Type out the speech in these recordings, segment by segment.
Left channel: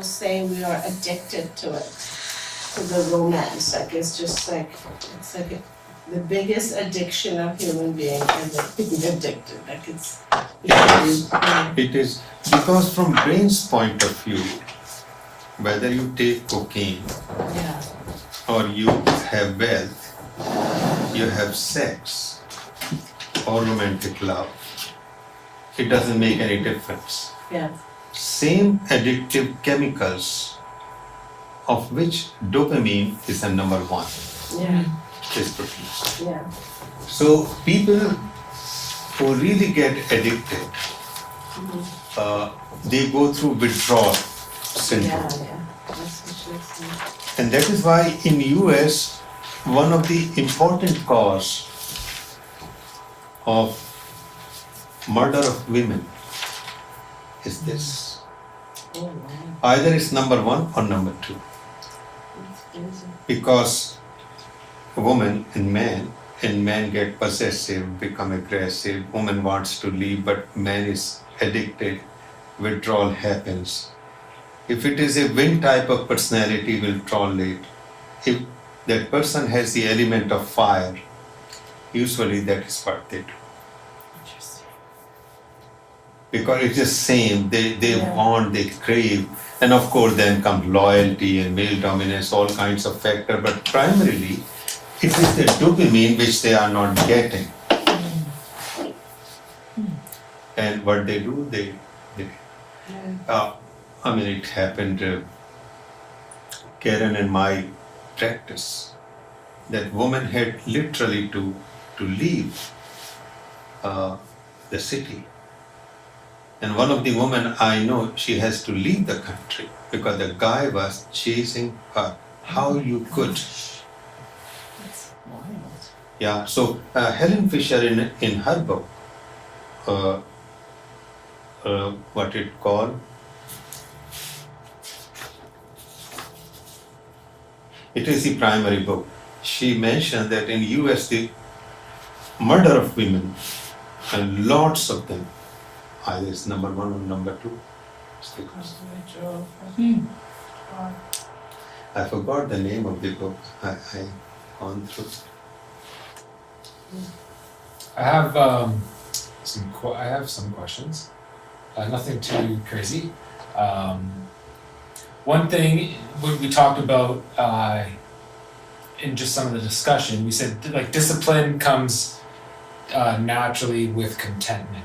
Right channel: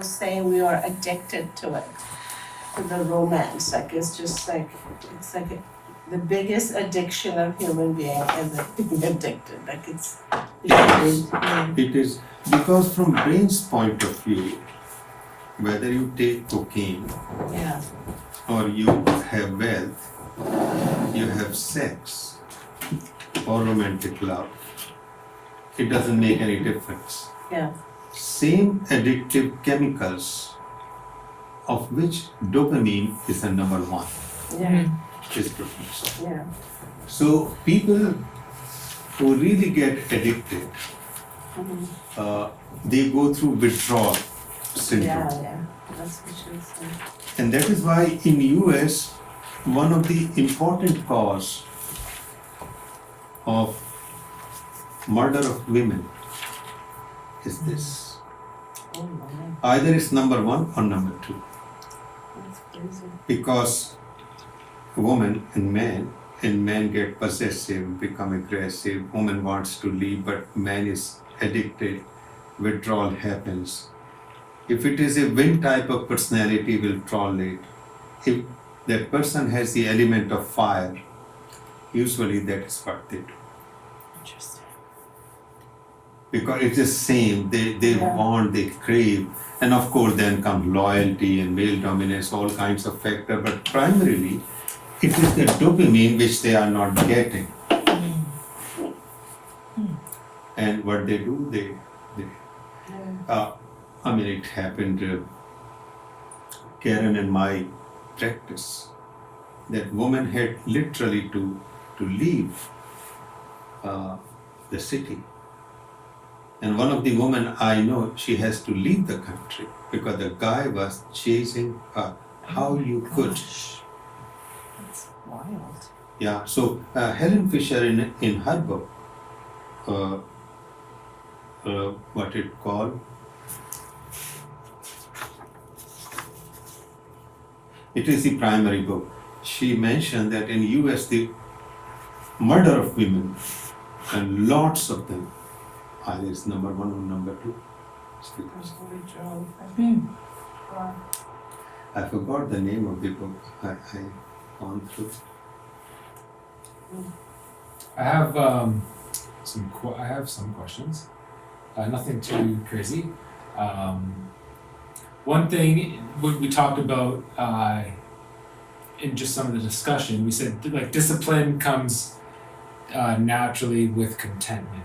will say we are addicted to it, to the romance. Like it's just like the biggest addiction of human being is being addicted. Like it's It is because from brain's point of view, whether you take cocaine yeah. or you have wealth, you have sex or romantic love, it doesn't make any difference. Yeah. Same addictive chemicals, of which dopamine is the number one, Yeah. is produced. Yeah. So people who really get addicted, they go through withdrawal syndrome. Yeah. That's what she was saying. And that is why in US, one of the important cause of murder of women is this. Oh wow. Either it's number one or number two. That's crazy. Because a woman and man get possessive, become aggressive, woman wants to leave, but man is addicted, withdrawal happens. If it is a wind type of personality, will tolerate. If that person has the element of fire, usually that is what they do. Interesting. Because it's the same, they Yeah. want, they crave, and of course then comes loyalty and male dominance, all kinds of factors, but primarily it is the dopamine which they are not getting. And what they do, they Yeah. it happened, Karen and my practice, that woman had literally to leave the city. And one of the women I know, she has to leave the country because the guy was chasing her. How you could? That's wild. Yeah. So Helen Fisher in her book, what it called? It is the primary book. She mentioned that in US the murder of women, and lots of them, either it's number one or number two. That's the withdrawal. Wow. I forgot the name of the book. I gone through. I have some questions. Nothing too crazy. One thing we talked about in just some of the discussion, we said like discipline comes naturally with contentment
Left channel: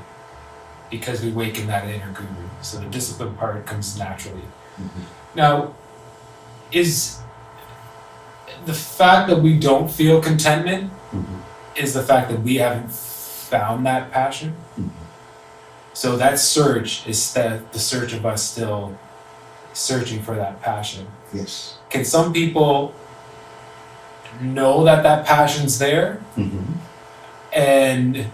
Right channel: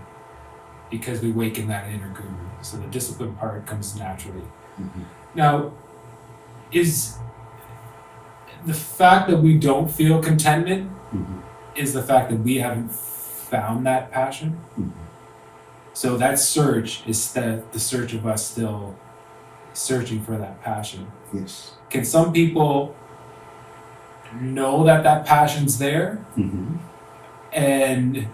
because we waken that inner guru. So the discipline part comes naturally. Mm-hmm. Now, is the fact that we don't feel contentment Mm-hmm. is the fact that we haven't found that passion? Mm-hmm. So that search is the search of us still searching for that passion. Yes. Can some people know that passion's there Mm-hmm. and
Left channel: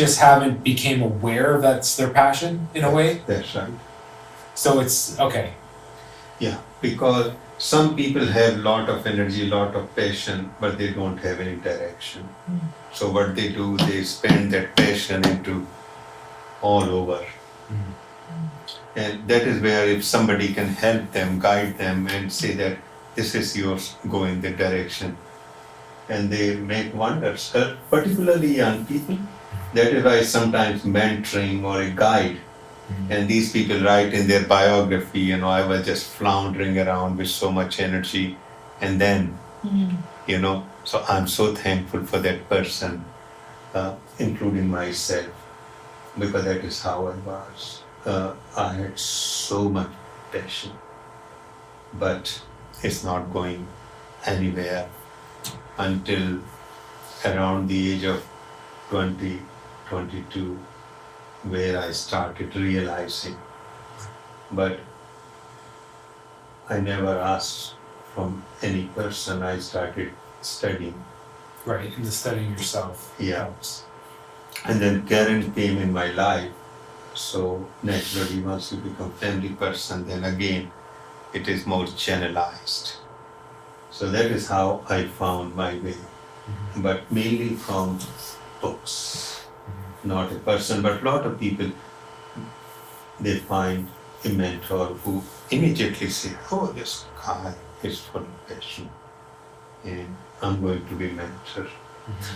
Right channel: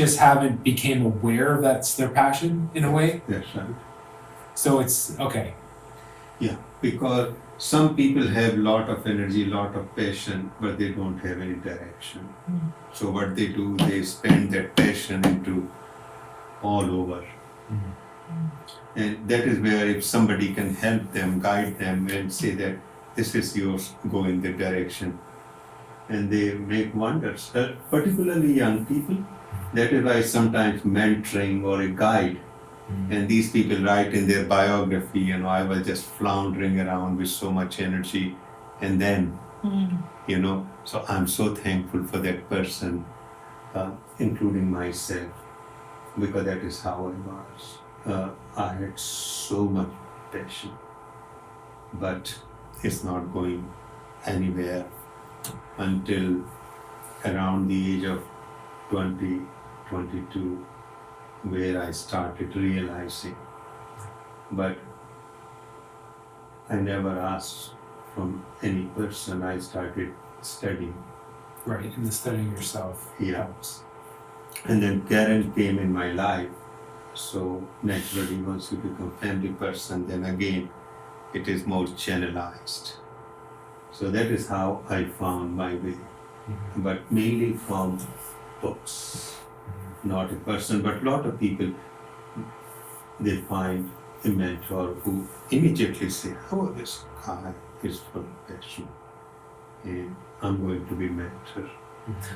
just haven't became aware that's their passion in a way? That's right. So it's okay. Yeah, because some people have lot of energy, lot of passion, but they don't have any direction. So what they do, they spend that passion into all over. And that is where if somebody can help them, guide them and say that this is yours, go in that direction. And they make wonders, particularly young people. That is why sometimes mentoring or a guide, and these people write in their biography, I was just floundering around with so much energy. And then, so I'm so thankful for that person, including myself, because that is how I was. I had so much passion, but it's not going anywhere until around the age of 20, 22, where I started realizing. But I never asked from any person. I started studying. Right, and the studying yourself Yeah. helps. And then Karen came in my life. So naturally, once you become family person, then again, it is more channelized. So that is how I found my way. But mainly from books. Not a person, but a lot of people, they find a mentor who immediately said, "Oh, this guy is full of passion, and I'm going to be mentor."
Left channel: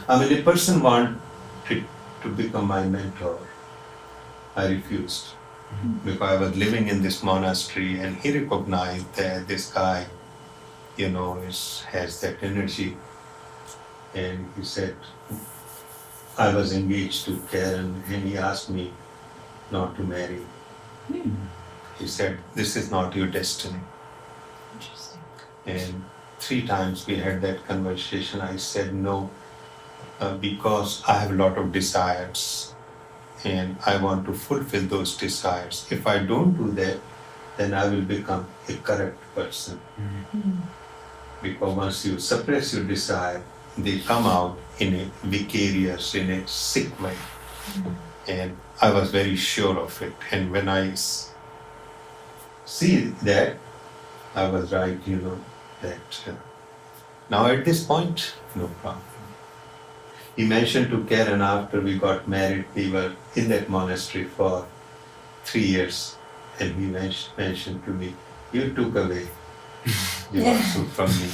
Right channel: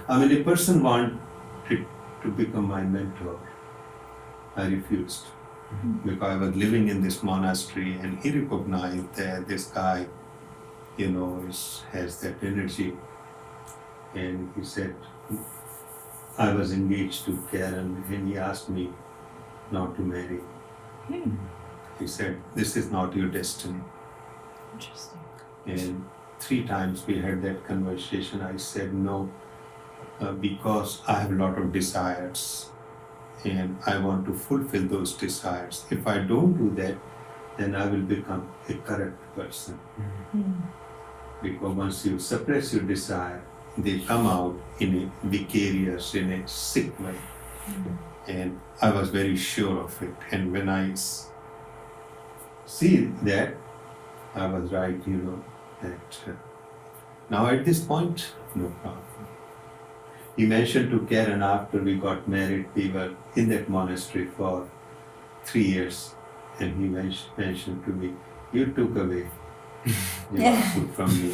I mean, a person wanted to become my mentor. I refused because I was living in this monastery, and he recognized that this guy, has that energy, and he said, I was engaged to Karen, and he asked me not to marry. He said, "This is not your destiny." Interesting. And 3 times we had that conversation. I said no, because I have a lot of desires and I want to fulfill those desires. If I don't do that, then I will become a correct person. Because once you suppress your desire, they come out in a vicarious, in a sick way. And I was very sure of it. And when I see that, I was right, that now at this point, no problem. He mentioned to Karen after we got married, we were in that monastery for 3 years, and he mentioned to me, "You took away Jivasu from me."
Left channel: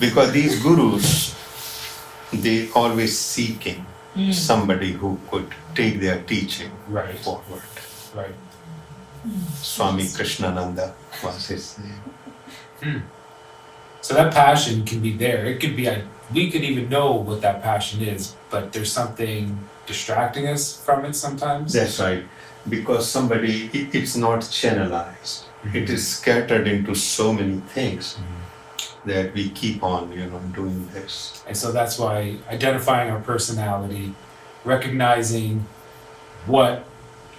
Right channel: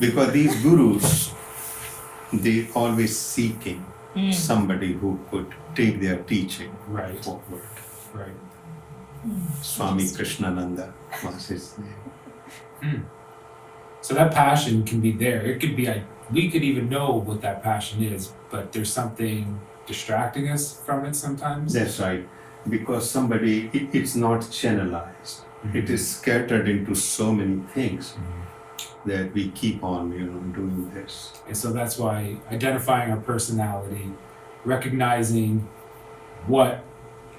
Because these gurus, they always seeking somebody who could take their teaching Right. forward. Right. Swami Krishnananda was his name. So that passion can be there. It could be, we could even know what that passion is, but there's something distracting us from it sometimes. That's right. Because it's not channelized. It is scattered into so many things that we keep on, doing this. And so that's why identifying our personality, recognizing what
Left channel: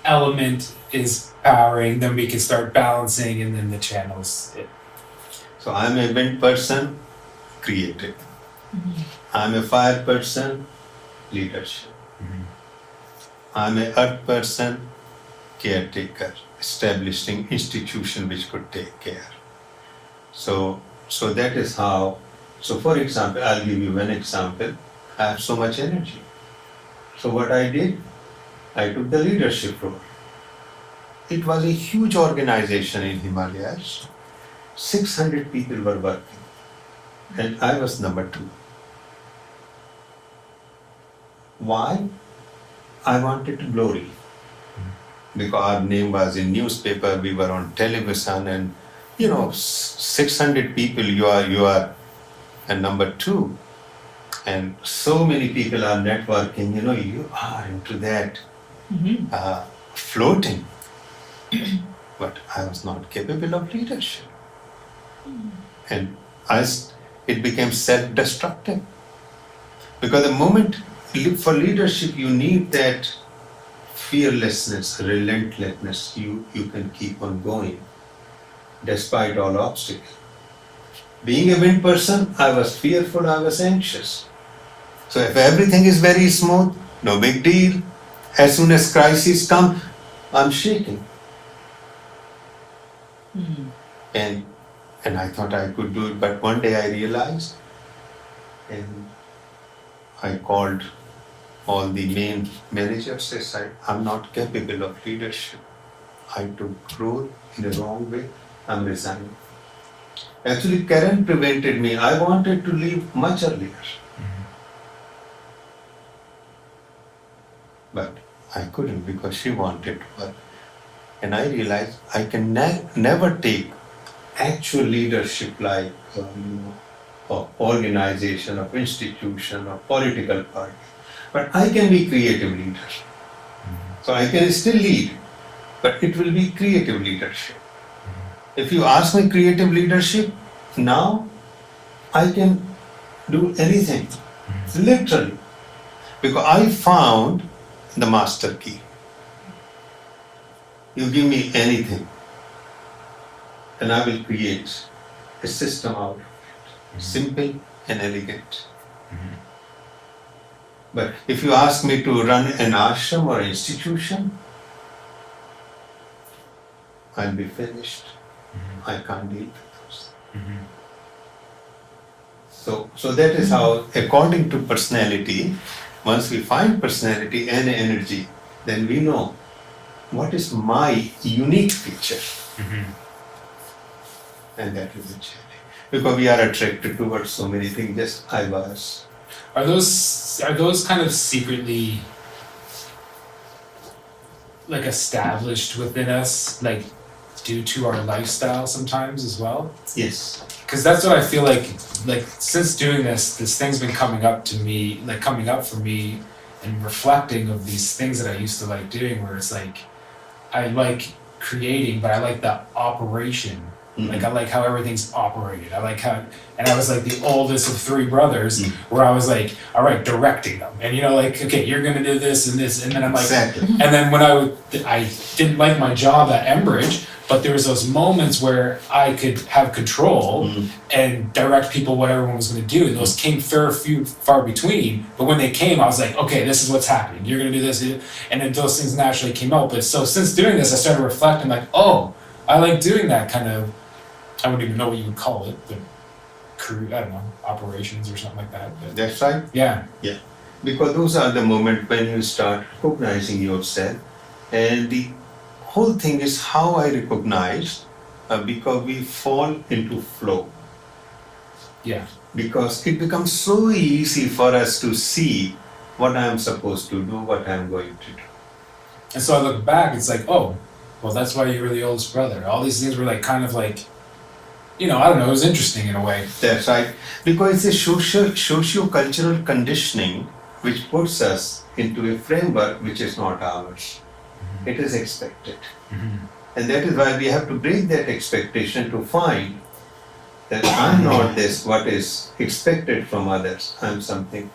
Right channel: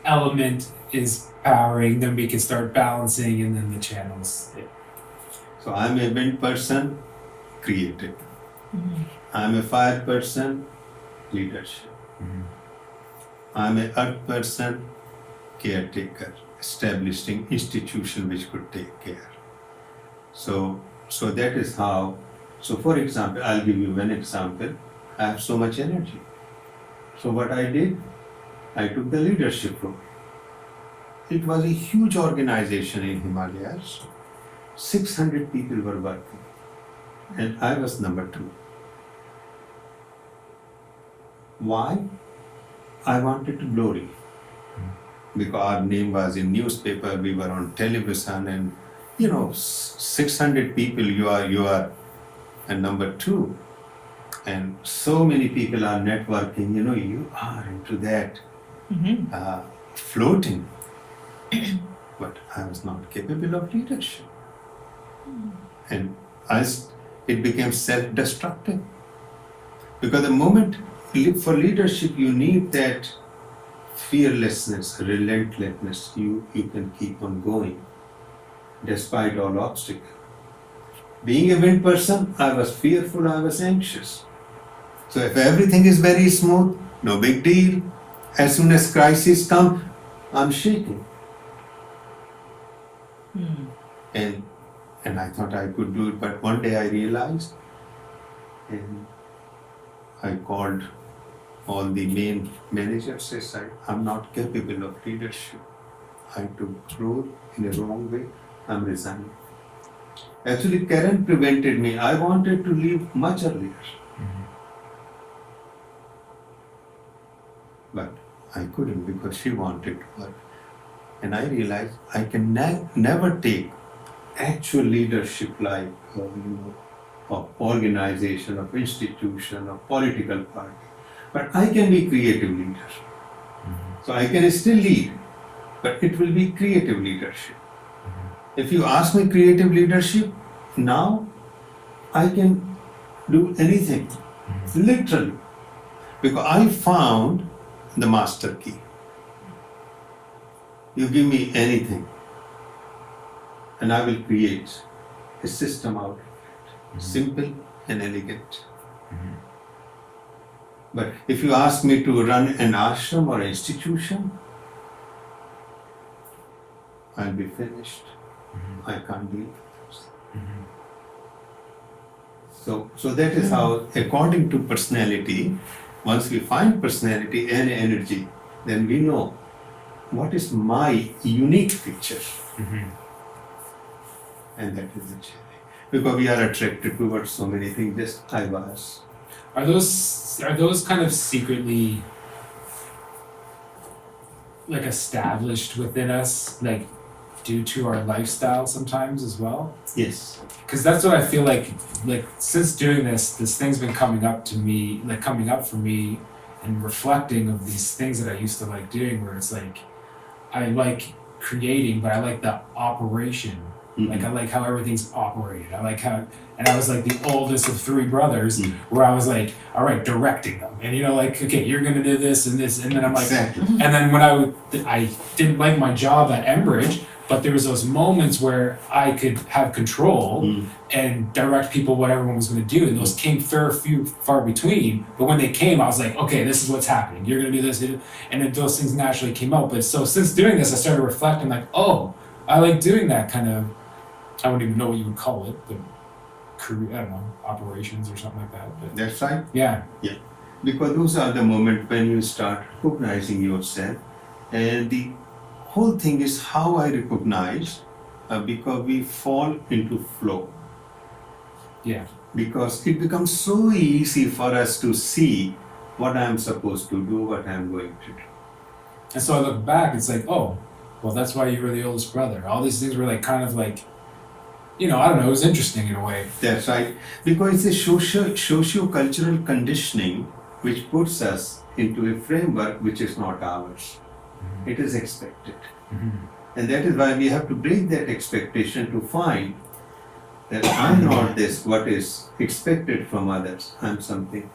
element is powering, then we can start balancing, and then the channels. So I'm a wind person, creative. I'm a fire person, leadership. I'm a earth person, caretaker, establishing institution which could take care. So that is how. So for example, I'll give you one example. I have so much energy. So what I did, I took the leadership role. It was a huge organization in Himalayas. 600 people were working, and I was number 2. Why? I wanted glory. Because our name was in newspaper, we were on television, and 600 people, you are and number 2. And so many people are networking, you are into that floating. But I was not capable of leadership. And it became self-destructive. Because the moment for leadership, you need that fearlessness, relentlessness. You can keep on going despite all obstacles. Being a wind person, I was fearful, I was anxious. So if everything is very smooth, no big deal. As soon as crisis come, I'm shaking. And I thought I could do it, but one day I realized, and I called all the main managers and said, I'm not capable of leadership. I took role in the wrong way, I'm resigning. Actually, Karen prevented me. I wanted to leave much earlier. But I couldn't because she wanted to work. And I realized I can never take actual leadership like of organization, of institution, of political party. But I can be creative leader. So I can still lead, but it will be creative leadership. If you ask me creative leadership, now I can do anything, literally. Because I found the master key. You give me anything, and I will create a system out of it, simple and elegant. But if you ask me to run an ashram or institution, I'll be finished. I can't deal with this. So that is how, according to personality, once we find personality and energy, then we know what is my unique feature? Mm-hmm. And that will be changing. Because we are attracted towards so many things, just I was. Are those kind of secretly like established within us, like due to our lifestyle sometimes as well? Yes. Because that's what I feel like since doing this thing's been coming up to me, like coming up for me and reflecting of these things that I used to like doing, where it's like I like creating, but I like the operation. Like I like how everything's operated. I like how, and I was like the oldest of three brothers, where I was like, all right, directing them, and like, okay, you're gonna do this, and then I'm like, Exactly. and then when I didn't like my job at Enbridge, but there was those moments where I could have control and direct people what everyone was gonna do, and those came far between. But when they came, I was like, okay, this is what's happening. You're gonna do this, and then those things naturally came out. But so since doing this, I started reflecting, like, oh, I like doing that kind of. I wouldn't even know what you would call it, but I don't know, operations or something like that. But That's right. yeah. Yeah. Because those are the moments when you start recognizing yourself. And the whole thing is how I recognize, because we fall into flow. Yeah. Because it becomes so easy for us to see what I am supposed to do, what I am going to do. And so I look back, it's like, oh, well, that's why you were the oldest brother. All these things were like kind of like, I don't know, it was interesting in a way. That's right. Because it's a socio-cultural conditioning which puts us into a framework which is not ours. It is expected. And that is why we have to break that expectation to find that I'm not this, what is expected from others. I'm somebody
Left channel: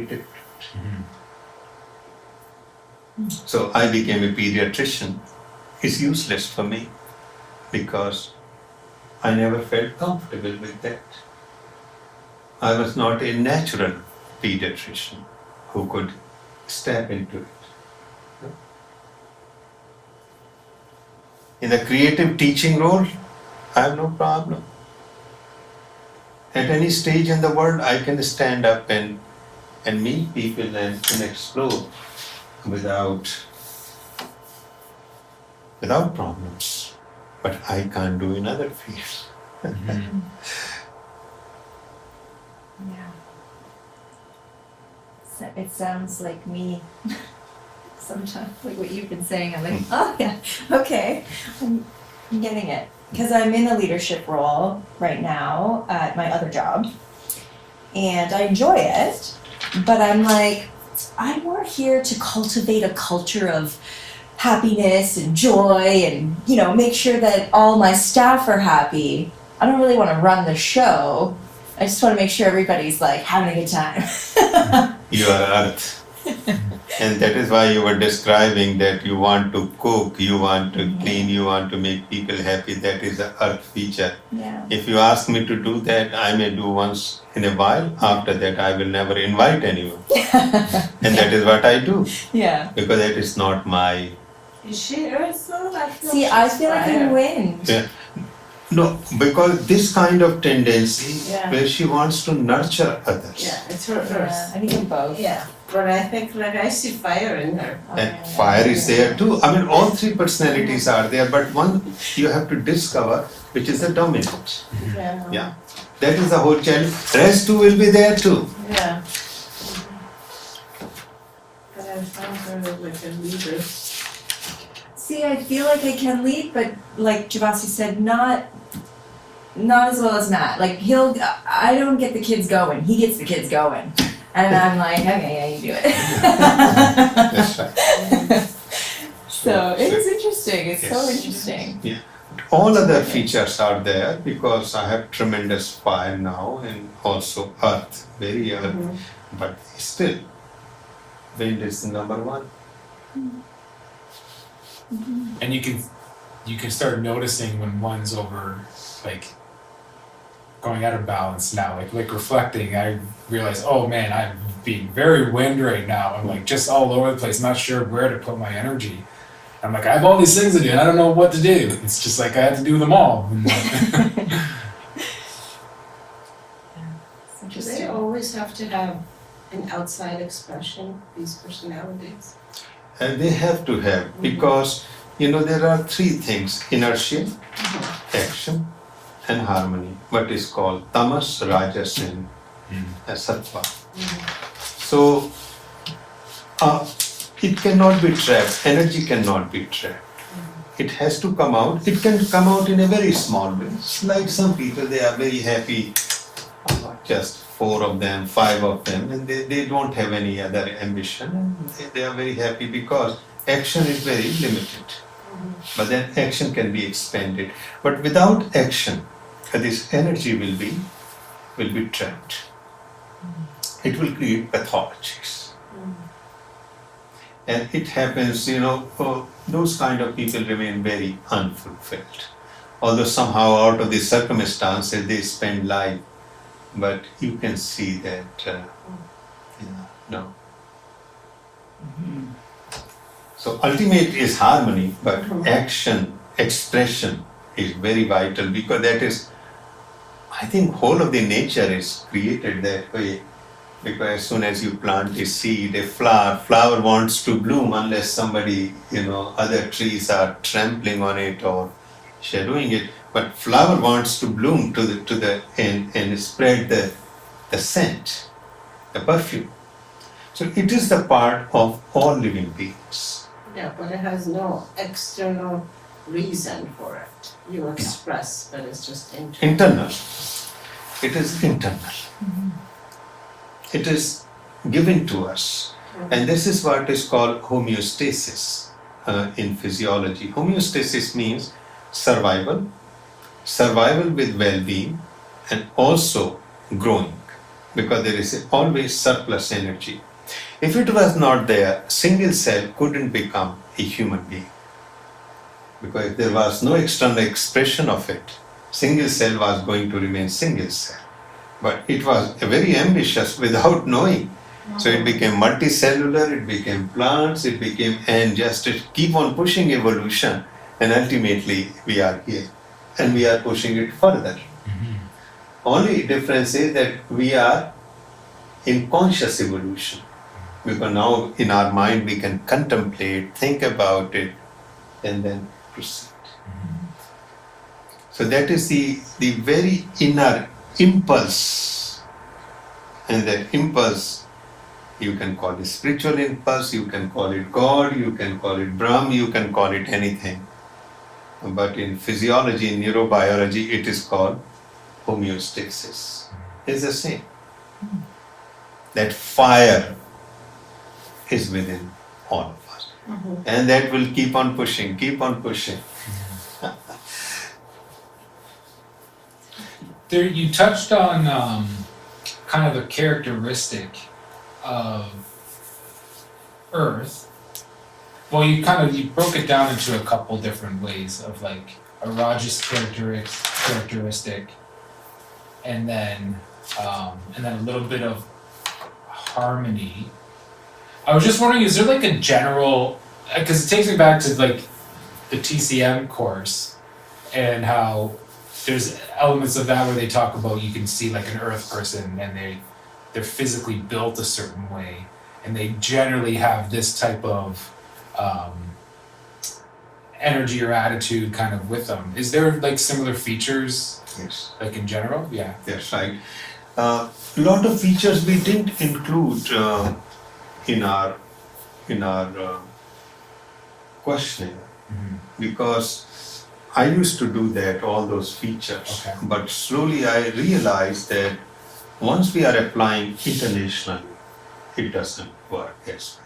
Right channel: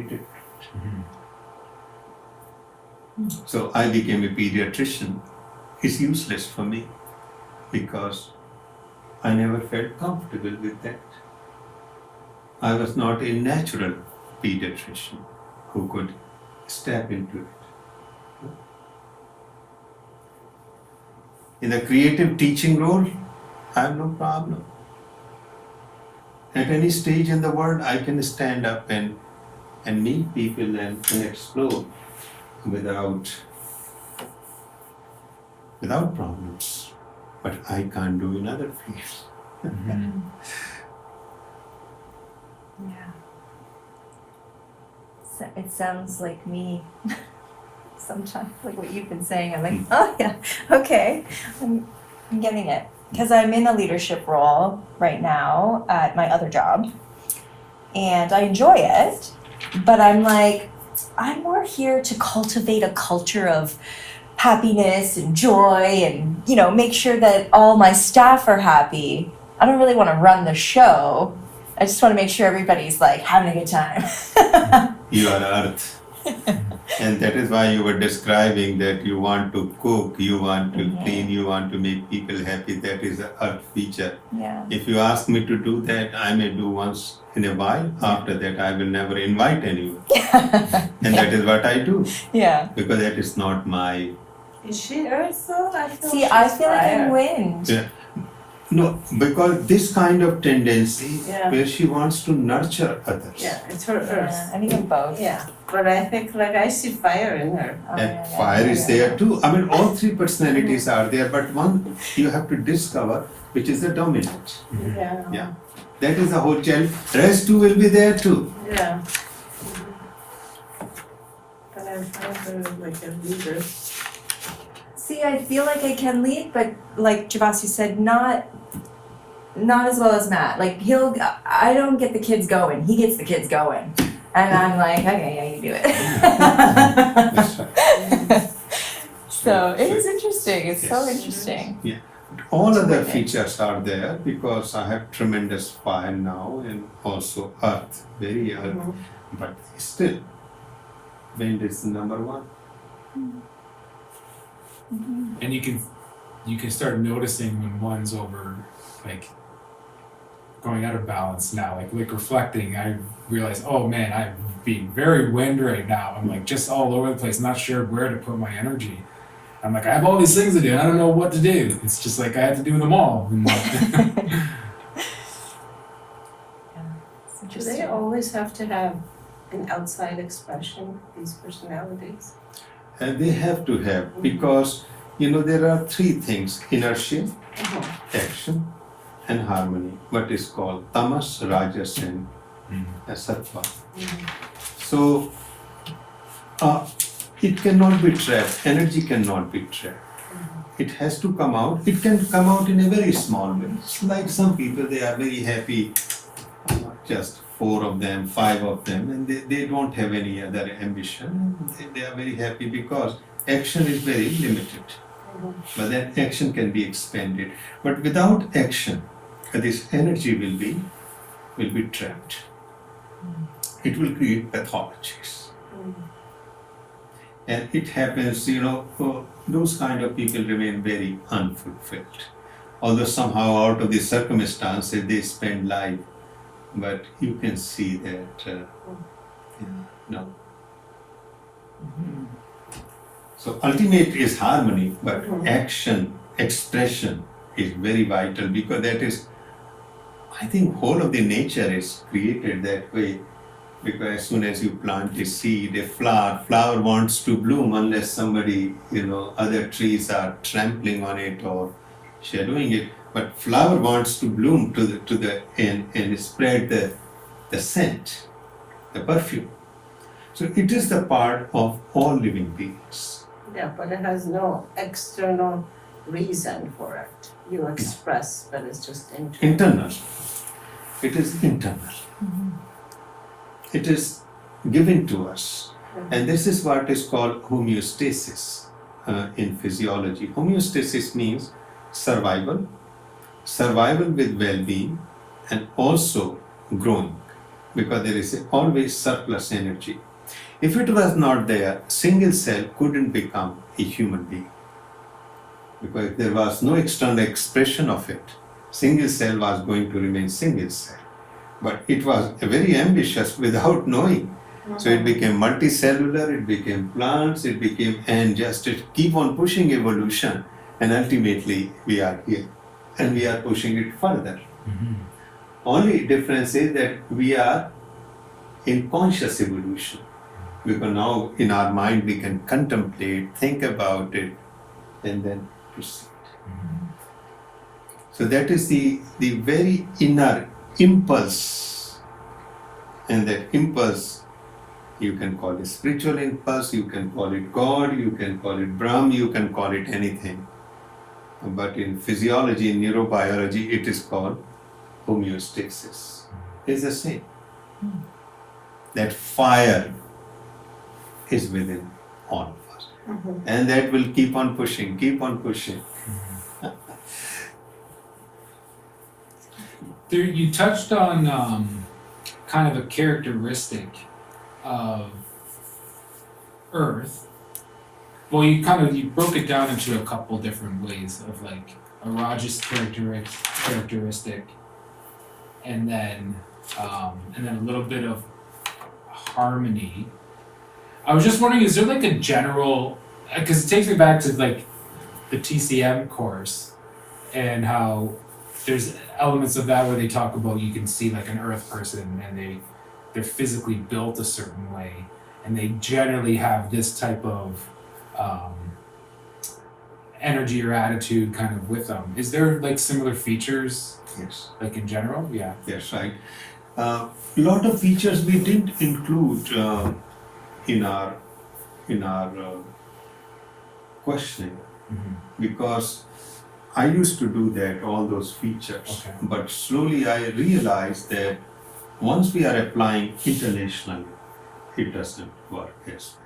different. So I became a pediatrician. It's useless for me because I never felt comfortable with that. I was not a natural pediatrician who could step into it. In the creative teaching role, I have no problem. At any stage in the world, I can stand up and meet people and explore without problems. But I can't do in other fields. Yeah. So it sounds like me sometimes, like what you've been saying. I'm like, oh yeah, okay, I'm getting it. Because I'm in a leadership role right now at my other job, and I enjoy it, but I'm like, I'm more here to cultivate a culture of happiness and joy and, make sure that all my staff are happy. I don't really want to run the show. I just want to make sure everybody's like having a good time. You are earth. And that is why you were describing that you want to cook, you want to clean, you want to make people happy. That is the earth feature. Yeah. If you ask me to do that, I may do once in a while. After that, I will never invite anyone. And that is what I do. Yeah. Because that is not my... Is she earth though? I feel like I'm wind. Yeah. No, because this kind of tendency Yeah. where she wants to nurture others. Yeah, it's her earth. Yeah, I think I'm both. Yeah, but I think I see fire in her. And fire is there too. I mean, all three personalities are there, but one you have to discover, which is the dominant. Yeah. Yeah. That is the whole challenge. Rest too will be there too. Yeah. But I found her like a leader. See, I feel like I can lead, but like Jivasu said, not as well as Matt. Like I don't get the kids going. He gets the kids going. And I'm like, okay, yeah, you do it. That's right. So it is interesting. It's so Yes. interesting. Yeah. All other features are there because I have tremendous fire now and also earth, very earth. But still, wind is the number one. And you can start noticing when one's over, like going out of balance now, like reflecting. I realize, oh man, I'm being very wind right now. I'm like just all over the place, not sure where to put my energy. I'm like, I have all these things to do, and I don't know what to do. It's just like I have to do them all. Do they always have to have an outside expression, these personalities? And they have to have, because there are three things: inertia, action, and harmony. What is called tamas, rajas, and sattva. So it cannot be trapped. Energy cannot be trapped. It has to come out. It can come out in a very small way. Like some people, they are very happy, just 4 of them, 5 of them, and they don't have any other ambition. They are very happy because action is very limited. But then action can be expanded. But without action, this energy will be trapped. It will create pathologies. And it happens, those kind of people remain very unfulfilled. Although somehow out of the circumstances they spend life, but you can see that, no. So ultimate is harmony, but action, expression is very vital, because that is, I think whole of the nature is created that way. Because as soon as you plant a seed, a flower wants to bloom unless somebody, other trees are trampling on it or shadowing it. But flower wants to bloom and spread the scent, the perfume. So it is the part of all living beings. Yeah, but it has no external reason for it. You express, but it's just internal. Internal. It is internal. It is given to us. And this is what is called homeostasis in physiology. Homeostasis means survival with well-being, and also growing, because there is always surplus energy. If it was not there, single cell couldn't become a human being. Because if there was no external expression of it, single cell was going to remain single cell. But it was very ambitious without knowing. So it became multicellular, it became plants, and just it keep on pushing evolution, and ultimately we are here. And we are pushing it further. Only difference is that we are in conscious evolution. Because now in our mind we can contemplate, think about it, and then proceed. So that is the very inner impulse. And that impulse, you can call it spiritual impulse, you can call it God, you can call it Brahm, you can call it anything. But in physiology, in neurobiology, it is called homeostasis. It's the same. That fire is within all of us. And that will keep on pushing, keep on pushing. There, you touched on kind of a characteristic of Earth. Well, you broke it down into a couple different ways of like a Rajas characteristic, and then a little bit of harmony. I was just wondering, is there like a general? Because it takes me back to like the TCM course, and how there's elements of that where they talk about, you can see like an Earth person and they're physically built a certain way, and they generally have this type of energy or attitude kind of with them. Is there like similar features? Yes. Like in general? Yeah. Yes, right. Lot of features we didn't include in our questioning, because I used to do that, all those features. Okay. But slowly I realized that once we are applying internationally, it doesn't work as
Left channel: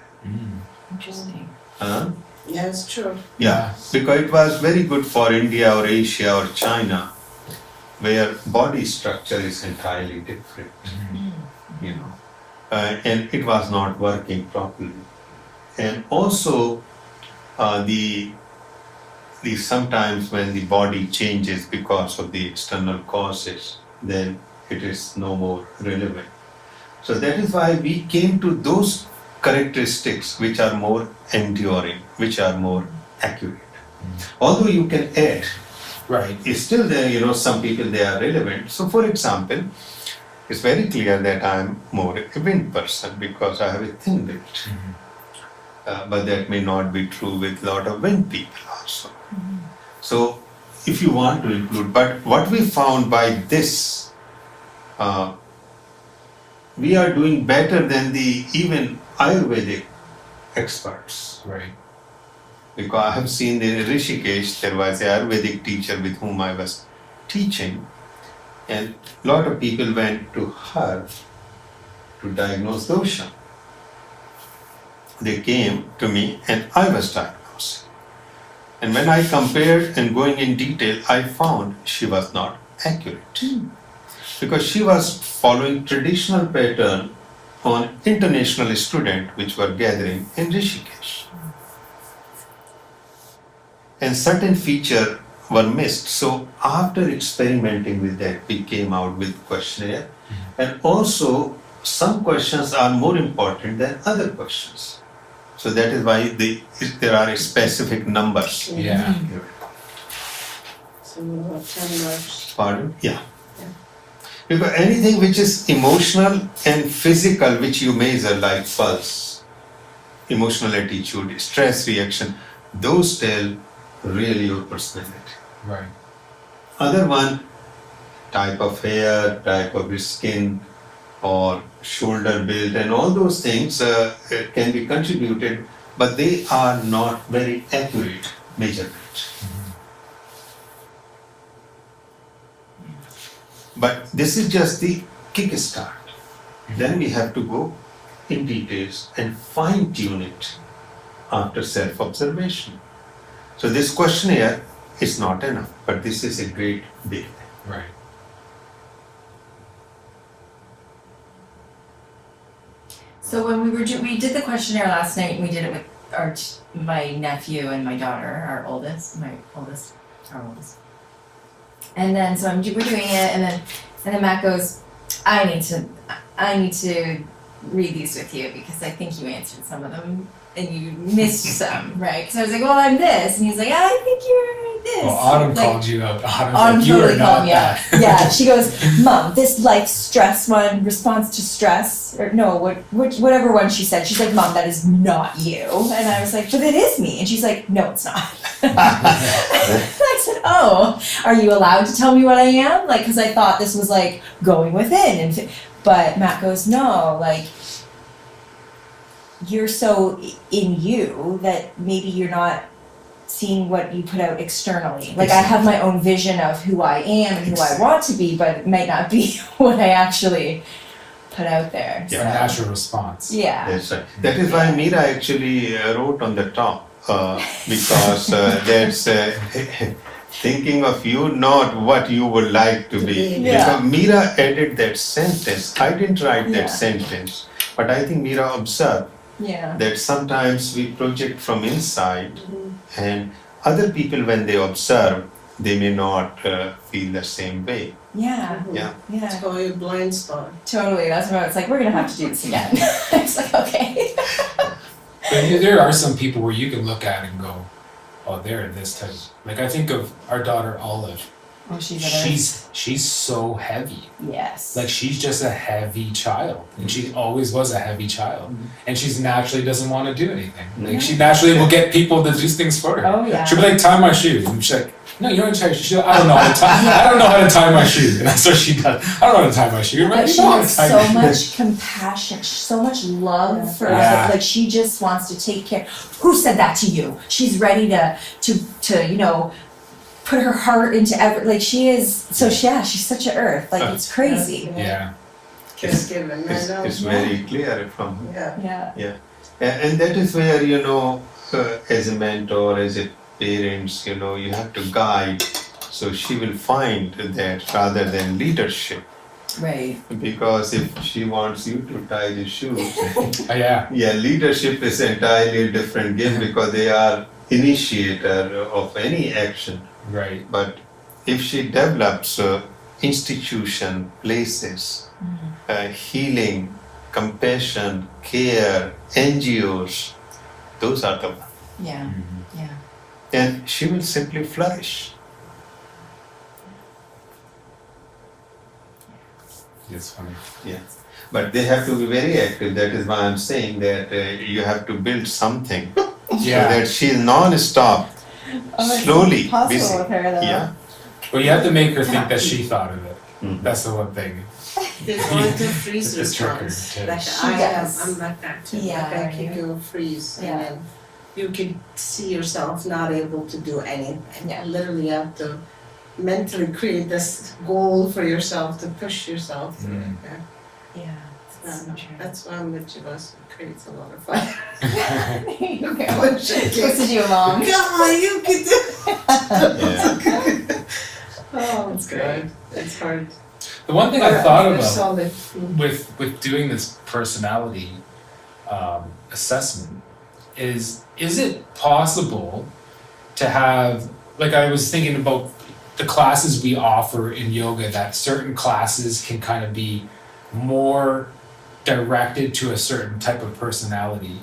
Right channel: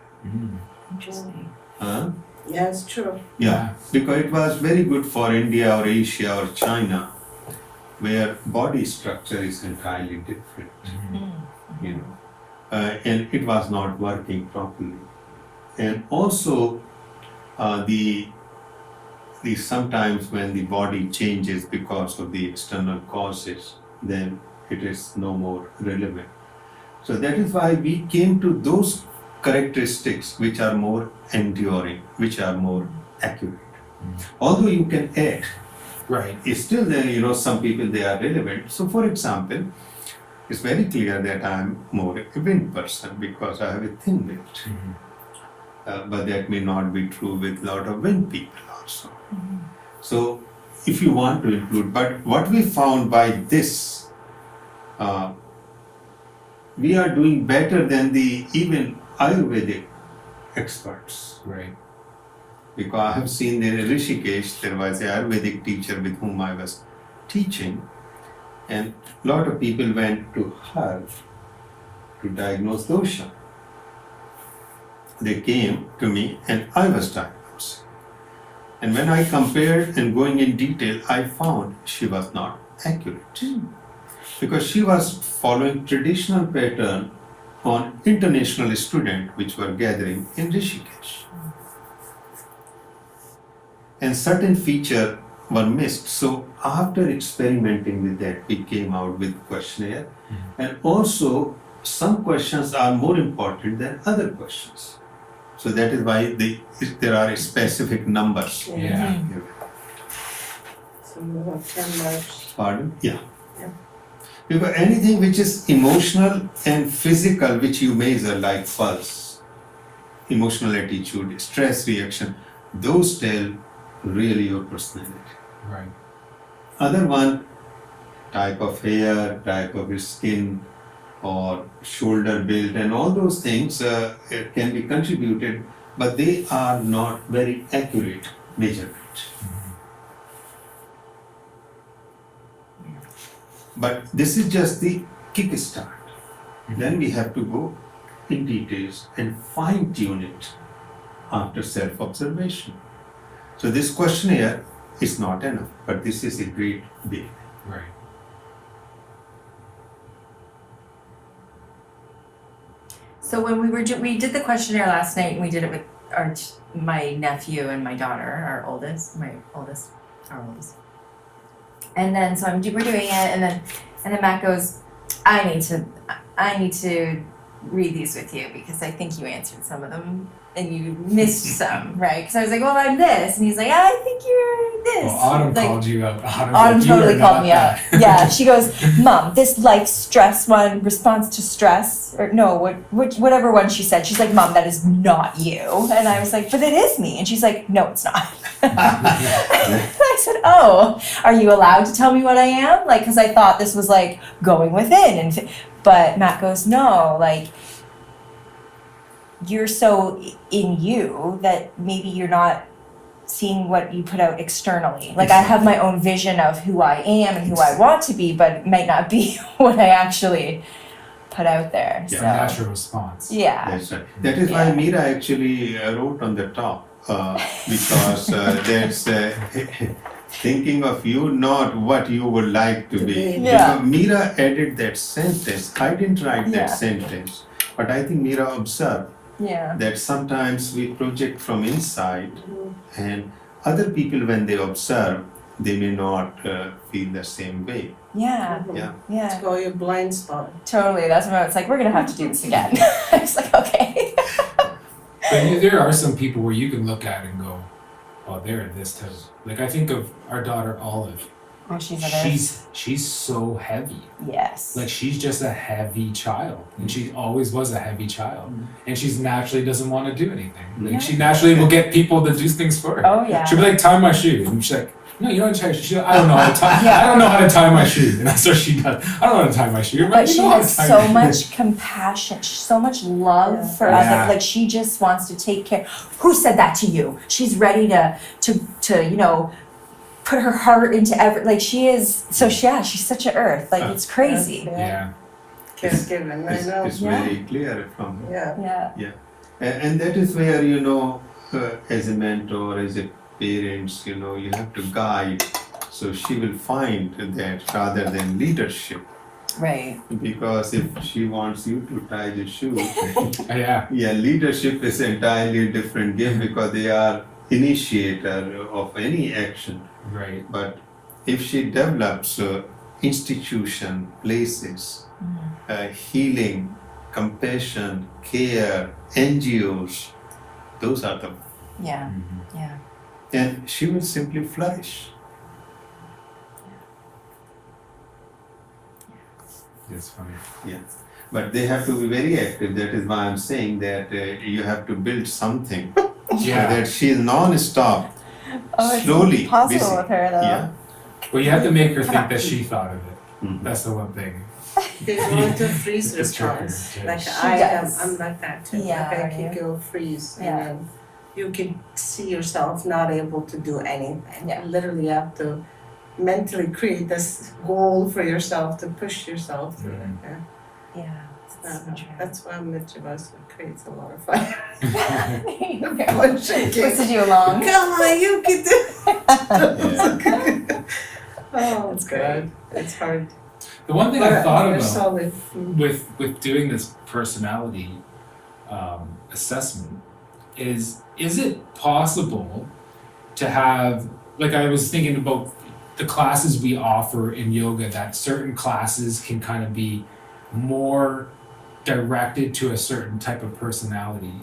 Interesting. well. Yeah, it's true. Yeah, because it was very good for India or Asia or China, where body structure is entirely different, and it was not working properly. And also, the sometimes when the body changes because of the external causes, then it is no more relevant. So that is why we came to those characteristics which are more enduring, which are more accurate. Although you can add, Right. it's still there, some people they are relevant. So for example, it's very clear that I am more a wind person because I have a thin wind. but that may not be true with a lot of wind people also. So if you want to include, but what we found by this, we are doing better than the even Ayurvedic experts. Right. Because I have seen in Rishikesh, there was an Ayurvedic teacher with whom I was teaching, and a lot of people went to her to diagnose dosha. They came to me and I was diagnosed. And when I compared and going in detail, I found she was not accurate. Because she was following traditional pattern on international students which were gathering in Rishikesh. And certain features were missed. So after experimenting with that, we came out with questionnaire. And also some questions are more important than other questions. So that is why there are specific numbers. Yeah. So we have 10 marks. Pardon? Yeah. Yeah. Because anything which is emotional and physical, which you measure like pulse, emotional attitude, stress reaction, those tell really your personality. Right. Other one, type of hair, type of skin, or shoulder build, and all those things can be contributed, but they are not very accurate measurements. But this is just the kickstart. Then we have to go in details and fine tune it after self-observation. So this questionnaire is not enough, but this is a great bit. Right. So when we did the questionnaire last night, and we did it with my nephew and my daughter, our oldest. And then so we're doing it, and then Matt goes, I need to read these with you because I think you answered some of them and you missed some, right? Because I was like, well, I'm this, and he's like, I think you're this. Well, Autumn like, called you out. Autumn like, you are totally not called me out. that. Yeah, she goes, Mom, this life stress one, response to stress, or no, whatever one she said. She's like, Mom, that is not you. And I was like, but it is me. And she's like, no, it's not. I said, oh, are you allowed to tell me what I am? Like, because I thought this was like going within. But Matt goes, no, like, you're so in you that maybe you're not seeing what you put out externally. Like I have my own vision of who I am and who I want to be, but it might not be what I actually put out there. It's a natural response. Yeah. That's right. That is why Meera actually wrote on the top because that's thinking of you, not what you would like to be. Yeah. Because Meera added that sentence. I didn't write Yeah. that sentence, but I think Meera observed Yeah. that sometimes we project from inside, and other people, when they observe, they may not feel the same way. Yeah. Yeah. Yeah. Let's go your blind spot. Totally. That's when it's like, we're gonna have to do this again. I was like, okay. But there are some people where you can look at and go, oh, they're this type. Like I think of our daughter Olive. Oh, She's so heavy. yes. Like she's just a heavy child, and she always was a heavy child, and she's naturally doesn't want to do anything. Like she naturally will get people to do things for her. Oh yeah. She'll be like, tie my shoe, and she's like, no, you don't have to tie your shoe. She's like, I don't know how to tie. I don't know how to tie my shoe, and that's what she does. I don't know how to tie my shoe. Right? But You she know how to has tie so your shoe. much compassion, so much love Yeah. for Yeah. us. Like she just wants to take care. Who said that to you? She's ready to put her heart into like she is. So she's such an earth. Like it's crazy. Yeah. Caregiving, I know. It's Yeah. very clear from her. Yeah. Yeah. And that is where, as a mentor, as a parents, you have to guide. So she will find that rather than leadership. Right. Because if she wants you to tie the shoe, Oh, yeah. yeah, leadership is entirely a different game because they are initiator of any action. Right. But if she develops institution, places, healing, compassion, care, NGOs, those are the ones. Yeah. Mm-hmm. Yeah. And she will simply flourish. It's funny. But they have to be very active. That is why I'm saying that you have to build something so Yeah. that she's non-stop, Oh, slowly it's possible busy. with her though. Yeah. Well, you have to make her think that she thought of it. Mhm. That's the one thing. They go into freeze It's tricky, response, too. like She I am, does. I'm like that too, Yeah, like I are can you? go freeze Yeah. and then you can see yourself not able to do anything. Yeah. Literally you have to mentally create this goal for yourself to push yourself through it, Mm. yeah. Yeah. That's so true. That's why I'm with Jivasu, it creates a lot of fire. Okay. Everyone shaking. Pushes you along. Come on, you can do Yeah. Oh, That's God, it's hard. The one thing But I thought you're about solid. Mm. with doing this personality assessment is it possible to have, like, I was thinking about the classes we offer in yoga, that certain classes can kind of be more directed to a certain type of personality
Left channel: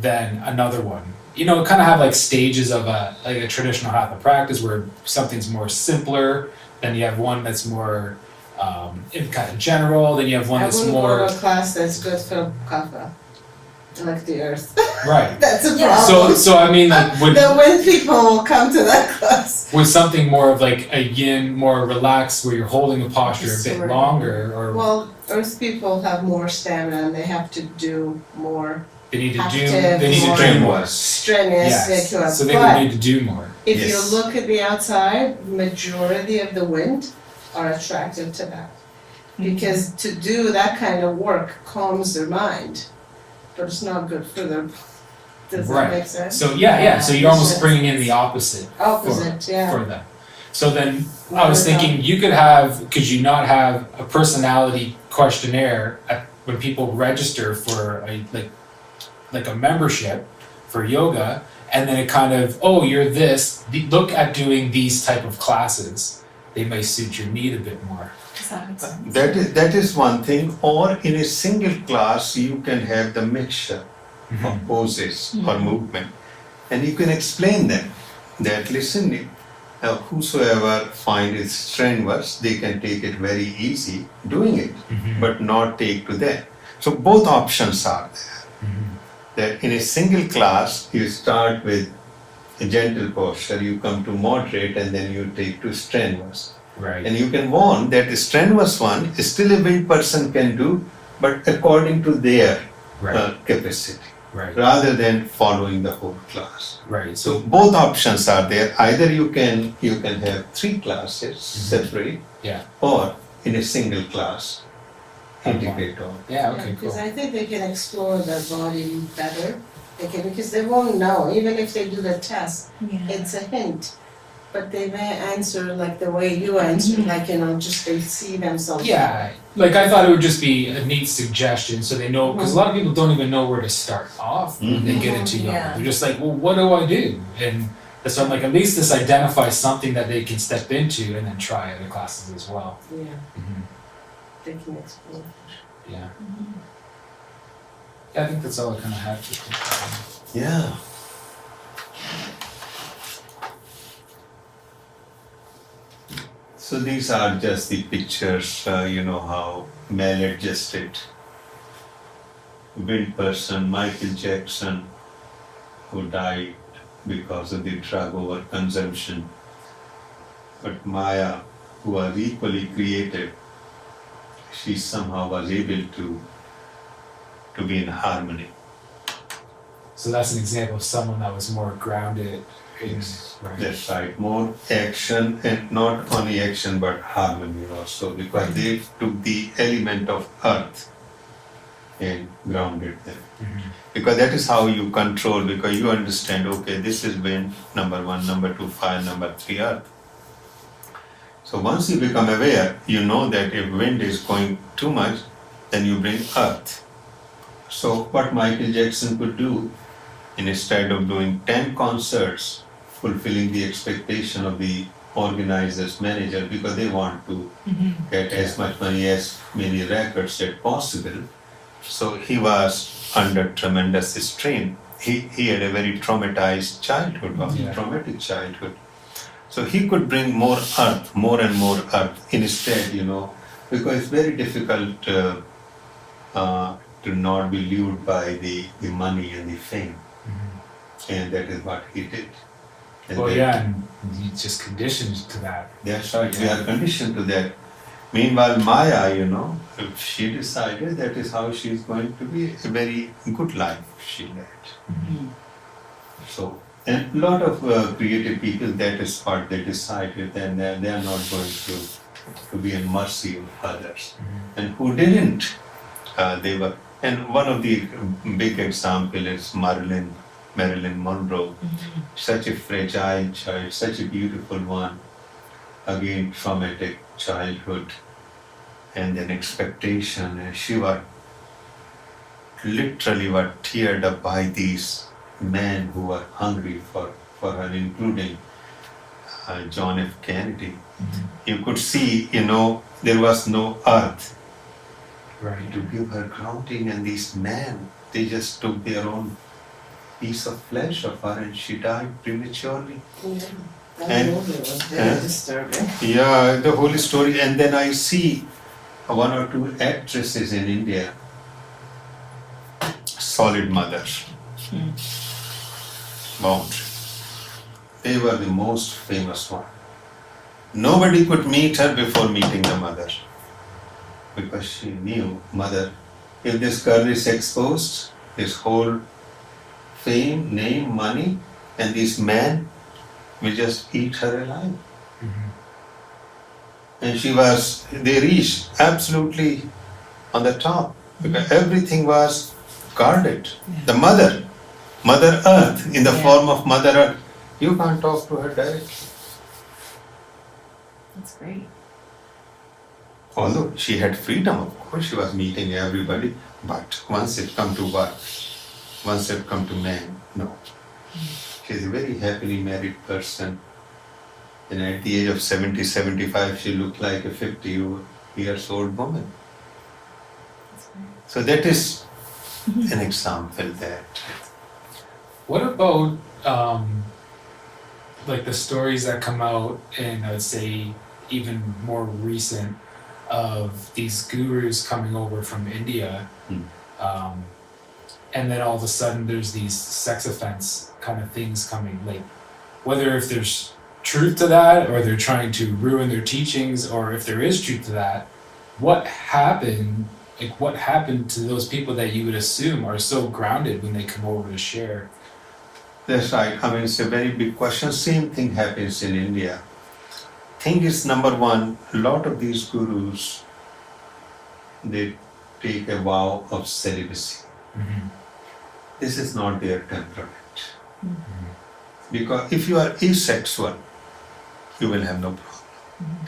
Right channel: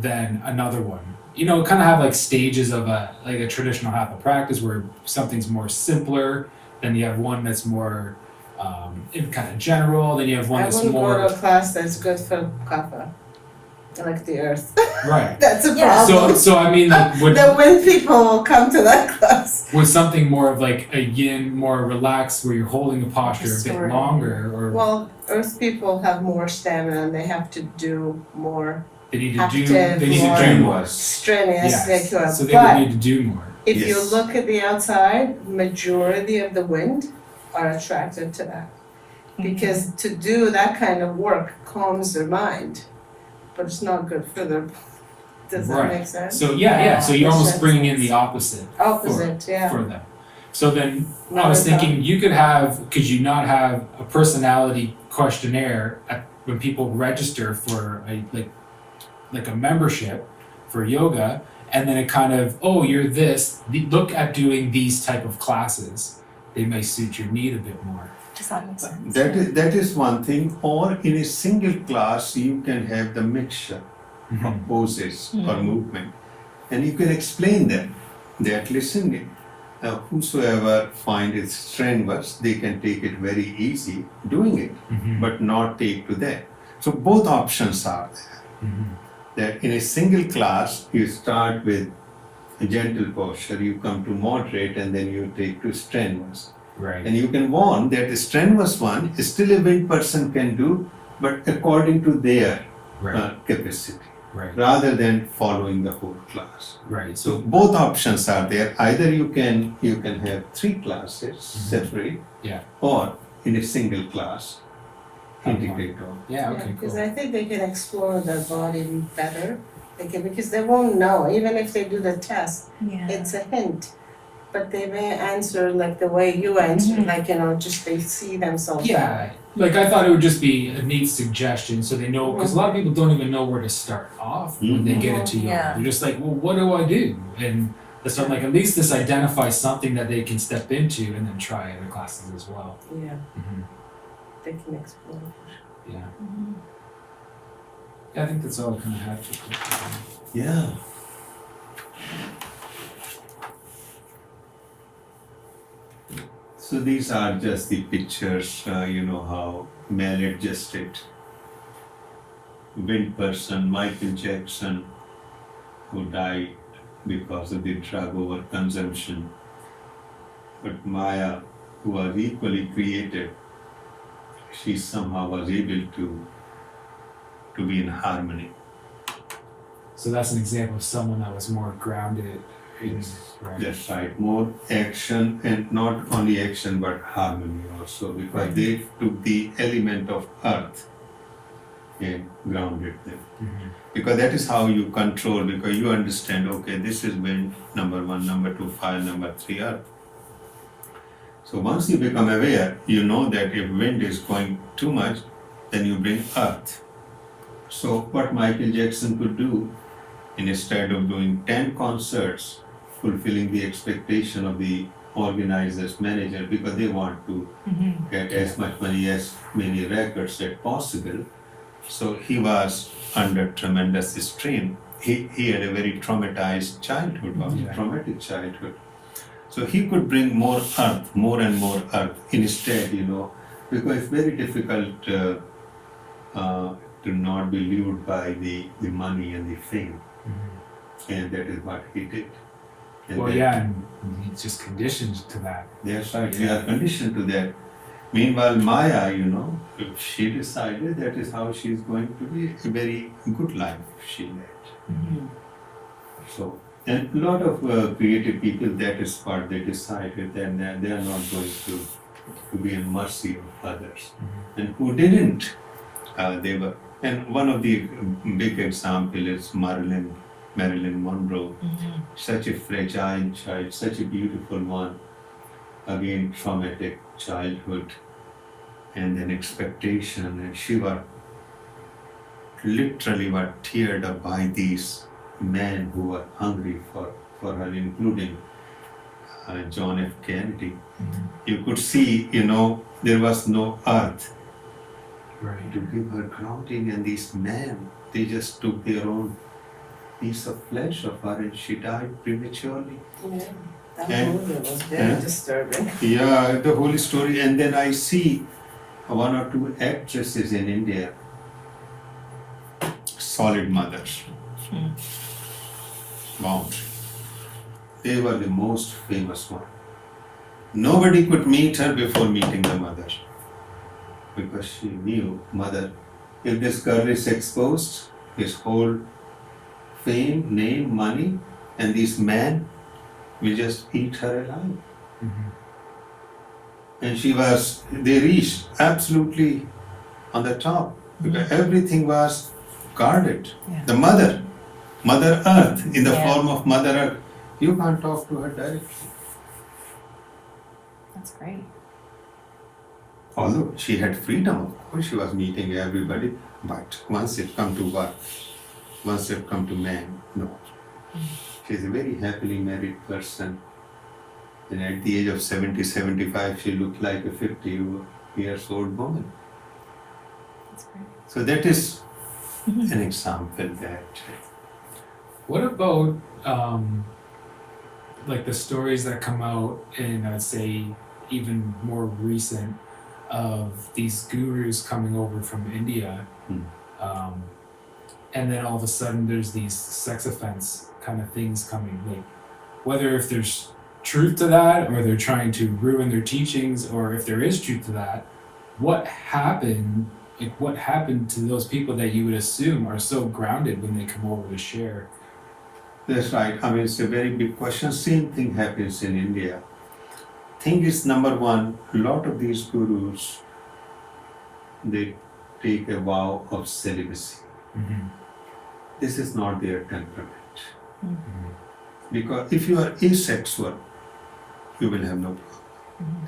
than another one. You know, kind of have like stages of a traditional hatha practice where something's more simpler, then you have one that's more kind of general, then you have one I that's wouldn't more go to a class that's good for kapha, like the earth. right. That's a Yeah. problem. So I mean, like, The wind people will come to that class. with something more of like a yin, more relaxed, where you're holding a posture a bit Sort of. longer, or Well, earth people have more stamina and they have to do more they need to active, do more do more. strenuous Yes. secular. So they would But need to do more. if Yes. you look at the outside, majority of the wind are attracted to that. Because to do that kind of work calms their mind, but it's not good for their. Does that Right. make sense? So yeah. So you're Makes almost sense. bringing in the opposite Opposite, yeah. for them. So then I Not was as thinking, could you not have a personality questionnaire when people register for like a membership for yoga, and then it kind of, oh, you're this, look at doing these type of classes. They may suit your need a bit more. Does that make sense? That is one thing. Or in a single class, you can have the mixture of poses or movement, and you can explain them. That listening, whosoever find it strenuous, they can take it very easy doing it, but not take to that. So both options are there. That in a single class, you start with a gentle posture, you come to moderate, and then you take to strenuous. Right. And you can warn that a strenuous one still every person can do, but according to their Right. capacity, Right. rather than following the whole class. Right. So both options are there. Either you can have 3 classes separate, Yeah. or in a single class Have one. integrate all. Yeah. Okay. Because Cool. I think they can explore their body better. They can, because they won't know, even if they do the test, Yeah. it's a hint. But they may answer like the way you answer, like, just they see themselves. Yeah, like I thought it would just be a neat suggestion so they know, because a lot of people don't even know where to start off when they get into yoga. Yeah. They're just like, well, what do I do? And so I'm like, at least this identifies something that they can step into and then try other classes as well. Yeah, they can explore. Yeah. I think that's all I kind of had for Yeah. So these are just the pictures, how maladjusted wind person, Michael Jackson, who died because of the drug overconsumption. But Maya, who was equally creative, she somehow was able to be in harmony. So that's an example of someone that was more grounded. Yes, Right. that's right. More action, and not only action but harmony also, because they took the element of earth and grounded them. Because that is how you control, because you understand, okay, this is wind, number 1, number 2, fire, number 3, earth. So once you become aware, you know that if wind is going too much, then you bring earth. So what Michael Jackson could do, instead of doing 10 concerts, fulfilling the expectation of the organizers, manager, because they want to get as much money, as many records as possible. So he was under tremendous strain. He had a very traumatized childhood, traumatic childhood. So he could bring more earth, more and more earth. Instead, because it's very difficult to not be lured by the money and the fame, and that is what he did. And Well, that- yeah, and he's just conditioned to that. That's right, we are conditioned to that. Meanwhile, Maya, if she decided that is how she's going to be, a very good life she led. So, and a lot of creative people, that is what they decided, that they are not going to be in mercy of others. And who didn't, they were, and one of the big example is Marilyn Monroe, such a fragile child, such a beautiful one, again traumatic childhood, and then expectation, and she was literally teared up by these men who were hungry for her, including John F. Kennedy. You could see, there was no earth Right. to give her grounding, and these men, they just took their own piece of flesh of her, and she died prematurely. Yeah, that And- movie was very disturbing. Yeah, the whole story. And then I see one or two actresses in India, solid mothers, boundary. They were the most famous one. Nobody could meet her before meeting the mother, because she knew, mother, if this girl is exposed, his whole fame, name, money, and this man will just eat her alive. And they reached absolutely on the top, because everything was guarded. The Mother Earth, in the Yeah. form of Mother Earth, you can't talk to her directly. That's great. Although she had freedom, of course, she was meeting everybody, but once it come to work, once it come to man, no. She's a very happily married person. And at the age of 70, 75, she looked like a 50 years old woman. That's great. So that is an example that, What about like the stories that come out in, I would say, even more recent, of these gurus coming over from India, and then all of a sudden there's these sex offense kind of things coming, like whether if there's truth to that or they're trying to ruin their teachings, or if there is truth to that, what happened to those people that you would assume are so grounded when they come over to share? that's right. I mean, it's a very big question. Same thing happens in India. Thing is, number one, a lot of these gurus, they take a vow of celibacy. This is not their temperament. Because if you are asexual, you will have no problem.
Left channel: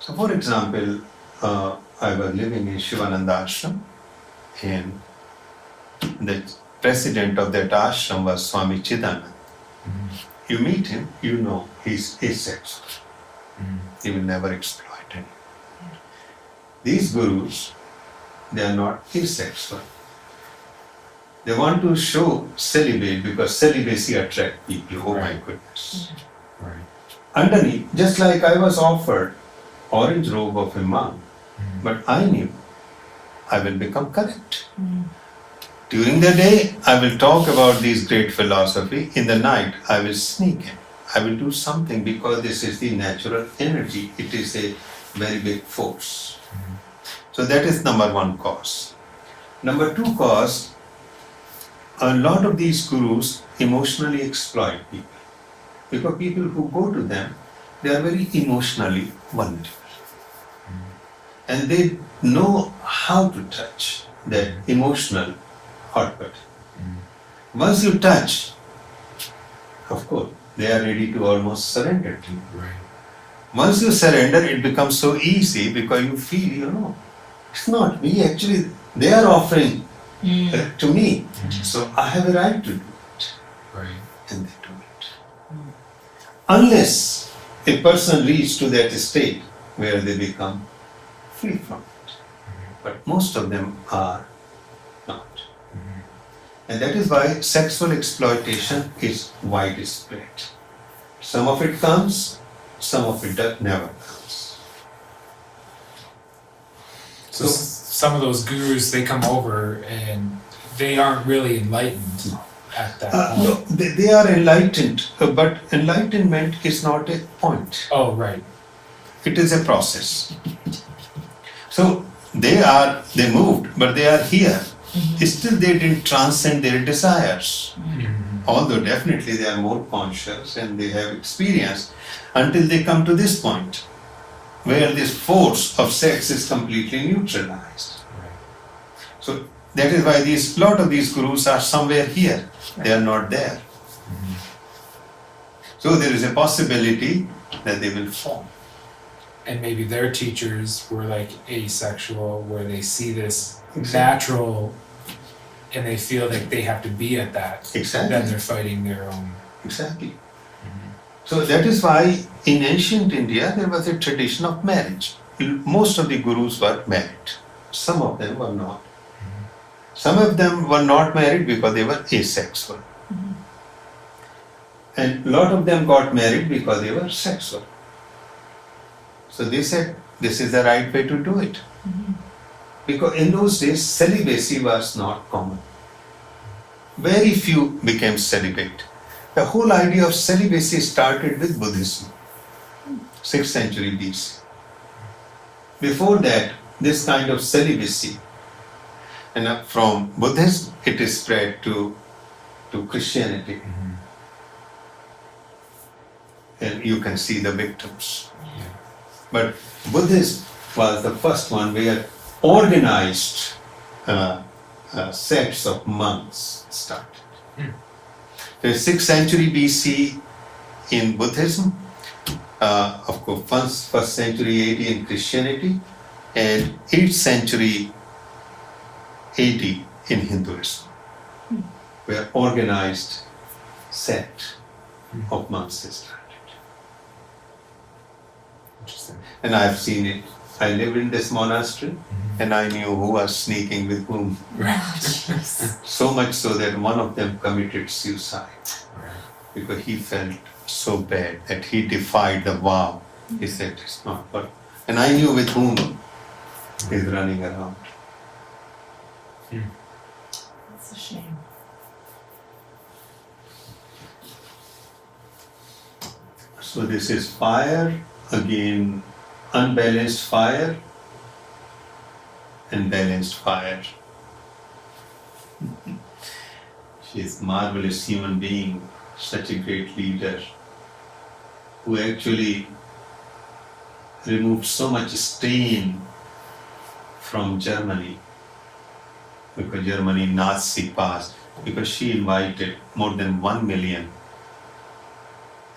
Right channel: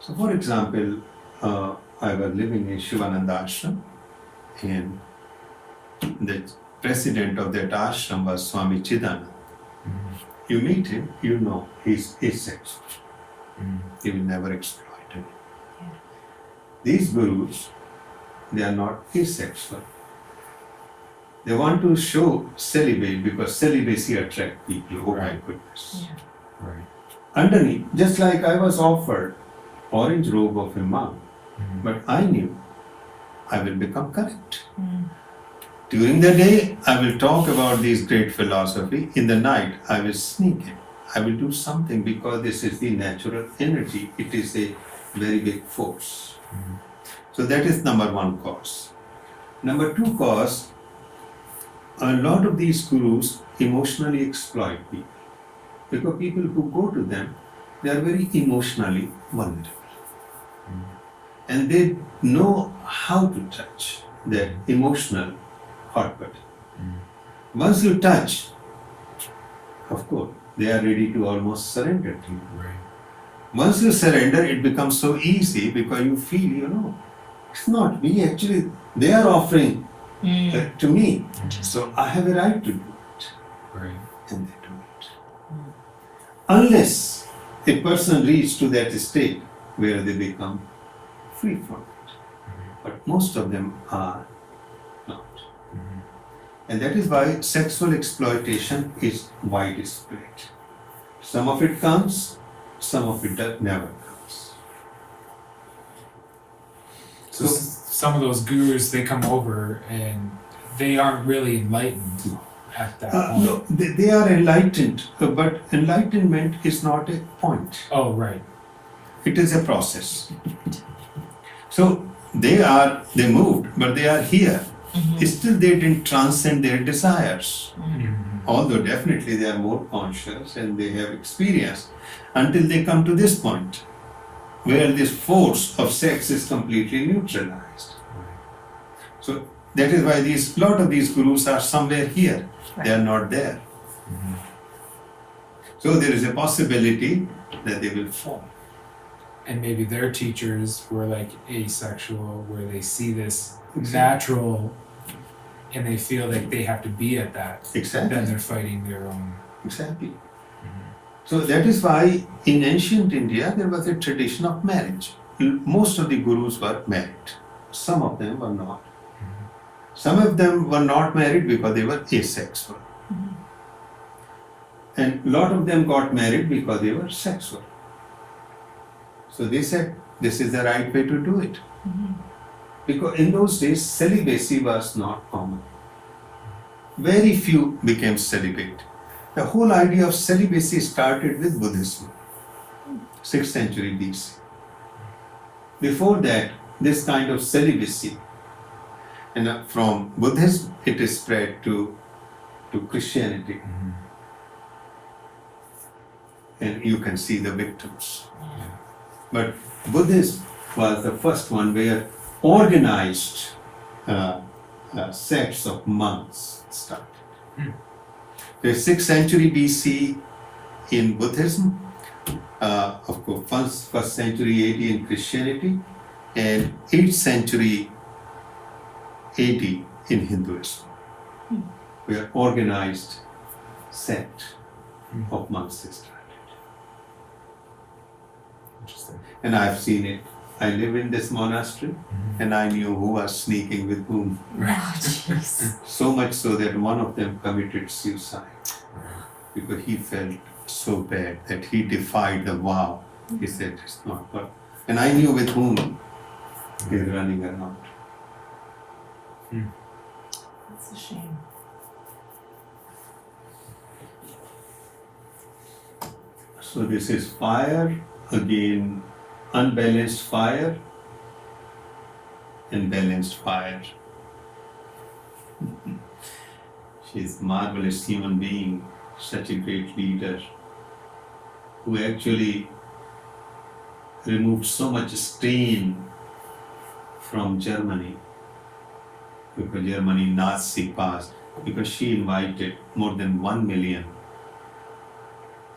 So, for example, I was living in Shivananda ashram, and the president of that ashram was Swami Chidanand. You meet him, you know he's asexual. He will never exploit it. These gurus, they are not asexual. They want to show celibate because celibacy attracts people. Oh my goodness. Right. Underneath, just like I was offered orange robe of a monk, but I knew I will become correct. During the day, I will talk about these great philosophy. In the night, I will sneak in. I will do something because this is the natural energy. It is a very big force. So that is number one cause. Number two cause, a lot of these gurus emotionally exploit people. Because people who go to them, they are very emotionally vulnerable. And they know how to touch that emotional hotbed. Once you touch, of course, they are ready to almost surrender to you. Right. Once you surrender, it becomes so easy because you feel, it's not me, actually, they are offering to me. So I have a right to do it. Right. And they do it. Unless a person reaches to that state where they become free from it. But most of them are not. And that is why sexual exploitation is widespread. Some of it comes, some of it never comes. some of those gurus, they come over and they aren't really enlightened at that point. No, they are enlightened, but enlightenment is not a point. Oh, right. It is a process. So they moved, but they are here. Still they didn't transcend their desires. Although definitely they are more conscious and they have experience until they come to this point where this force of sex is completely neutralized. So that is why lot of these gurus are somewhere here. They are not there. So there is a possibility that they will fall. And maybe their teachers were like asexual, where they see this Exactly. natural and they feel like they have to be at that. Exactly. Then they're fighting their own. Exactly. So that is why in ancient India there was a tradition of marriage. Most of the gurus were married. Some of them were not. Some of them were not married because they were asexual. And a lot of them got married because they were sexual. So they said, this is the right way to do it. Because in those days, celibacy was not common. Very few became celibate. The whole idea of celibacy started with Buddhism, 6th century BC. Before that, this kind of celibacy, and from Buddhism, it is spread to Christianity. And you can see the victims. But Buddhism was the first one where organized sects of monks started. The 6th century BC in Buddhism, of course, first century AD in Christianity, and 8th century AD in Hinduism, where organized sect of monks started. Interesting. And I've seen it. I lived in this monastery and I knew who was sneaking with whom. So much so that one of them committed suicide because he felt so bad that he defied the vow. He said it's not worth. And I knew with whom he's running around. That's a shame. So this is fire, again unbalanced fire and balanced fire. She is a marvelous human being, such a great leader who actually removed so much stain from Germany, because Germany Nazi past, because she invited more than 1 million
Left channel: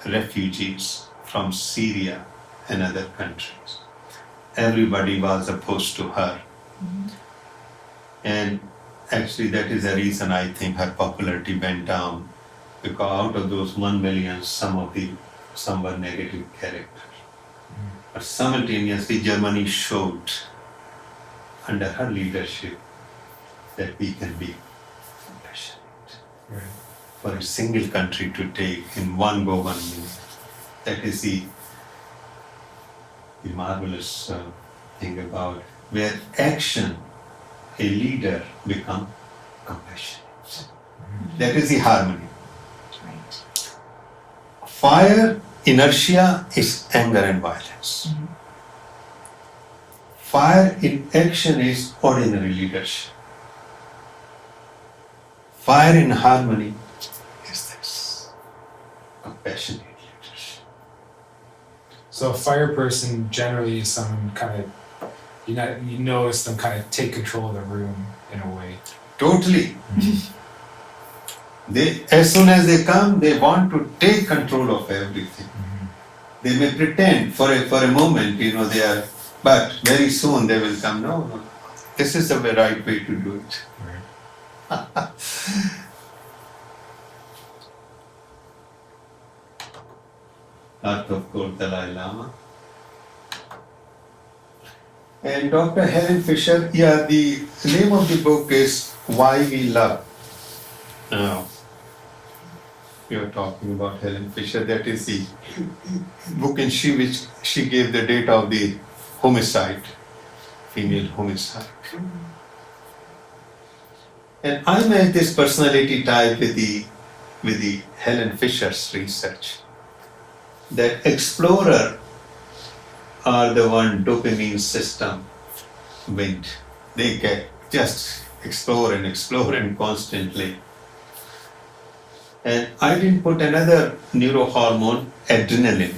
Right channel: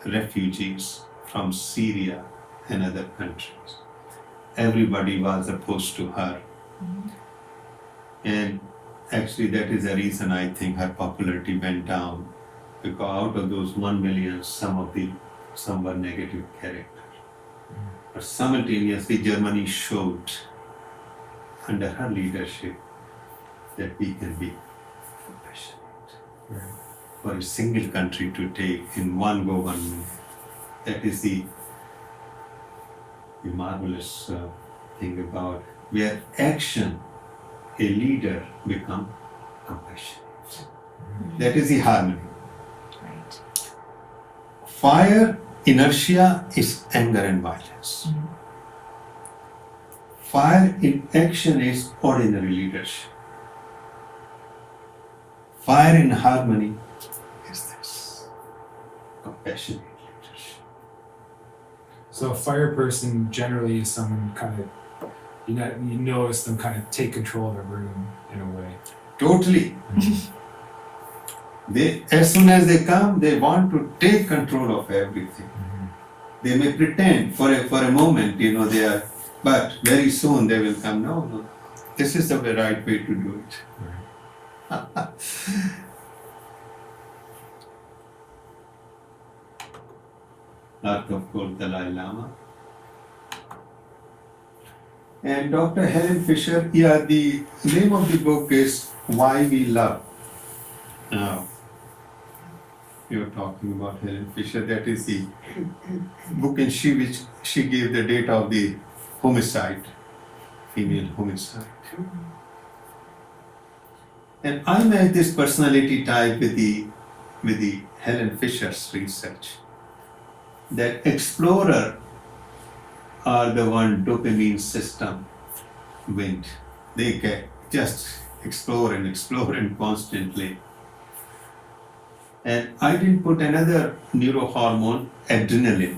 refugees from Syria and other countries. Everybody was opposed to her. And actually that is the reason I think her popularity went down, because out of those 1 million, some were negative character. But simultaneously Germany showed under her leadership that we can be compassionate. For a single country to take in one government, that is the marvelous thing about where action, a leader become compassionate. That is the harmony. Right. Fire, inertia is anger and violence. Fire in action is ordinary leadership. Fire in harmony is this compassionate leadership. So a fire person generally is someone kind of, you notice them kind of take control of the room in a way. Totally. They, as soon as they come, they want to take control of everything. They may pretend for a moment, they are, but very soon they will come, no, this is the right way to do it. Earth, of course, Dalai Lama. And Dr. Helen Fisher, the name of the book is Why We Love. Now, you're talking about Helen Fisher, that is the book in which she gave the date of the homicide female homicide. And I made this personality type with the Helen Fisher's research. That explorer are the one dopamine system went. They can just explore and constantly. And I didn't put another neurohormone, adrenaline,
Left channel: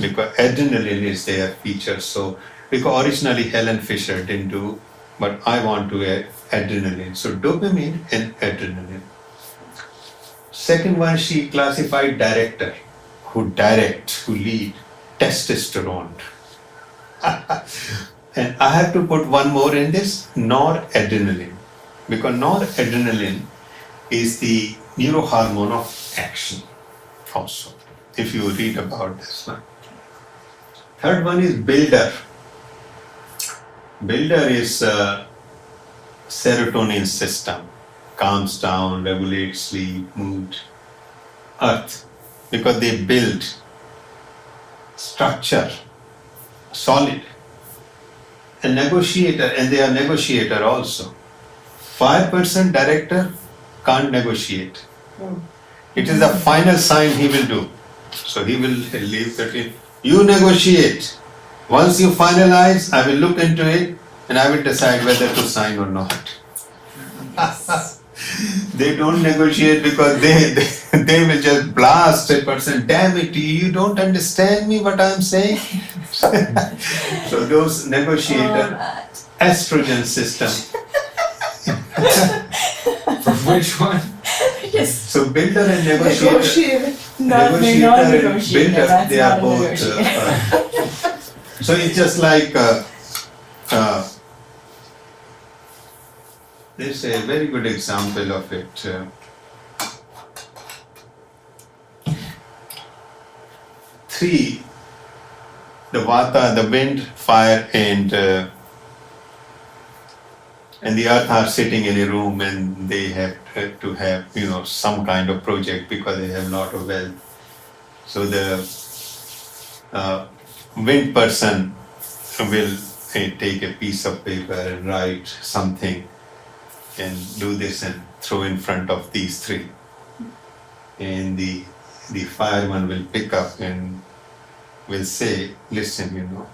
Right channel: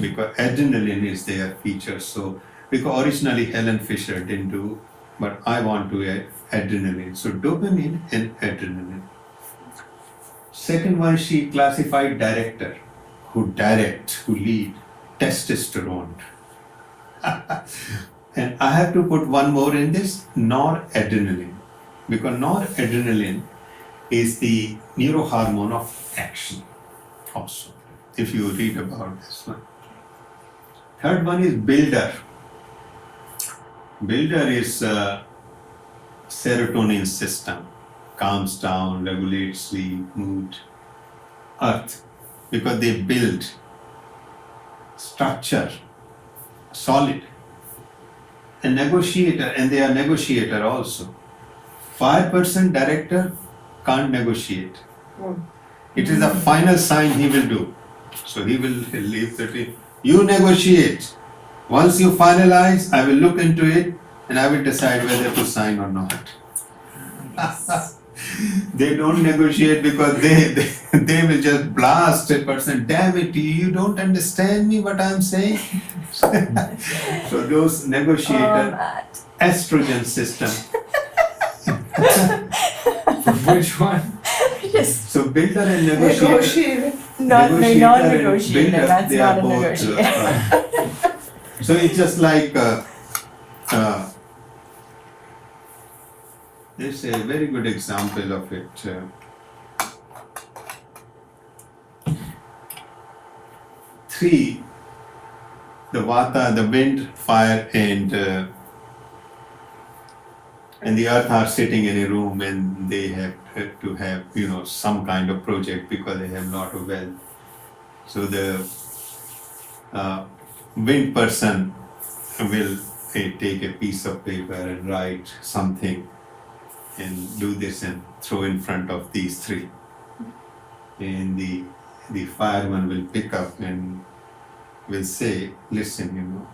because adrenaline is their feature. So, because originally Helen Fisher didn't do, but I want to add adrenaline. So, dopamine and adrenaline. Second one, she classified director, who direct, who lead, testosterone. And I have to put one more in this, noradrenaline, because noradrenaline is the neurohormone of action also, if you read about this one. Third one is builder. Builder is serotonin system, calms down, regulates sleep, mood. Earth, because they build structure, solid. A negotiator, and they are negotiator also. 5% director can't negotiate. It is the final sign he will do. So he will leave that. You negotiate. Once you finalize, I will look into it and I will decide whether to sign or not. They don't negotiate because they will just blast a person. Damn it, you don't understand me what I'm saying. So those negotiator estrogen system. For which one? Yes. So builder and negotiator. Negotiated. Negotiator and non-negotiator, builder, that's they are not a both. negotiator. So it's just like there's a very good example of it. Three, the vata, the wind, fire, and the earth are sitting in a room and they have to have some kind of project because they have a lot of wealth. So the wind person will take a piece of paper and write something and do this and throw in front of these three. And the fire one will pick up and will say, listen,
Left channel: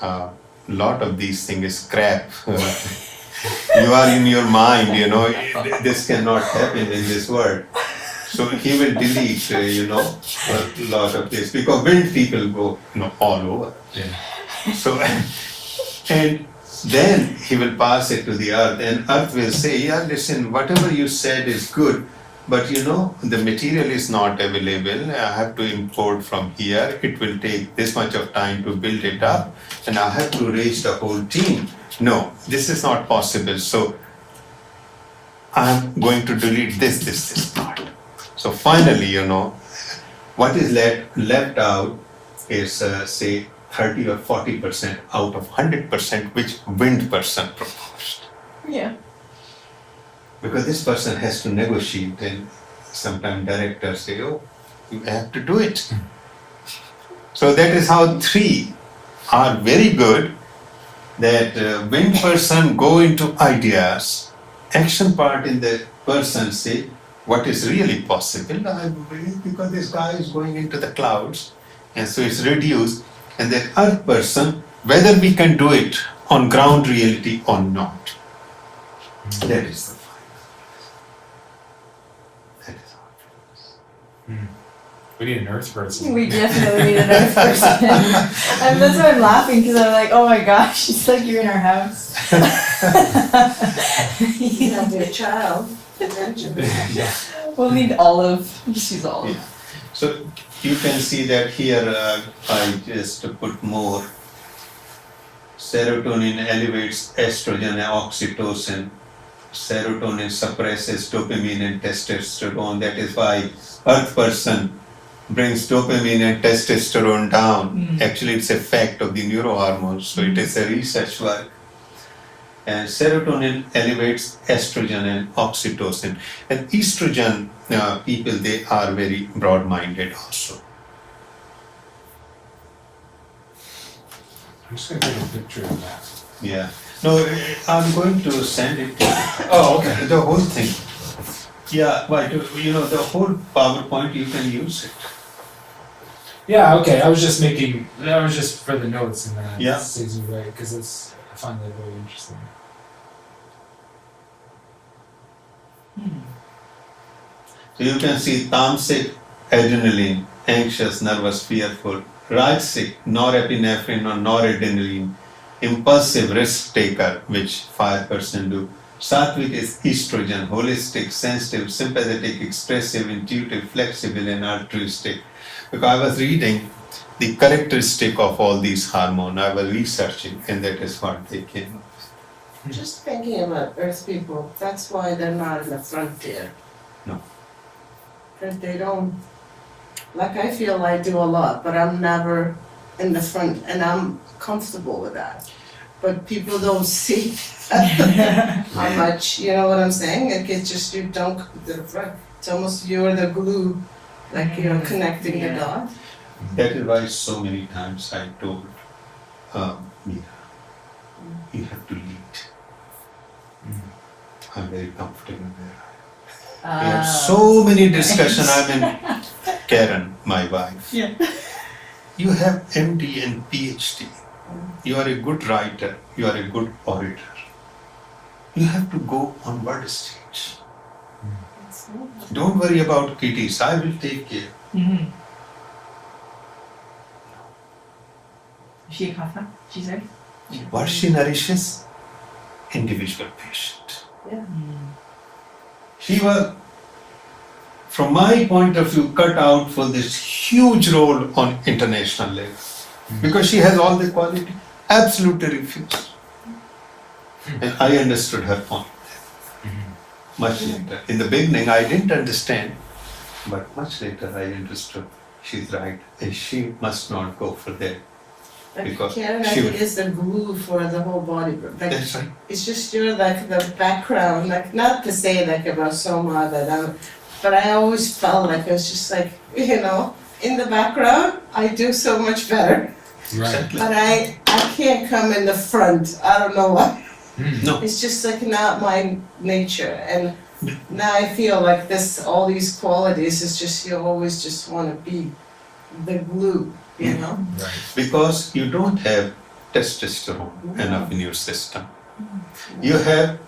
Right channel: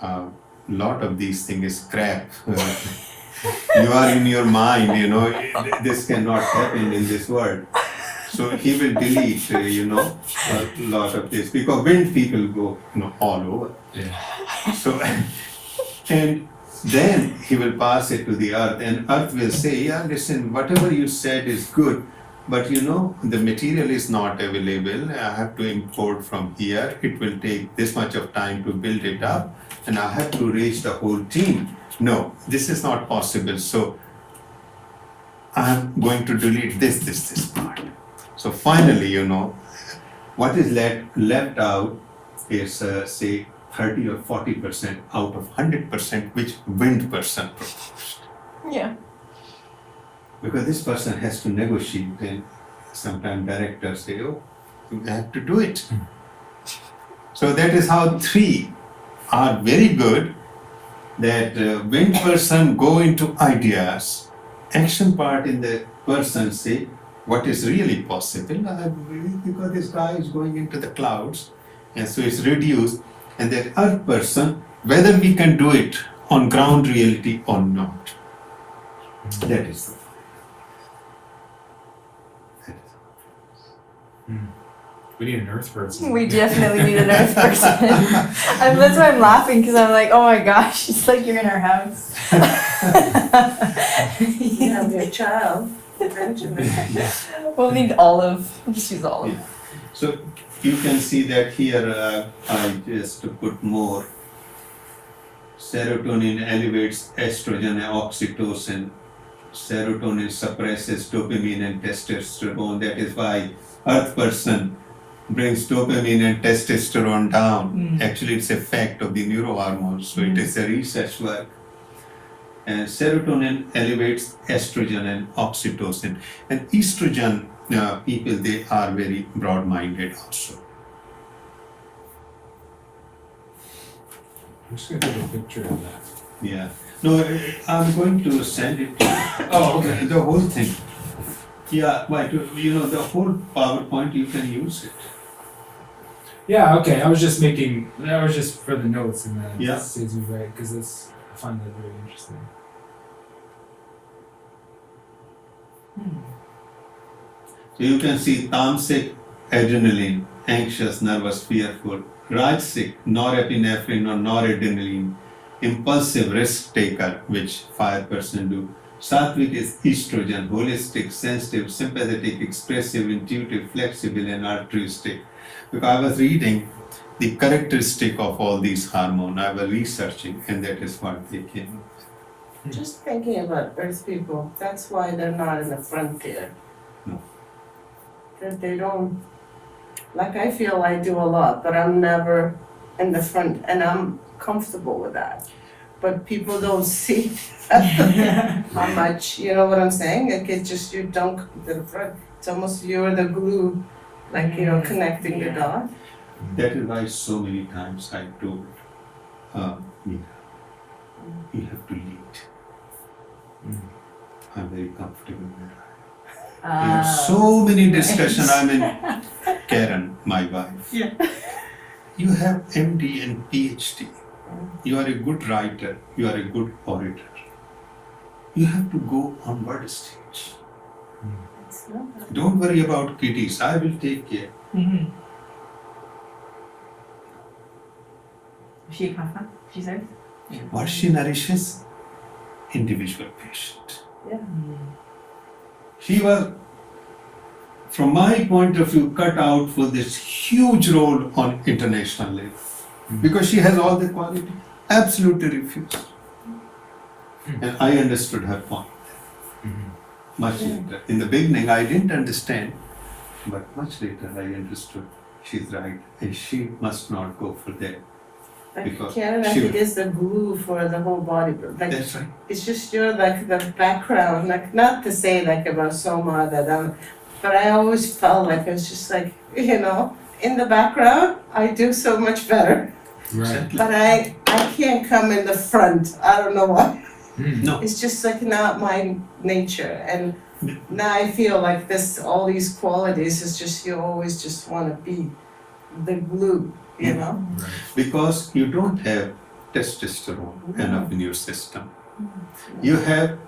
a lot of these things is crap. You are in your mind, this cannot happen in this world. So he will delete, a lot of this because wind people go, all over. Yeah. So, and then he will pass it to the earth, and earth will say, yeah, listen, whatever you said is good, but the material is not available. I have to import from here. It will take this much of time to build it up, and I have to raise the whole team. No, this is not possible. So I'm going to delete this part. So finally, what is left out is say 30 or 40% out of 100% which wind person proposed. Yeah. Because this person has to negotiate, and sometimes directors say, oh, you have to do it. So that is how three are very good, that wind person go into ideas, action part in the person say, what is really possible, I believe, because this guy is going into the clouds, and so it's reduced, and then earth person, whether we can do it on ground reality or not. That is the We need an earth person. We definitely need an earth person. And that's why I'm laughing because I'm like, oh my gosh, it's like you're in our house. You'll be a child eventually. We'll need Olive. She's Olive. Yeah. So you can see that here I just put more. Serotonin elevates estrogen and oxytocin. Serotonin suppresses dopamine and testosterone. That is why earth person brings dopamine and testosterone down. Actually, it's a fact of the neurohormones. So it is a research work. And serotonin elevates estrogen and oxytocin. And estrogen people, they are very broad-minded also. I'm just gonna get a picture of that. Yeah. No, I'm going to send it to you. Oh, okay. The whole thing. Yeah, why do you know the whole PowerPoint you can use it. Yeah, okay. I was just for the notes and then Yeah. saves you right because I find that very interesting. So you can see tamasic, adrenaline, anxious, nervous, fearful, rajasic, norepinephrine or noradrenaline, impulsive, risk taker, which 5% do. Sattvic is estrogen, holistic, sensitive, sympathetic, expressive, intuitive, flexible, and altruistic. Because I was reading the characteristic of all these hormones, I was researching, and that is what they came up with. Just thinking about Earth people, that's why they're not in the frontier. No. That they don't, like I feel I do a lot, but I'm never in the front, and I'm comfortable with that. But people don't see how much, you know what I'm saying? Like it's just you don't come to the front. It's almost you're the glue, like connecting the dot. That is why so many times I told Mira, you have to lead. I'm very comfortable there. We have so many discussions. I mean, Karen, my wife. Yeah. You have MD and PhD. You are a good writer. You are a good orator. You have to go on world stage. It's not- Don't worry about kitties. I will take care. Is she a confidant? She's ready? What she nourishes? Individual patient. Yeah. She was, from my point of view, cut out for this huge role on international level. Because she has all the quality, absolutely refused. And I understood her point much later. In the beginning, I didn't understand, but much later I understood she's right, and she must not go for that. Like Because Karen, I she think would- is the glue for the whole body. Like That's right. it's just you're like the background, like not to say like about Soma that but I always felt like I was just like, in the background, I do so much better. Right. But I can't come in the front. I don't know why. No, It's just like not my nature. And now I feel like all these qualities is just you always just want to be the glue, you know? Right. because you don't have testosterone enough in your system. You have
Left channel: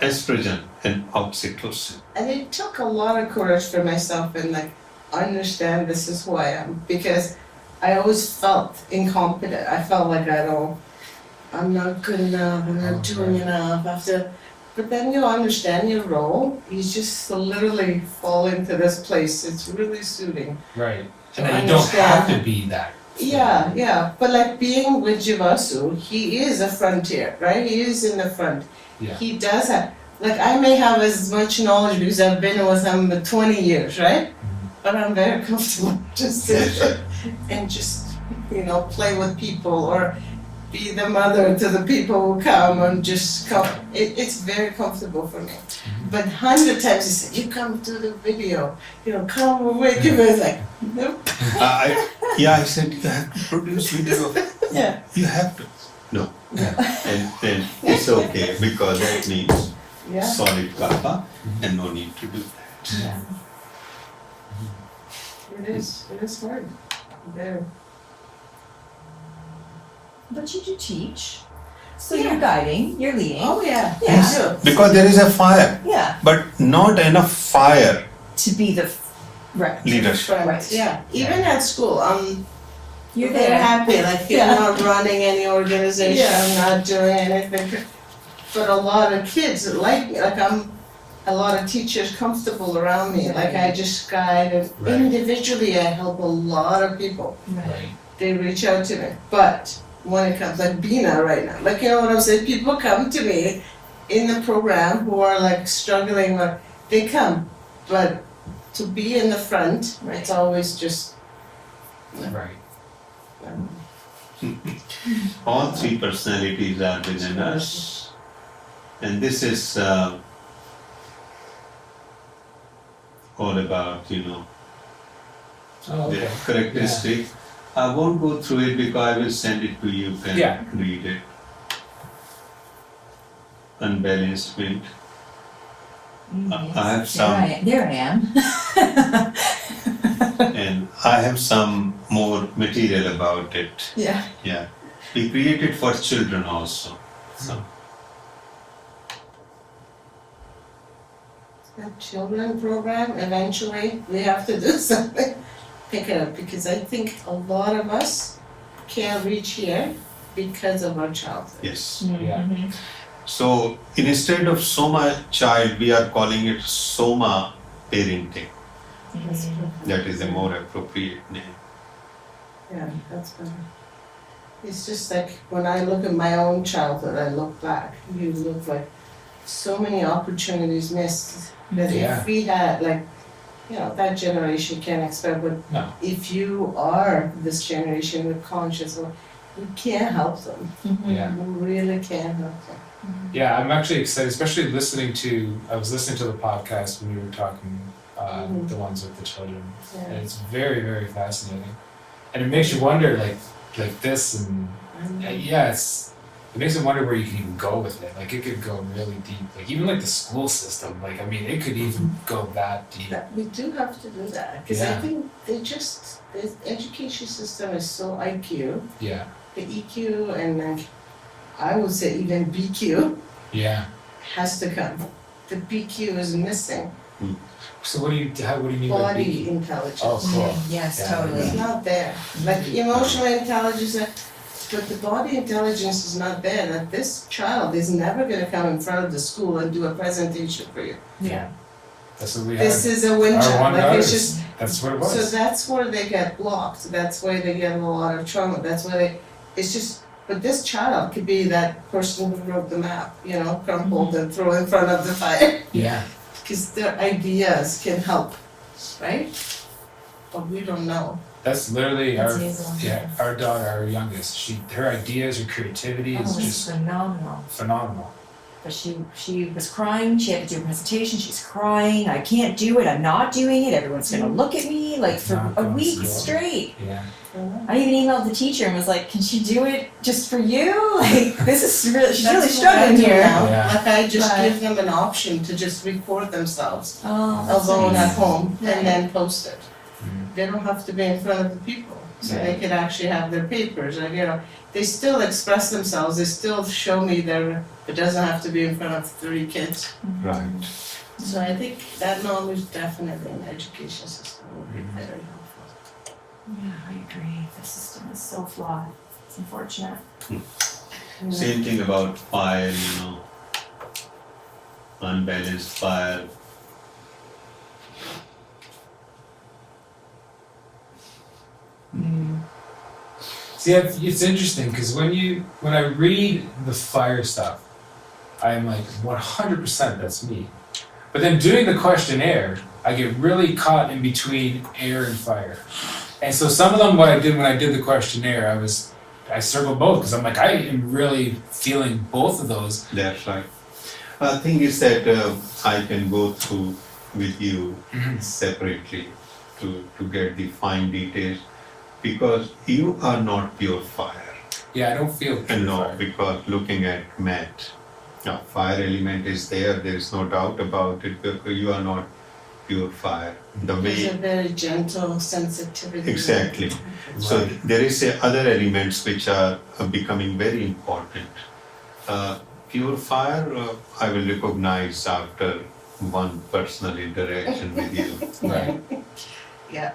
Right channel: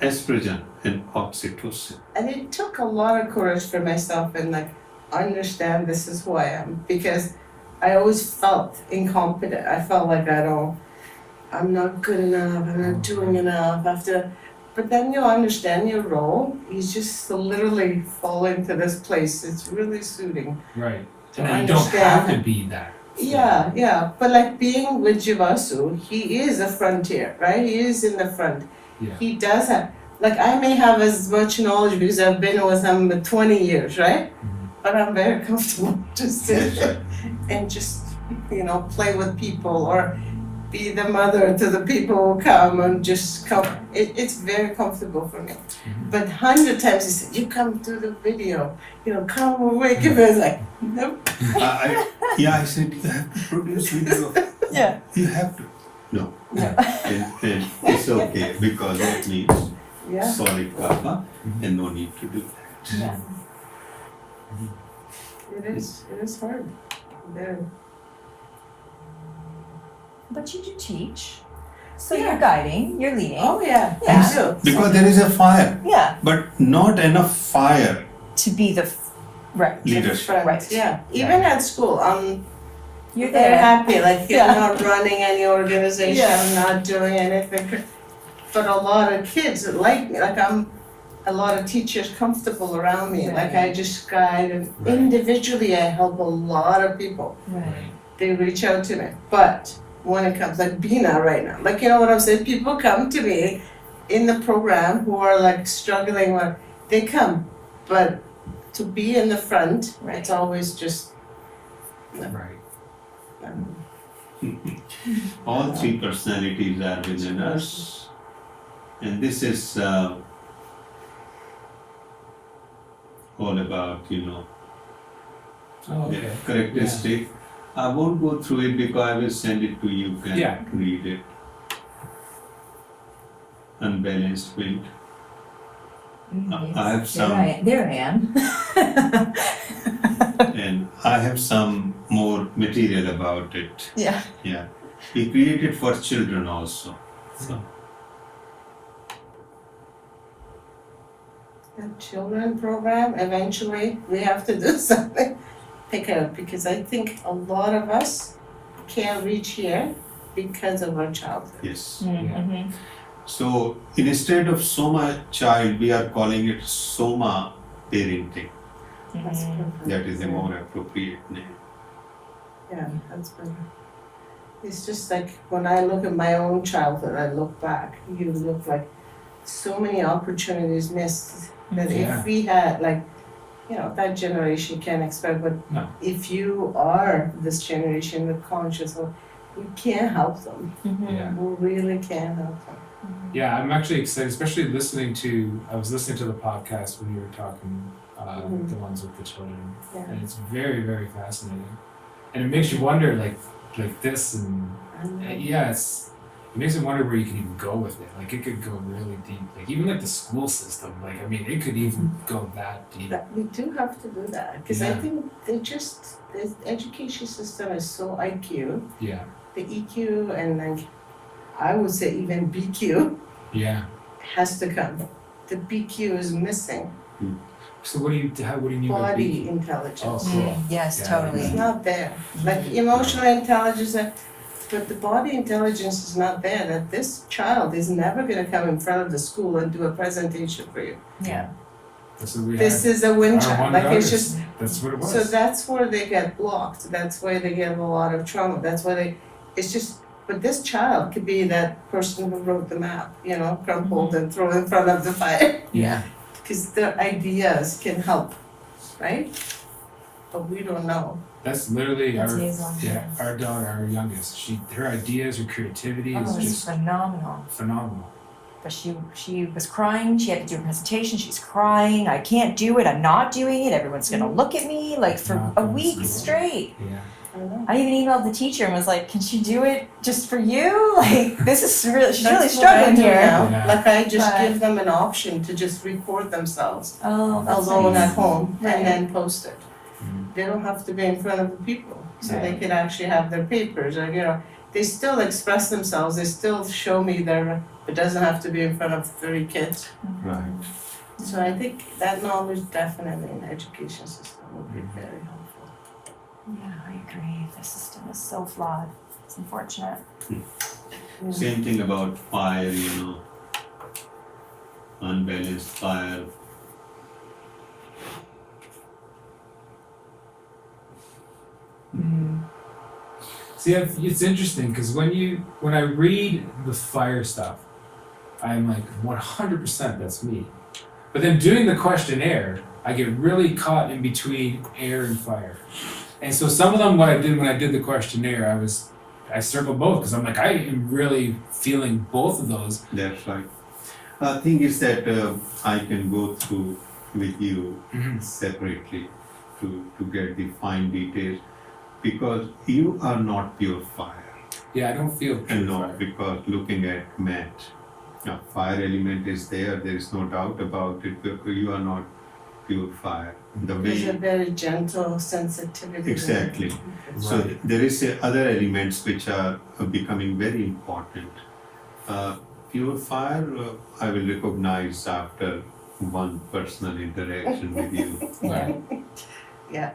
estrogen and oxytocin. And it took a lot of courage for myself and like understand this is who I am because I always felt incompetent. I felt like I'm not good enough, I'm not doing enough. But then you understand your role. You just literally fall into this place. It's really suiting. Right. To And then you don't have to understand. be that. Yeah. But like being with Jivasu, he is a frontier, right? He is in the front. Yeah. He does have, like I may have as much knowledge because I've been with him for 20 years, right? But I'm very comfortable just to, and just, play with people or be the mother to the people who come and just come. It's very comfortable for me. But 100 times he said, you come to the video, come away. I was like, nope. I said, you have to produce video. Yeah. You have to. No. And then it's okay because that means Yeah. solid kappa and no need to do that. Yeah. It is hard. Very. But you do teach. So you're guiding, you're leading. Oh yeah, Yeah. I do. Because there is a fire, Yeah. but not enough fire To be the right. leadership. Friends, Right. yeah. Even at school, You're they're there. happy, like you're Yeah. not running any organization, Yeah. not doing anything. But a lot of kids like me, like I'm a lot of teachers comfortable around me. Like I just guide and Right. individually I help a lot of people. Right. They reach out to me. But when it comes like Bina right now, like you know what I'm saying? People come to me in the program who are like struggling with they come. But to be in the front, it's always just Right. All three personalities are within us. And this is all about, Oh, the okay. characteristic. I won't go through it because I will send it to you, you can Yeah. read it. unbalanced wind. Yes. I have some, There I am. and I have some more material about it. Yeah. Yeah, we created for children also. So The children program, eventually, we have to do something, pick it up, because I think a lot of us can't reach here because of our childhood. yes. Mm-hmm. So instead of Soma child, we are calling it Soma parenting. That's perfect. That is a more appropriate name. Yeah, that's better. It's just like when I look at my own childhood, I look back, you look like so many opportunities missed that Yeah. if we had like, that generation can't expect, but No. if you are this generation with conscious, you can't help them. Yeah. You really can't help them. Yeah, I'm actually excited, especially I was listening to the podcast when you were talking, Mhm. the ones with the children. Yeah. And it's very, very fascinating. And it makes you wonder, like this, and yeah, it makes you wonder where you can even go with it. Like, it could go really deep. Like, even like the school system, like, I mean, it could even go that deep. But we do have to do that, because I Yeah. think the education system is so IQ, Yeah, the EQ and like, I would say even BQ yeah. has to come. The BQ is missing, So what do you mean by body being? intelligence. Oh, cool. Yes, Yeah. totally. It's not there. Like emotional intelligence, but the body intelligence is not there. That this child is never gonna come in front of the school and do a presentation for you. Yeah. That's what we This had. is a win Our child, one like daughter, it's just, that's what it was. so that's where they get blocked. That's why they get a lot of trauma. That's why it's just, but this child could be that person who wrote the map, crumpled and throw in front of the fire. Yeah, Because their ideas can help, right? But we don't know. that's literally That's liaison. our daughter, our youngest. Her ideas, her creativity is Oh, it's just phenomenal. phenomenal. But she was crying, she had to do a presentation, she's crying, I can't do it, I'm not doing it, everyone's gonna look at me, like for Not a going week slow. straight. Yeah, I even emailed the teacher and was like, can she do it just for you? Like, this is really, she's really That's what I struggling do here. now. Yeah. Like I just But- give them an option to just record themselves Oh, that's alone nice. at home Right. and then post it. Mhm. They don't have to be in front of the people, so they Right. can actually have their papers, or they still express themselves, they still show me it doesn't have to be in front of 30 kids. right. So I think that knowledge definitely in the education system would be very helpful. Yeah, I agree, the system is so flawed, it's unfortunate. Same thing about fire, unbalanced fire. See, it's interesting because when I read the fire stuff, I'm like 100% that's me. But then doing the questionnaire, I get really caught in between air and fire. And so some of them, what I did when I did the questionnaire, I circled both because I'm like, I am really feeling both of those. That's right. The thing is that I can go through with you separately to get the fine details, because you are not pure fire. Yeah, I don't feel pure And no, fire. because looking at Matt, fire element is there is no doubt about it. You are not pure fire. The There's a way, very gentle sensitivity. exactly. So Right. there is other elements which are becoming very important. Pure fire, I will recognize after one personal interaction with you. Right. Yeah.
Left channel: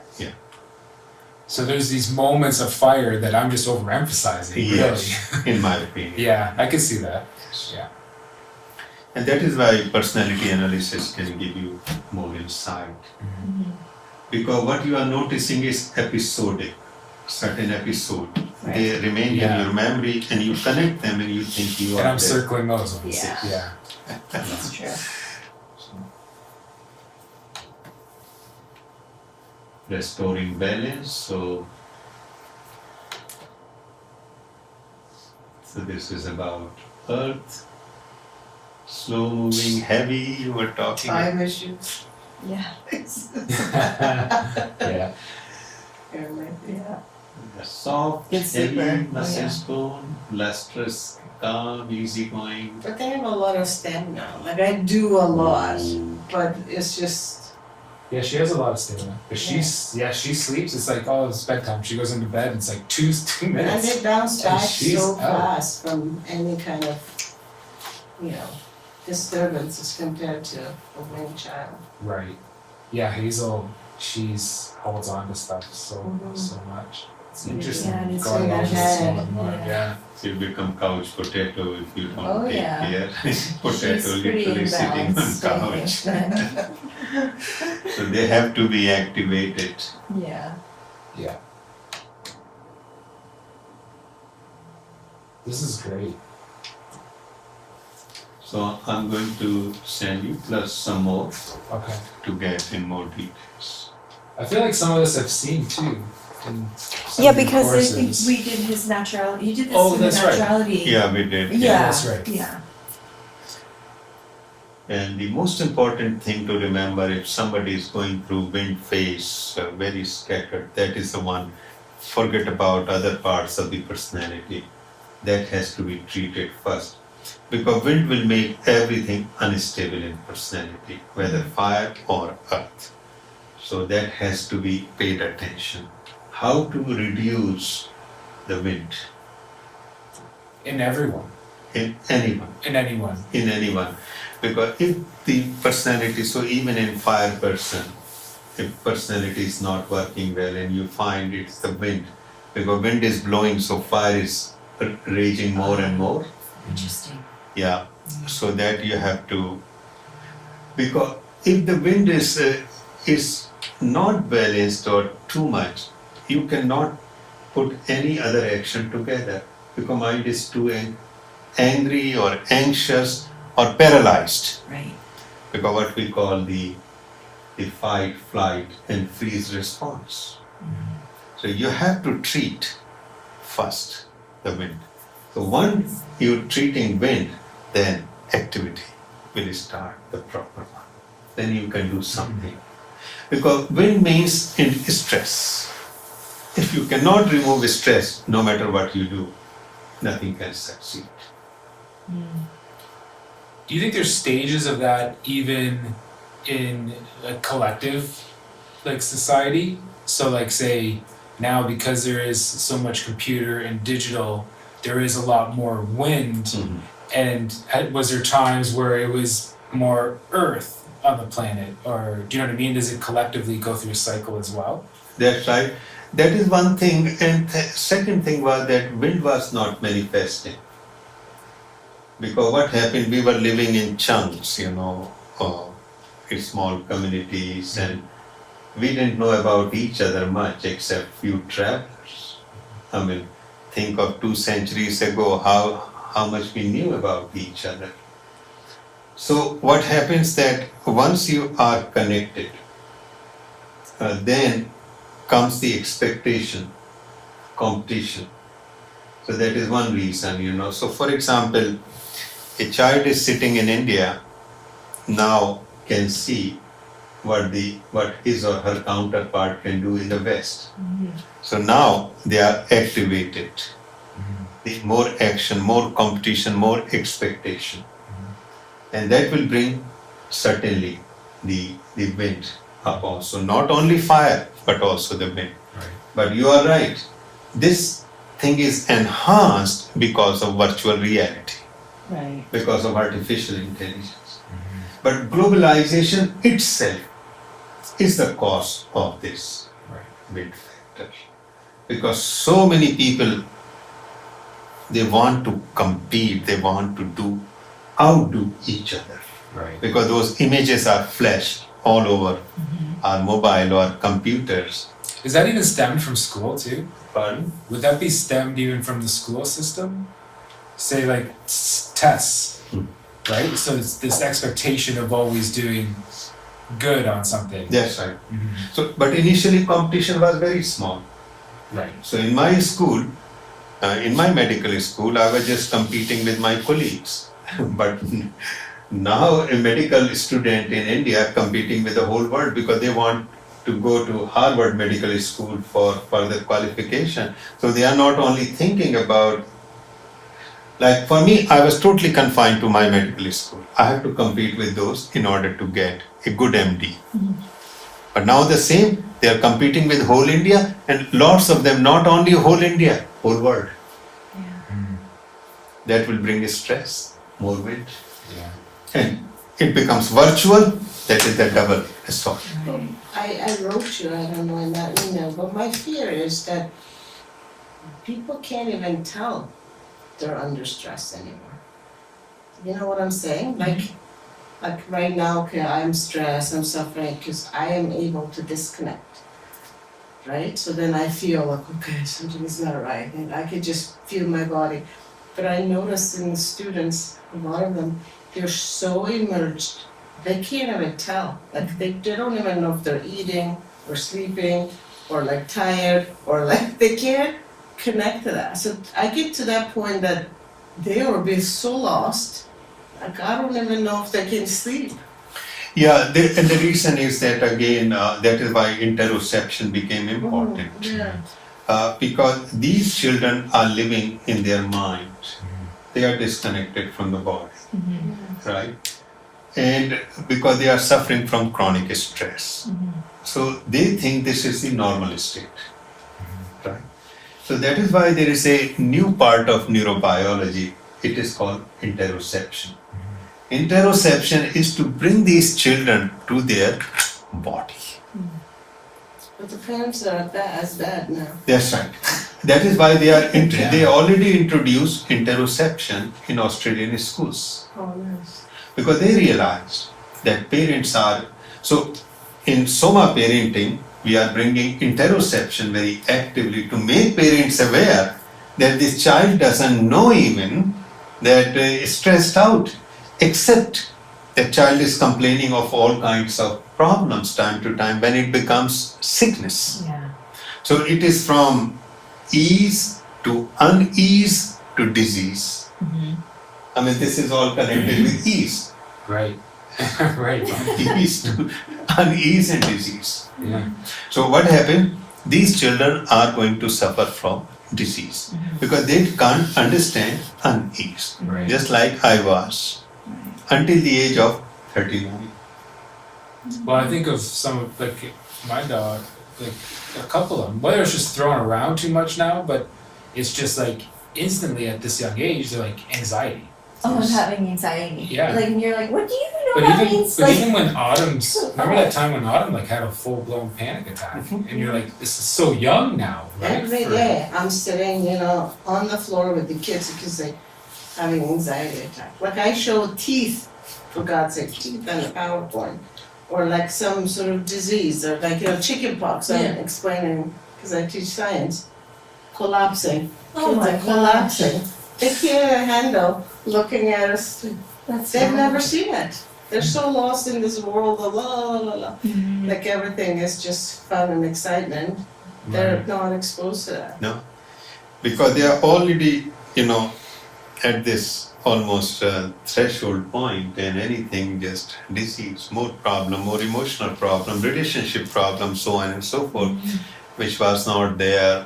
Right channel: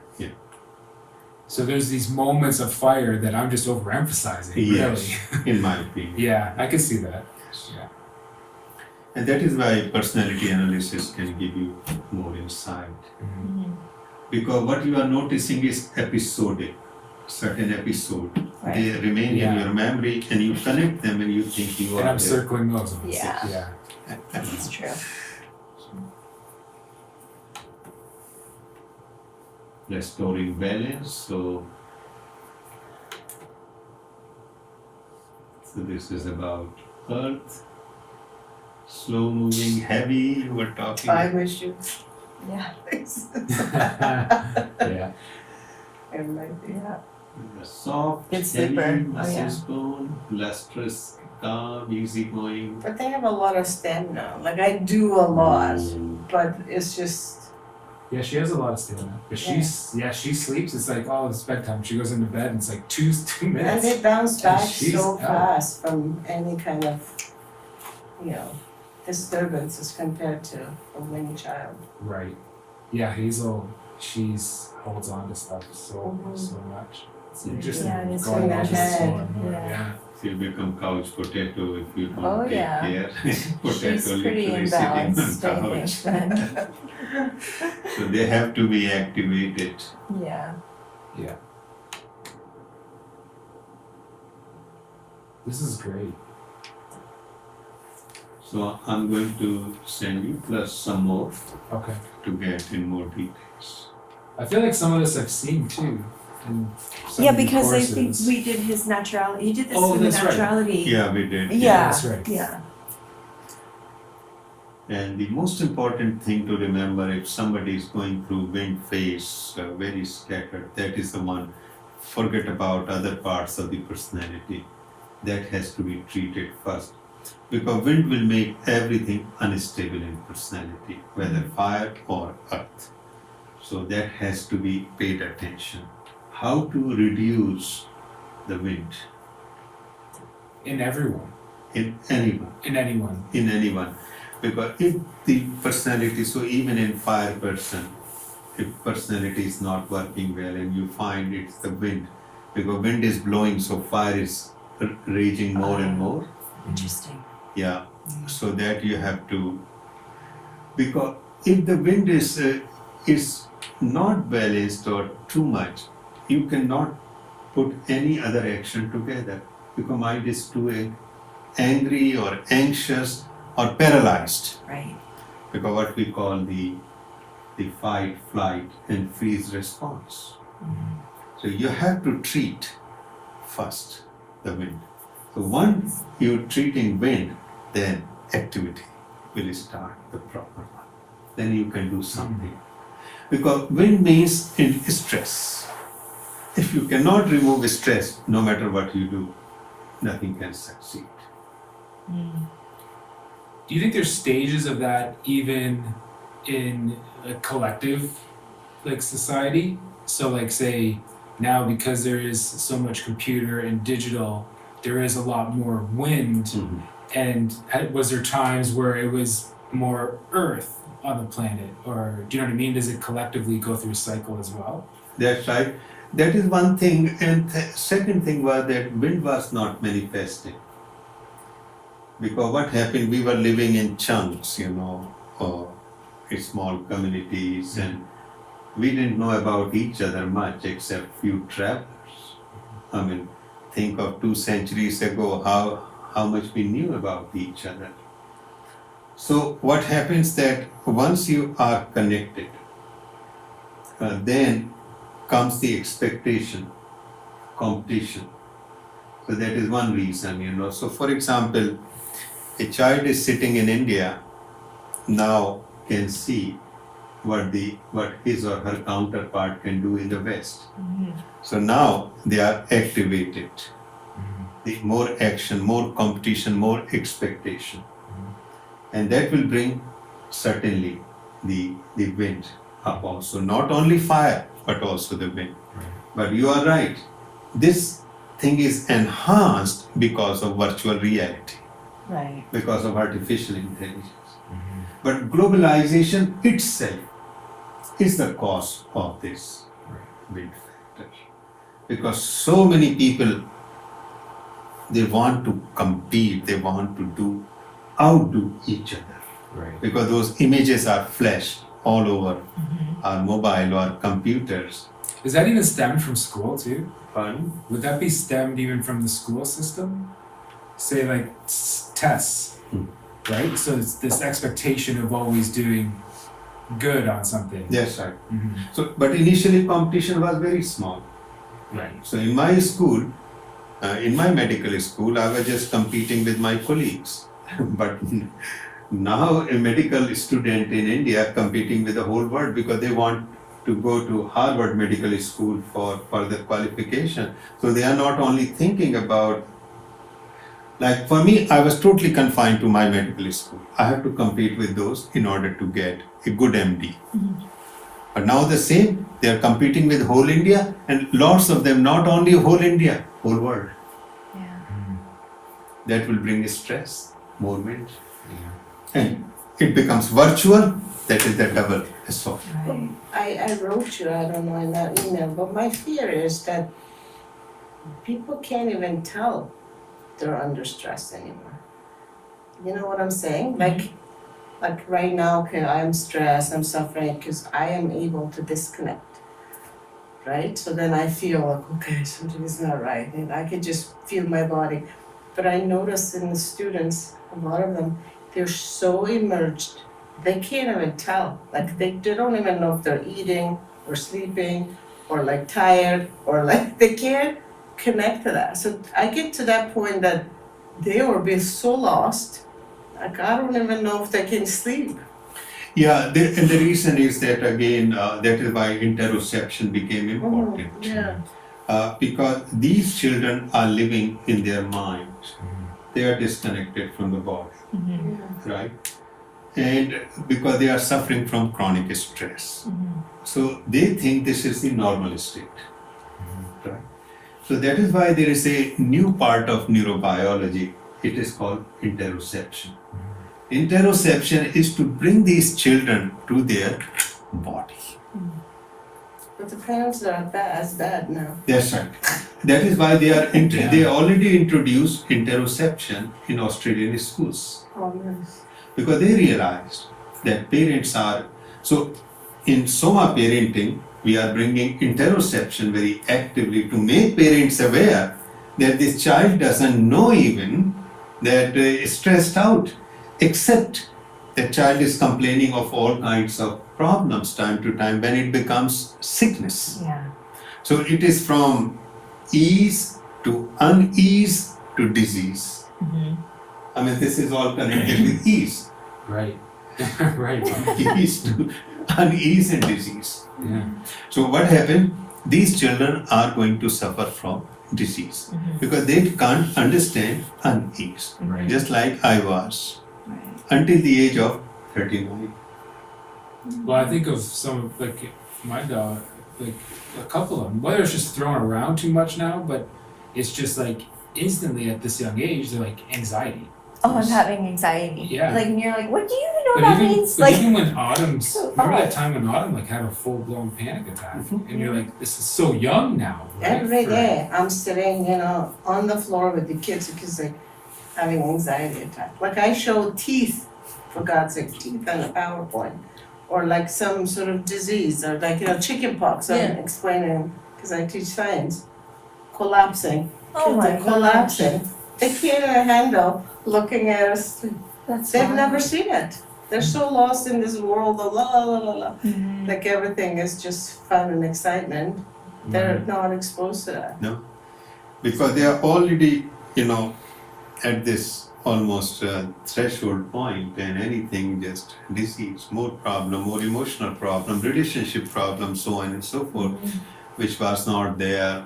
So there's these moments of fire that I'm just overemphasizing. Yes, Really. in my opinion. Yeah, I can see that. Yeah. And that is why personality analysis can give you more insight. Because what you are noticing is episodic, certain episode. Right. They remain Yeah. in your memory and you connect them and you think you And are I'm there. circling those ones. Yeah. Yeah. That's true. Restoring balance. So this is about earth, slow moving, heavy, you were talking. Time issues. Yeah. Yeah. There might be. Yeah. The soft, Good sleeper. heavy, Oh, muscle yeah. stone, lustrous, calm, easygoing. But they have a lot of stamina. Like I do a lot, but it's just Yeah, she has a lot of stamina. But she sleeps. It's like, oh, it's bedtime. She goes into bed. And it's like two and minutes. they bounce And back she's so out. fast from any kind of, disturbances compared to a wind child. Right. Yeah, Hazel. She's holds on to stuff so much. It's interesting. Yeah, it's going in on her just head, more and more. yeah. Yeah. You become couch potato if you don't Oh, take yeah. care. Potato She's pretty literally sitting on imbalanced, I couch. think. So they have to be activated. Yeah. Yeah. This is great. So I'm going to send you plus some more Okay. to get in more details. I feel like some of this I've seen too. In some Yeah, of the because I think courses. we did his naturality. You did this Oh, through the that's right. naturality. Yeah, we did. Yeah. That's right. Yeah. And the most important thing to remember, if somebody is going through wind phase, very scattered, that is the one. Forget about other parts of the personality. That has to be treated first. Because wind will make everything unstable in personality, whether fire or earth. So that has to be paid attention. How to reduce the wind In everyone. in anyone. In anyone. In anyone. Because if the personality, so even in fire person, if personality is not working well and you find it's the wind, because wind is blowing, so fire is raging more and more. Interesting. Yeah, so that you have to, because if the wind is not balanced or too much, you cannot put any other action together, because mind is too angry or anxious or paralyzed, Right. because what we call the fight, flight and freeze response. So you have to treat first the wind. So once you're treating wind, then activity will start, the proper one. Then you can do something. Because wind means in stress. If you cannot remove stress, no matter what you do, nothing can succeed. Do you think there's stages of that even in a collective like society? So like say now because there is so much computer and digital, there is a lot more wind. And was there times where it was more earth on the planet? Or do you know what I mean? Does it collectively go through a cycle as well? That's right. That is one thing. And second thing was that wind was not manifesting. Because what happened, we were living in chunks, in small communities, and we didn't know about each other much except few travelers. I mean, think of 2 centuries ago, how much we knew about each other. So what happens that once you are connected, then comes the expectation, competition. So that is one reason, So for example, a child is sitting in India, now can see what his or her counterpart can do in the West. So now they are activated. The more action, more competition, more expectation. And that will bring certainly the wind up also. Not only fire, but also the wind. But you are right. This thing is enhanced because of virtual reality. Right. Because of artificial intelligence. But globalization itself is the cause of this wind factor. Because so many people, they want to compete, they want to outdo each other. Right. Because those images are flashed all over our mobile or computers. Is that even stemmed from school too? Pardon? Would that be stemmed even from the school system? Say like tests, right? So it's this expectation of always doing good on something. That's right. So, but initially competition was very small. Right. So in my school, in my medical school, I was just competing with my colleagues. But now a medical student in India competing with the whole world because they want to go to Harvard Medical School for further qualification. So they are not only thinking about Like for me, I was totally confined to my medical school. I have to compete with those in order to get a good MD. But now the same, they are competing with whole India, and lots of them, not only whole India, whole world. That will bring stress, more weight. Yeah. And it becomes virtual, that is the double assault. I wrote you, I don't know, in that email, but my fear is that people can't even tell they're under stress anymore. You know what I'm saying? Like right now, okay, I'm stressed, I'm suffering because I am able to disconnect, right? So then I feel like, okay, something's not right, and I could just feel my body. But I noticed in the students, a lot of them, they're so immersed, they can't even tell. Like they don't even know if they're eating or sleeping or like tired or like they can't connect to that. So I get to that point that they will be so lost, like I don't even know if they can sleep. Yeah, and the reason is that again, that is why interoception became important. Yeah. Because these children are living in their mind. They are disconnected from the body, right? And because they are suffering from chronic stress. So they think this is the normal state, right? So that is why there is a new part of neurobiology. It is called interoception. Interoception is to bring these children to their body. But the parents are as bad now. That's right. That is why they are they already introduced interoception in Australian schools. Oh yes. Because they realized that parents are, so in Soma parenting, we are bringing interoception very actively to make parents aware that this child doesn't know even that is stressed out, except the child is complaining of all kinds of problems time to time when it becomes sickness. Yeah. So it is from ease to unease to disease. I mean, this is all connected with ease. Right. Right. Ease to unease and disease. Yeah. So what happened? These children are going to suffer from disease because they can't understand unease. Right. Just like I was until the age of 39. Well, I think of some of like my dog, like a couple of them. Whether it's just thrown around too much now, but it's just like instantly at this young age, they're like anxiety. Oh, I'm having anxiety. Yeah. Like, and you're like, what do you even know But what that even, means? but Like, even when Autumn's, remember that time when Autumn like had a full blown panic attack, and you're like, this is so young now, right? Every For- day I'm sitting, on the floor with the kids because they're having anxiety attack. Like I show teeth, for God's sake, teeth on the PowerPoint. Or like some sort of disease, or like, chicken pox, I'm explaining, because I teach science. Collapsing, oh kids my are gosh. collapsing. They can't even handle looking at us, That's they've bad. never seen it. They're so lost in this world of la la la la. Mhm. Like everything is just fun and excitement. They're not exposed to that. Because they are already, at this almost threshold point when anything just disease, more problem, more emotional problem, relationship problem, so on and so forth, which was not there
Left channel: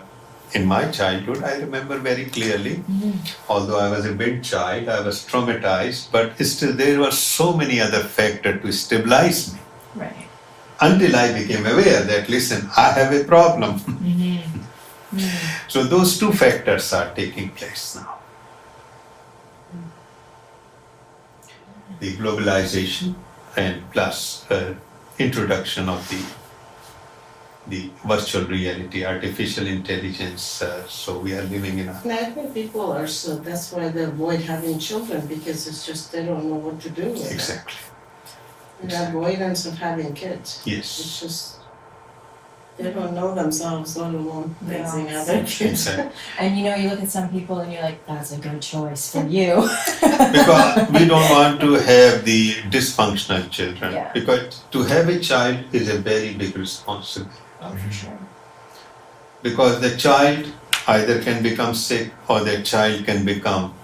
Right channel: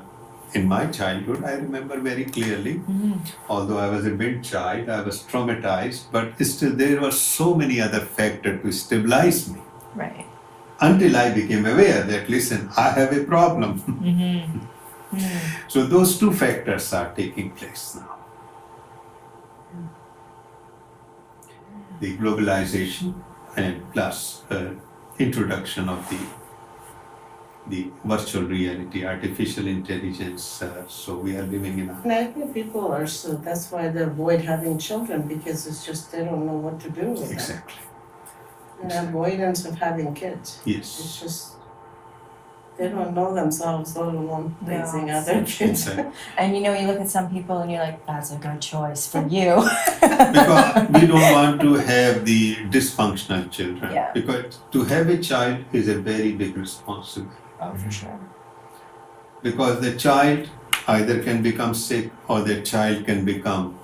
in my childhood. I remember very clearly, although I was a big child, I was traumatized, but still there were so many other factors to stabilize me Right. until I became aware that, listen, I have a problem. So those two factors are taking place now. The globalization and plus introduction of the virtual reality, artificial intelligence. So we are living in a And I think people are so, that's why they avoid having children, because it's just, they don't know what to do with it. exactly An avoidance of having kids. yes. It's just, they don't know themselves, let alone They're raising all other kids. Exactly. And you look at some people and you're like, that's a good choice for you. Because we don't want to have the dysfunctional children. Yeah. Because to have a child is a very big responsibility. Oh, for sure. Because the child either can become sick or the child can become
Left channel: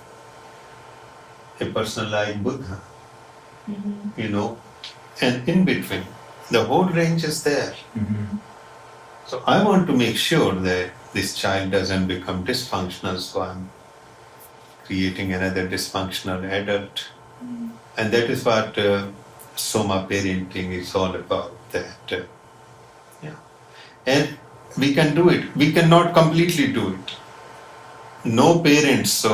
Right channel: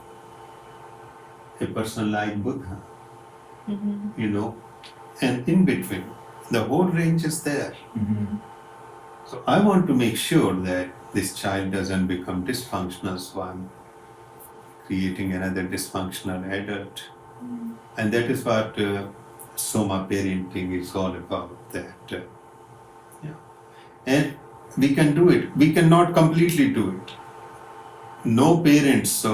a person like Buddha, and in between, the whole range is there. So I want to make sure that this child doesn't become dysfunctional, so I'm creating another dysfunctional adult. And that is what Soma parenting is all about. That, yeah. And we can do it. We cannot completely do it. No parents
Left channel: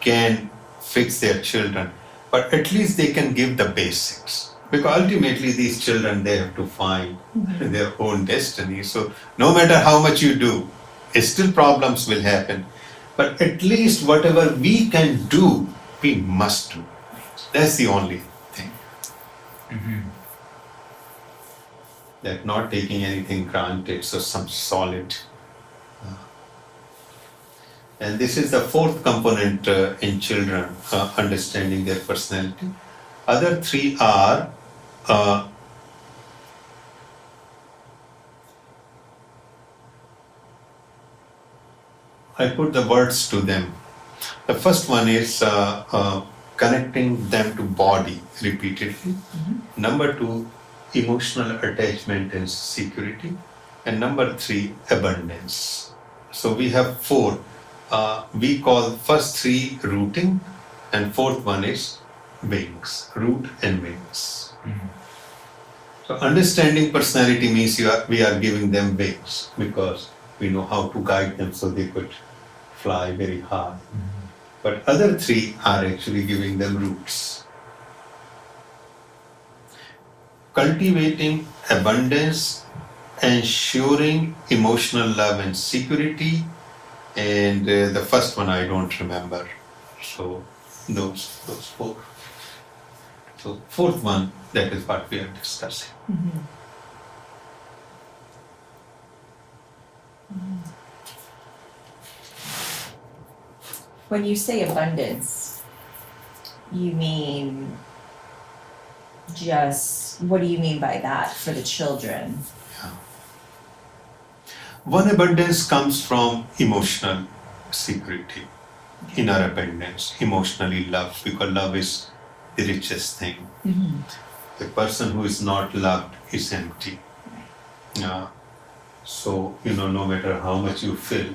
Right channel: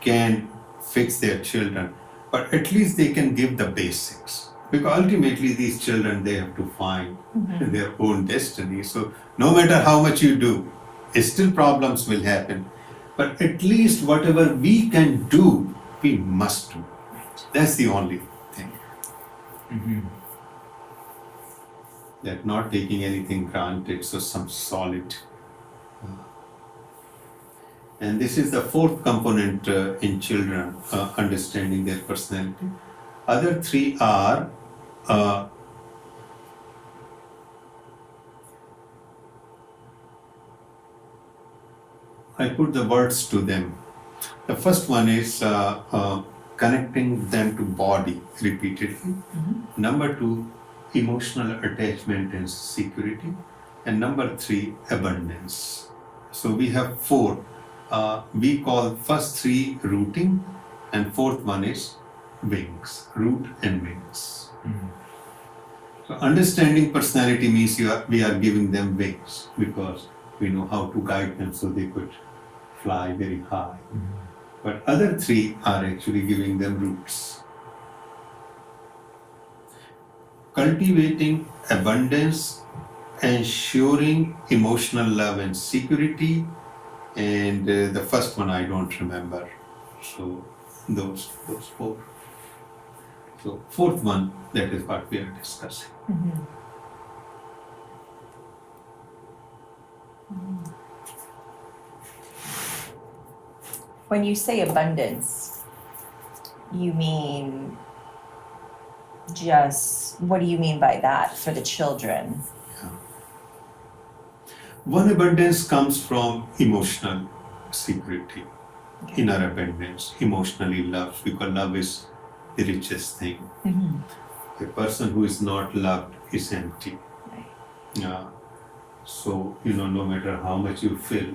can fix their children, but at least they can give the basics. Because ultimately these children, they have to find their own destiny. So no matter how much you do, still problems will happen. But at least whatever we can do, we must do. That's the only thing. That not taking anything granted, so some solid. And this is the fourth component in children, understanding their personality. Other three are I put the words to them. The first one is connecting them to body repeatedly. Number two, emotional attachment and security. And number three, abundance. So we have four. We call first three rooting, and fourth one is wings, root and wings. So understanding personality means we are giving them wings because we know how to guide them so they could fly very high. But other three are actually giving them roots. Cultivating abundance, ensuring emotional love and security, and the first one I don't remember. So those four. So fourth one, that is what we are discussing. When you say abundance, you mean what do you mean by that for the children? One abundance comes from emotional security, inner abundance, emotionally love, because love is the richest thing. The person who is not loved is empty. So, no matter how much you fill,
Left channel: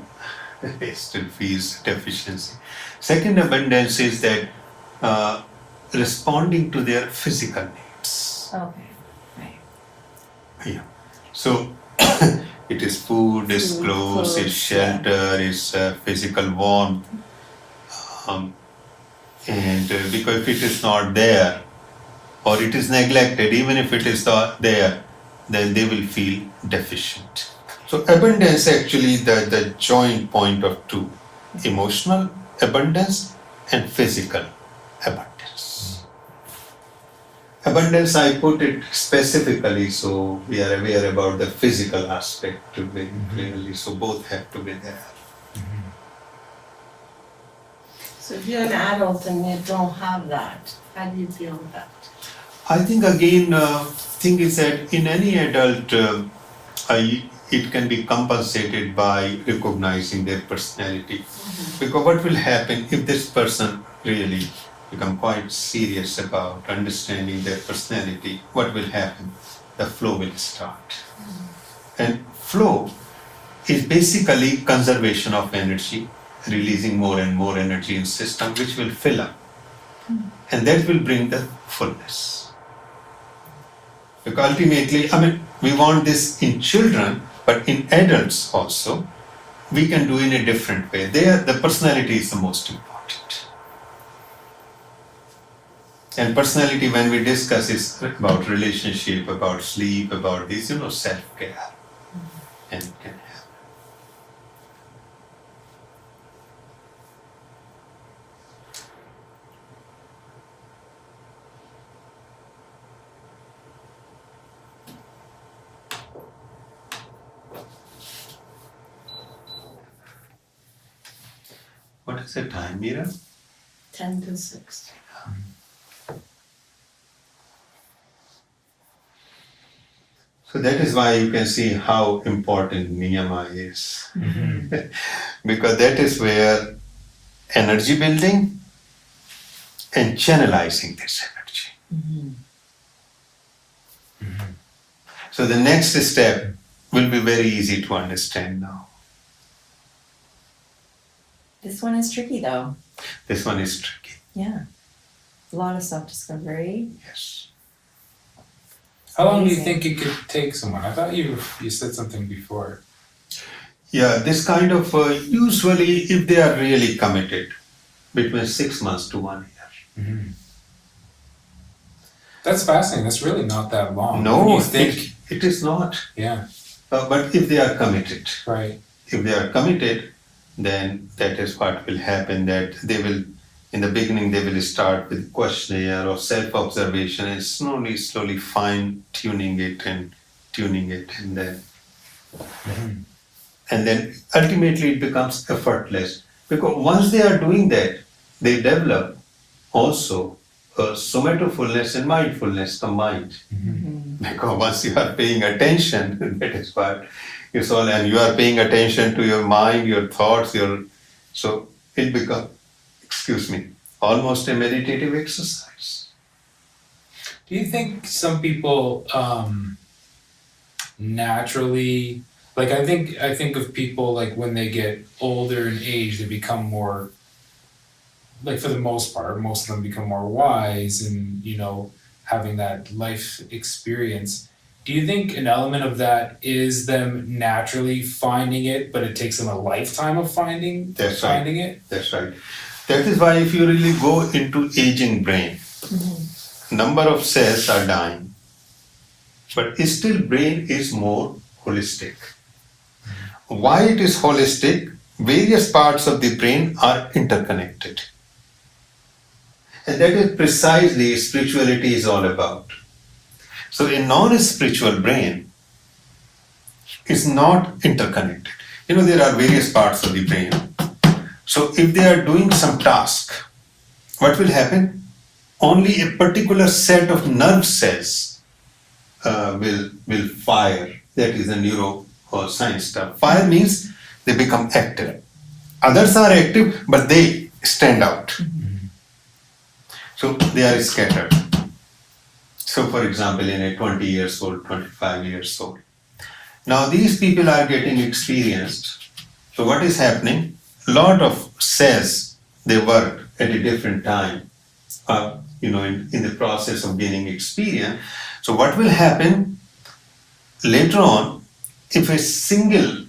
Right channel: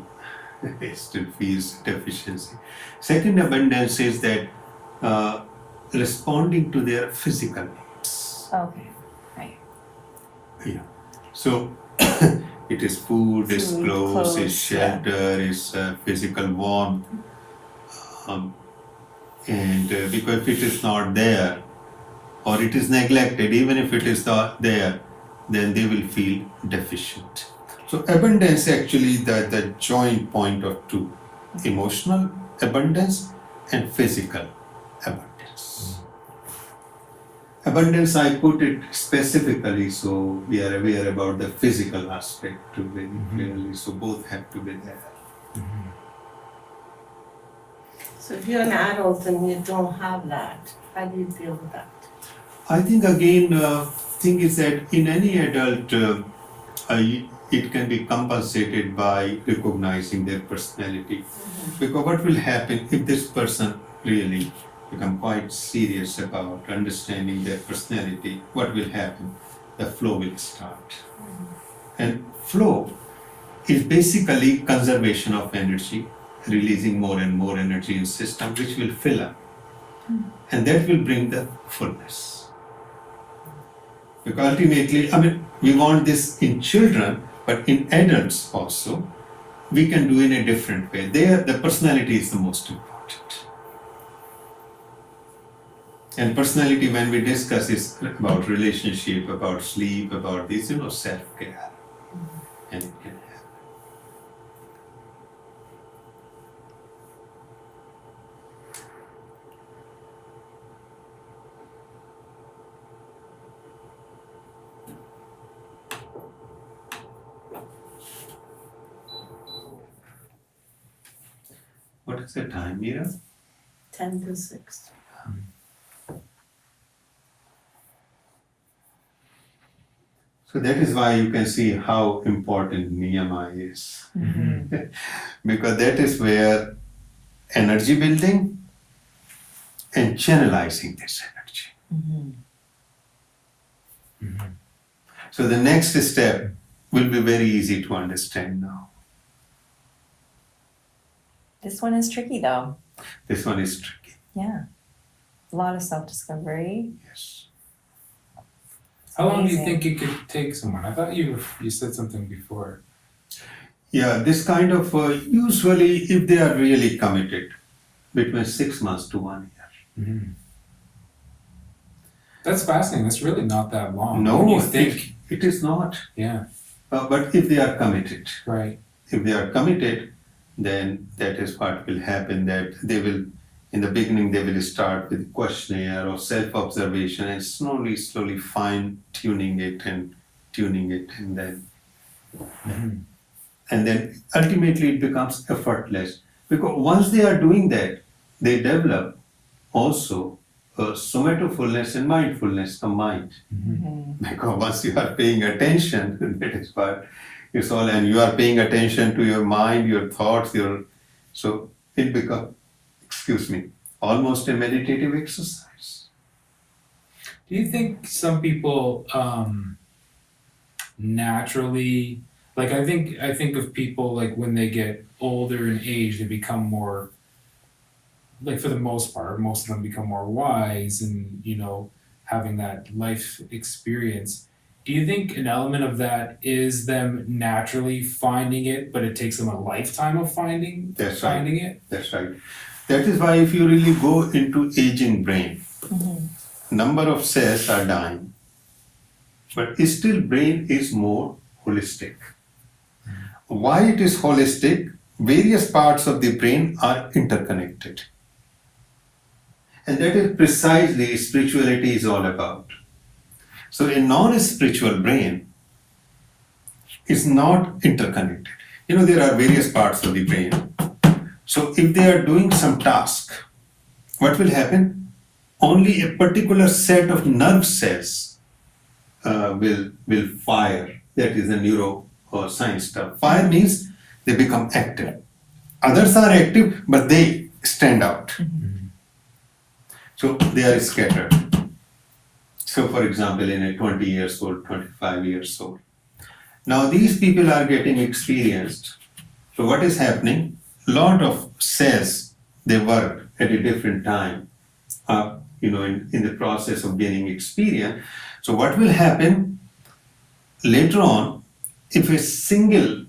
it still feels deficiency. Second abundance is that responding to their physical needs. Okay, right. Yeah. So it is food, is clothes, is shelter, is physical warmth. And because if it is not there, or it is neglected, even if it is not there, then they will feel deficient. So abundance actually the joint point of two, emotional abundance and physical abundance. Abundance, I put it specifically so we are aware about the physical aspect very clearly, so both have to be there. So if you're an adult and you don't have that, how do you deal with that? I think again, thing is that in any adult, it can be compensated by recognizing their personality. Because what will happen if this person really become quite serious about understanding their personality, what will happen? The flow will start. And flow is basically conservation of energy, releasing more and more energy in system, which will fill up. And that will bring the fullness. Because ultimately, we want this in children, but in adults also, we can do in a different way. There, the personality is the most important. And personality, when we discuss, is about relationship, about sleep, about this, self-care. And it can help. What is the time, Meera? 10 to 6. So that is why you can see how important niyama is. Because that is where energy building and channelizing this energy. So the next step will be very easy to understand now. This one is tricky though. This one is tricky. Yeah. A lot of self-discovery. Yes. How long do you Amazing. think it could take someone? I thought you said something before. Yeah, this kind of, usually if they are really committed, between 6 months to 1 year. Mm-hmm. That's fascinating. That's really not that long. No, When you think, it is not. yeah, But if they are committed, right. if they are committed, then that is what will happen, that they will, in the beginning, they will start with questionnaire or self-observation and slowly fine tuning it, and then Mhm. and then ultimately it becomes effortless. Because once they are doing that, they develop also somatofulness and mindfulness combined. Because once you are paying attention, that is what it's all, and you are paying attention to your mind, your thoughts, so it becomes, almost a meditative exercise. Do you think some people naturally, like I think of people like when they get older in age, they become more, like for the most part, most of them become more wise and, having that life experience. Do you think an element of that is them naturally finding it, but it takes them a lifetime of finding That's right. it? That's right. That is why if you really go into aging brain, number of cells are dying, but still brain is more holistic. Why it is holistic? Various parts of the brain are interconnected. And that is precisely spirituality is all about. So a non-spiritual brain is not interconnected. There are various parts of the brain. So if they are doing some task, what will happen? Only a particular set of nerve cells will fire. That is the neuro or science stuff. Fire means they become active. Others are active, but they stand out. So they are scattered. So for example, in a 20 years old, 25 years old. Now these people are getting experienced. So what is happening? A lot of cells, they work at a different time, in the process of gaining experience. So what will happen later on, if a single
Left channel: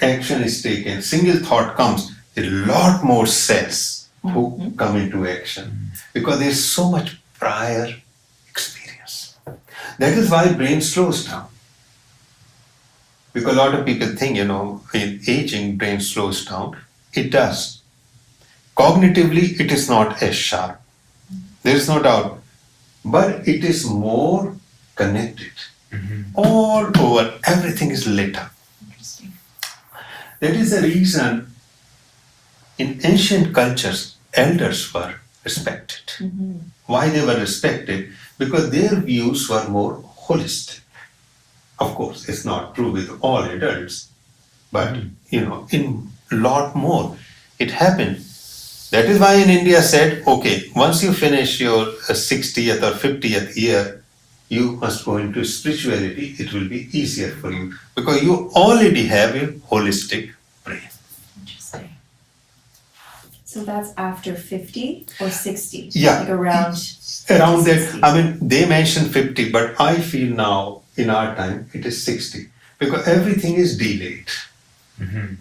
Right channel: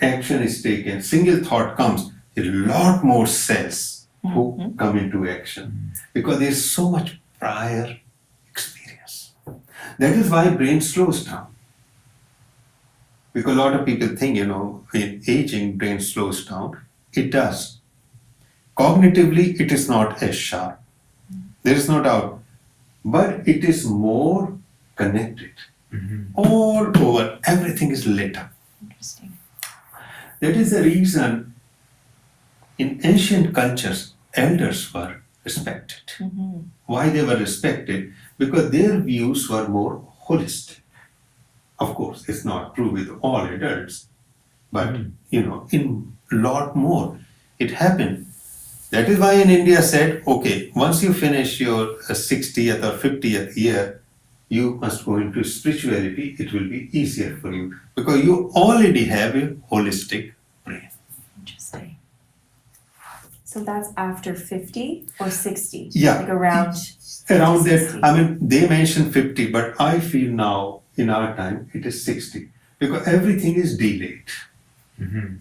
action is taken, single thought comes, a lot more cells who come into action because there is so much prior experience. That is why brain slows down. Because a lot of people think, in aging, brain slows down. It does. Cognitively, it is not as sharp. There is no doubt. But it is more connected. All over, everything is lit up. Interesting. That is the reason in ancient cultures, elders were respected. Why they were respected? Because their views were more holistic. Of course, it's not true with all adults, but in a lot more, it happened. That is why in India said, okay, once you finish your 60th or 50th year, you must go into spirituality. It will be easier for you because you already have a holistic brain. Interesting. So that's after 50 or 60? Yeah. Like around Around 60. that, they mentioned 50, but I feel now in our time it is 60 because everything is delayed.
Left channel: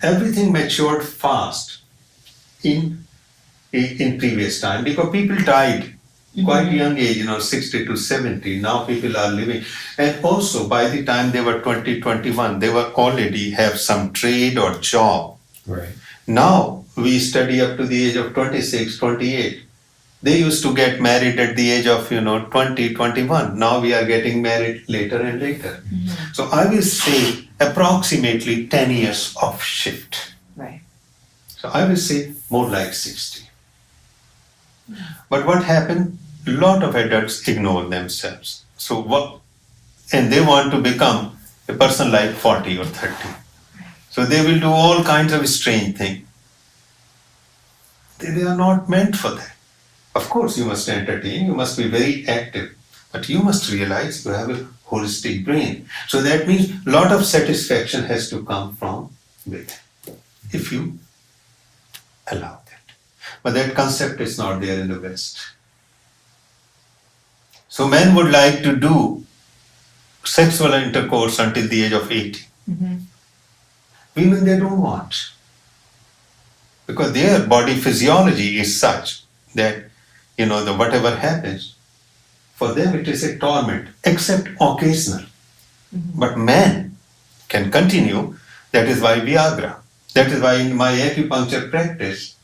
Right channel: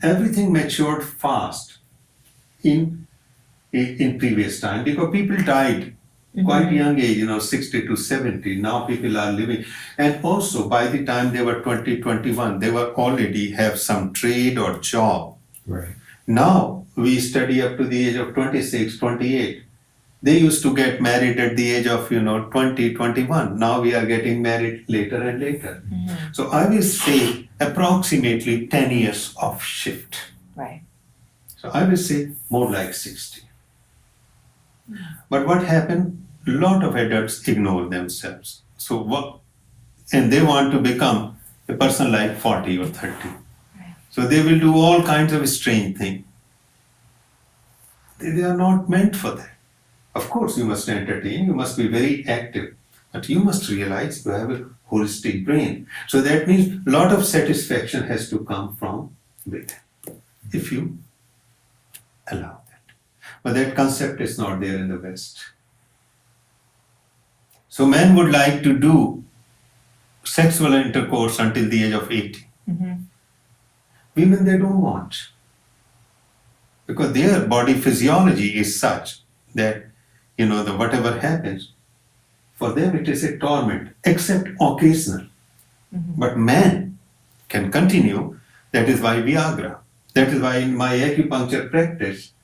Everything matured fast in previous time because people died quite young age, 60 to 70. Now people are living, and also by the time they were 20, 21, they were already have some trade or job. Right. Now we study up to the age of 26, 28. They used to get married at the age of 20, 21. Now we are getting married later and later. So I will say approximately 10 years of shift. Right. So I will say more like 60. But what happened? A lot of adults ignore themselves. And they want to become a person like 40 or 30. So they will do all kinds of strange things. They are not meant for that. Of course, you must entertain, you must be very active, but you must realize you have a holistic brain. So that means a lot of satisfaction has to come from within. If you allow that. But that concept is not there in the West. So men would like to do sexual intercourse until the age of 80. Mm-hmm. Women, they don't want. Because their body physiology is such that, the whatever happens, for them it is a torment, except occasional. Mm-hmm. But men can continue. That is why Viagra. That is why in my acupuncture practice,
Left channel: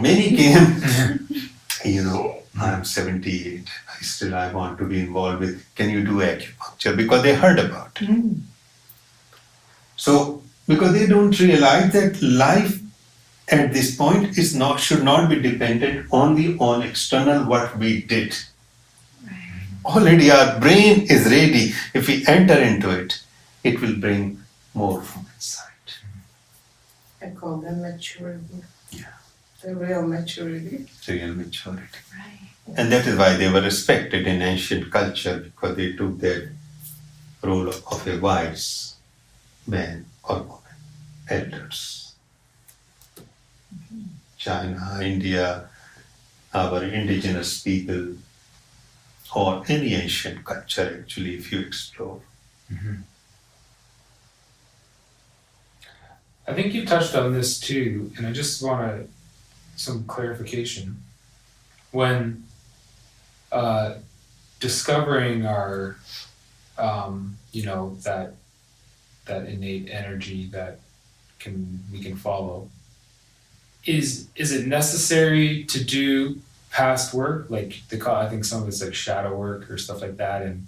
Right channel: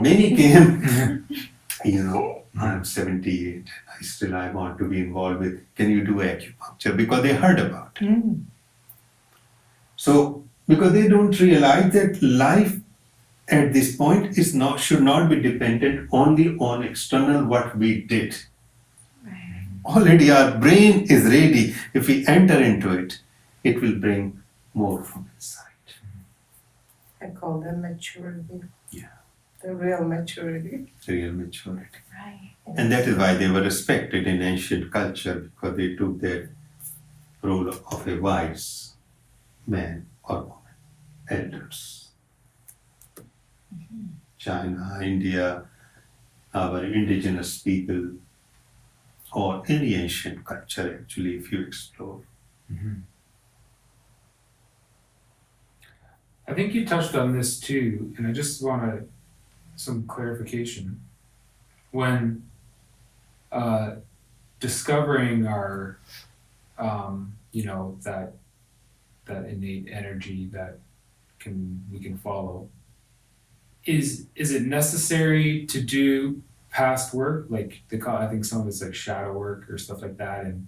many came, I'm 78, I want to be involved with, can you do acupuncture? Because they heard about it. Mm. So, because they don't realize that life at this point should not be dependent only on external what we did. Right. Already our brain is ready. If we enter into it, it will bring more from inside. I call them maturity. Yeah. The real maturity. Real maturity. Right. And that is why they were respected in ancient culture, because they took their role of a wise man or woman, elders. China, India, our indigenous people, or any ancient culture actually, if you explore. I think you touched on this too, and I just want some clarification. When discovering our, that innate energy that we can follow, is it necessary to do past work, like I think some of it's like shadow work or stuff like that, and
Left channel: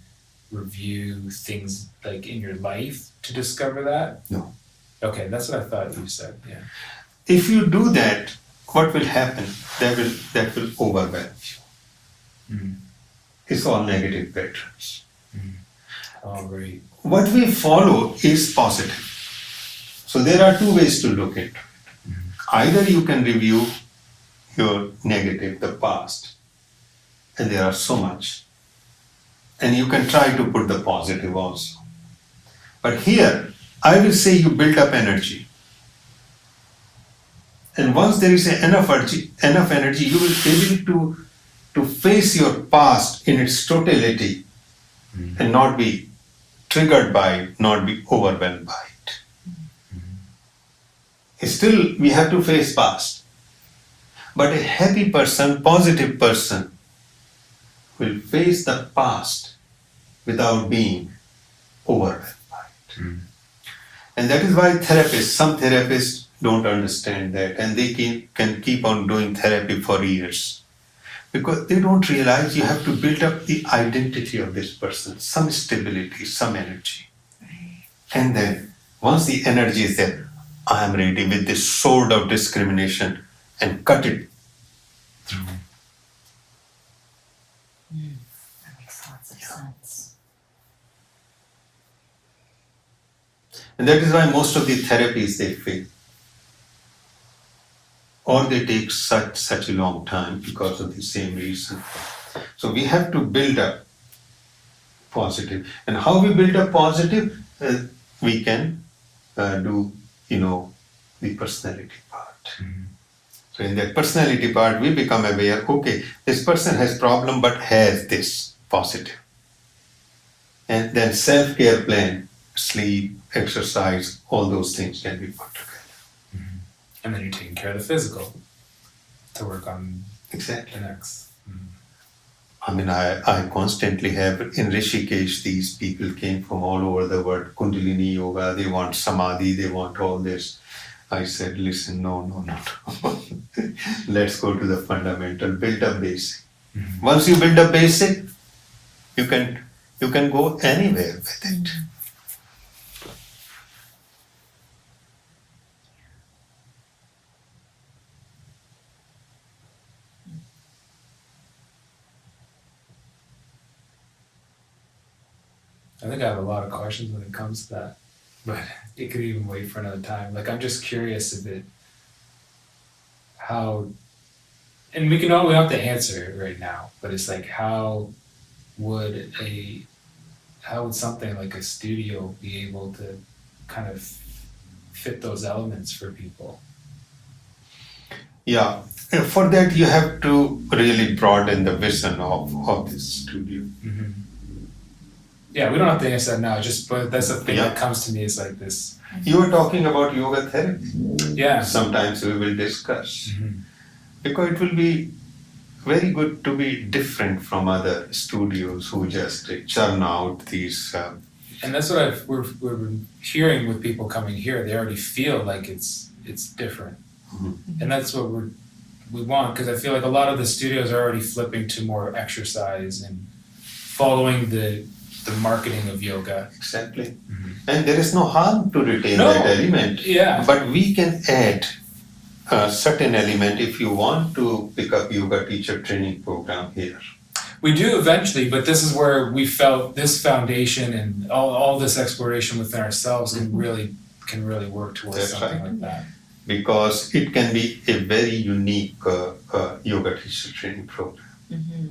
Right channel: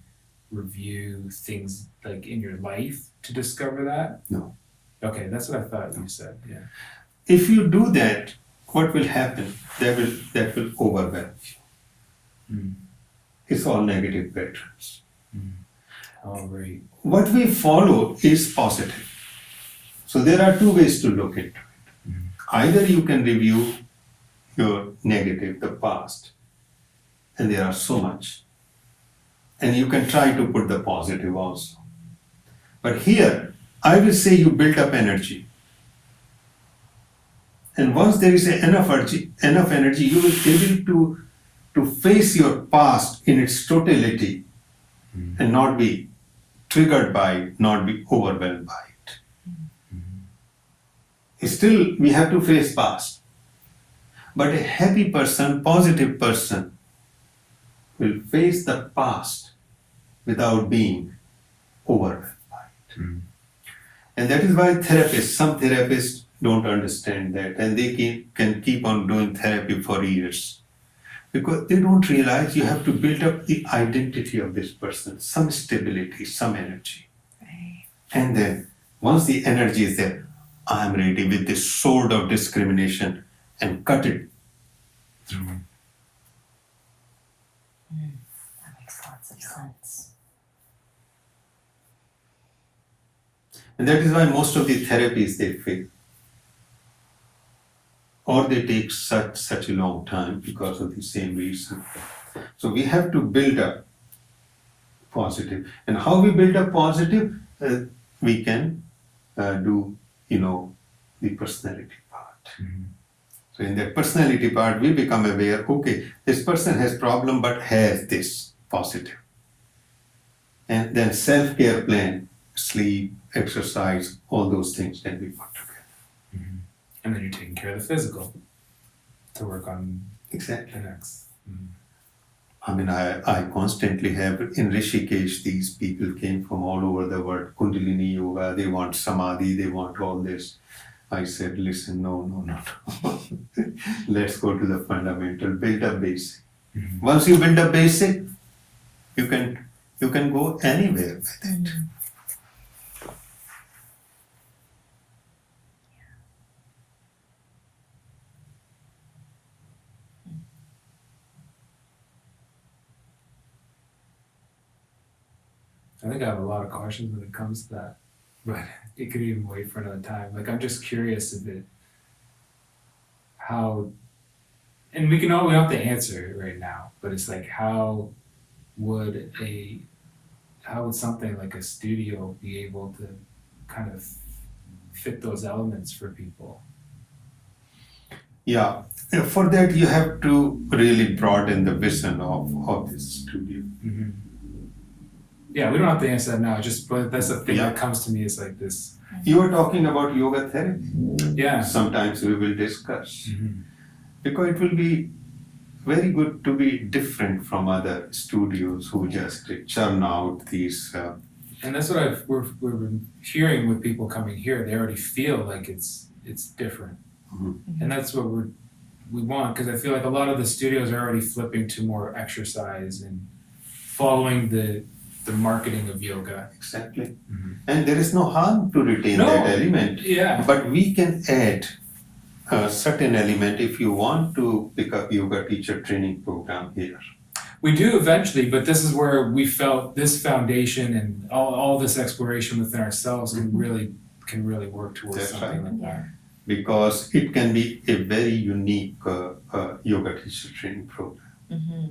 review things like in your life to discover that? No. Okay, that's what I thought you said. Yeah. If you do that, what will happen? That will overwhelm you. Mm. It's all negative patterns. All right. What we follow is positive. So there are two ways to look at it. Either you can review your negative, the past, and there are so much, and you can try to put the positive also. But here, I will say you build up energy. And once there is enough energy, you will be able to face your past in its totality and not be triggered by it, not be overwhelmed by it. Still, we have to face past. But a happy person, positive person, will face the past without being overwhelmed by it. And that is why some therapists don't understand that, and they can keep on doing therapy for years. Because they don't realize you have to build up the identity of this person, some stability, some energy. Right. And then, once the energy is there, I am ready with this sword of discrimination and cut it through. That makes lots of sense. And that is why most of the therapies they fail. Or they take such a long time because of the same reason. So we have to build up positive. And how we build up positive? We can do, the personality part. So in that personality part, we become aware, okay, this person has problem but has this positive. And then self-care plan, sleep, exercise, all those things can be put together. And then you're taking care of the physical to work on Exactly. the next. I mean, I constantly have in Rishikesh, these people came from all over the world, Kundalini Yoga, they want Samadhi, they want all this. I said, listen, no. Let's go to the fundamental, build up basic. Once you build up basic, you can go anywhere with it. I think I have a lot of questions when it comes to that, but it could even wait for another time. Like, I'm just curious and we don't have to answer it right now, but it's like, how would something like a studio be able to kind of fit those elements for people? Yeah, for that you have to really broaden the vision of this studio. Mm-hmm. Yeah, we don't have to answer that now. Just but that's the thing Yeah. that comes to me is like this. You were talking about yoga therapy. Yeah. Sometimes we will discuss. Mm-hmm. Because it will be very good to be different from other studios who just churn out these. And that's what we've been hearing with people coming here. They already feel like it's different, and that's what we want, because I feel like a lot of the studios are already flipping to more exercise and following the marketing of yoga. Exactly. And there is no harm to retain No. that element. Yeah. But we can add a certain element if you want to pick up yoga teacher training program here. We do eventually, but this is where we felt this foundation and all this exploration within ourselves can really work towards That's something right. like that. Because it can be a very unique yoga teacher training program. Mm-hmm.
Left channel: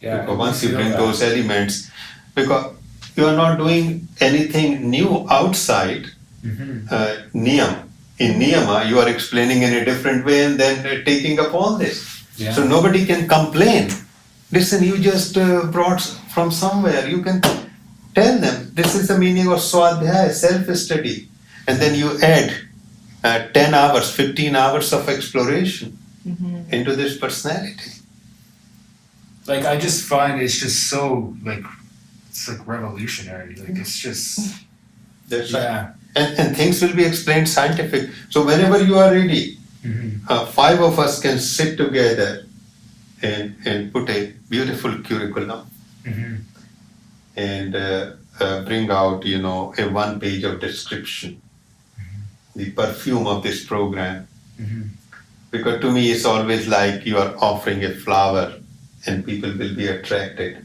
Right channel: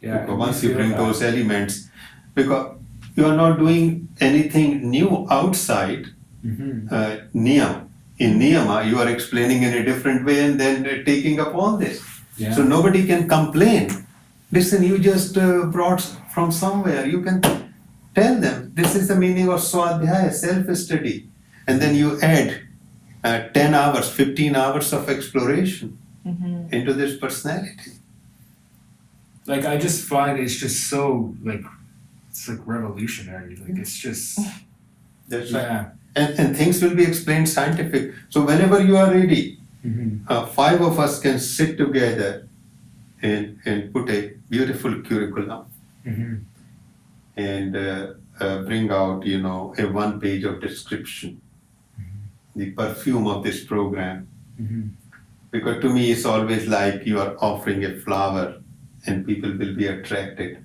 Yeah. Because and once we you feel bring that. those elements, because you are not doing anything new outside Mhm. Niyam. In Niyama, you are explaining in a different way and then taking up all this. Yeah. So nobody can complain. Listen, you just brought from somewhere. You can tell them this is the meaning of Swadhyaya, self-study. And then you add 10 hours, 15 hours of exploration Mm-hmm. into this personality. Like I just find it's just so like it's like revolutionary. Like it's just That's right. yeah. And things will be explained scientific. So whenever you are ready, Mm-hmm. 5 of us can sit together and put a beautiful curriculum Mm-hmm. and bring out, a 1 page of description, the perfume of this program. Mm-hmm. Because to me, it's always like you are offering a flower and people will be attracted.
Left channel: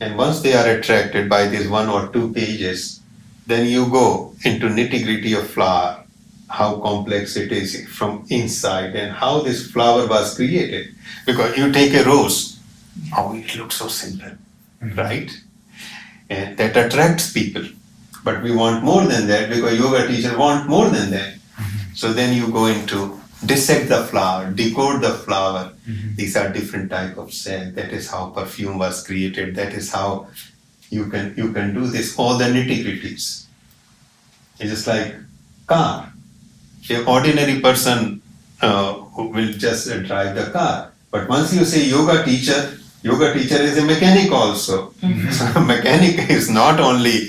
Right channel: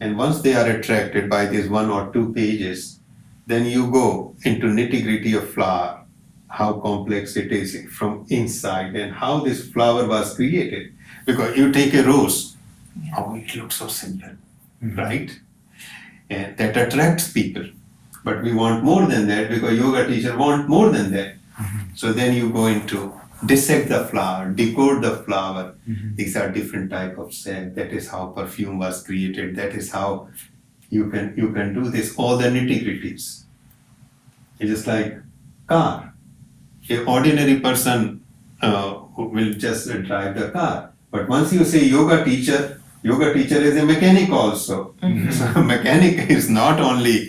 And once they are attracted by these 1 or 2 pages, then you go into nitty-gritty of flower, how complex it is from inside and how this flower was created. Because you take a rose, oh, it looks so simple, right? And that attracts people. But we want more than that because yoga teachers want more than that. So then you go into dissect the flower, decode the flower. These are different type of cells. That is how perfume was created. That is how you can do this, all the nitty-gritties. It's just like car. An ordinary person who will just drive the car. But once you say yoga teacher is a mechanic also. So a mechanic is not only,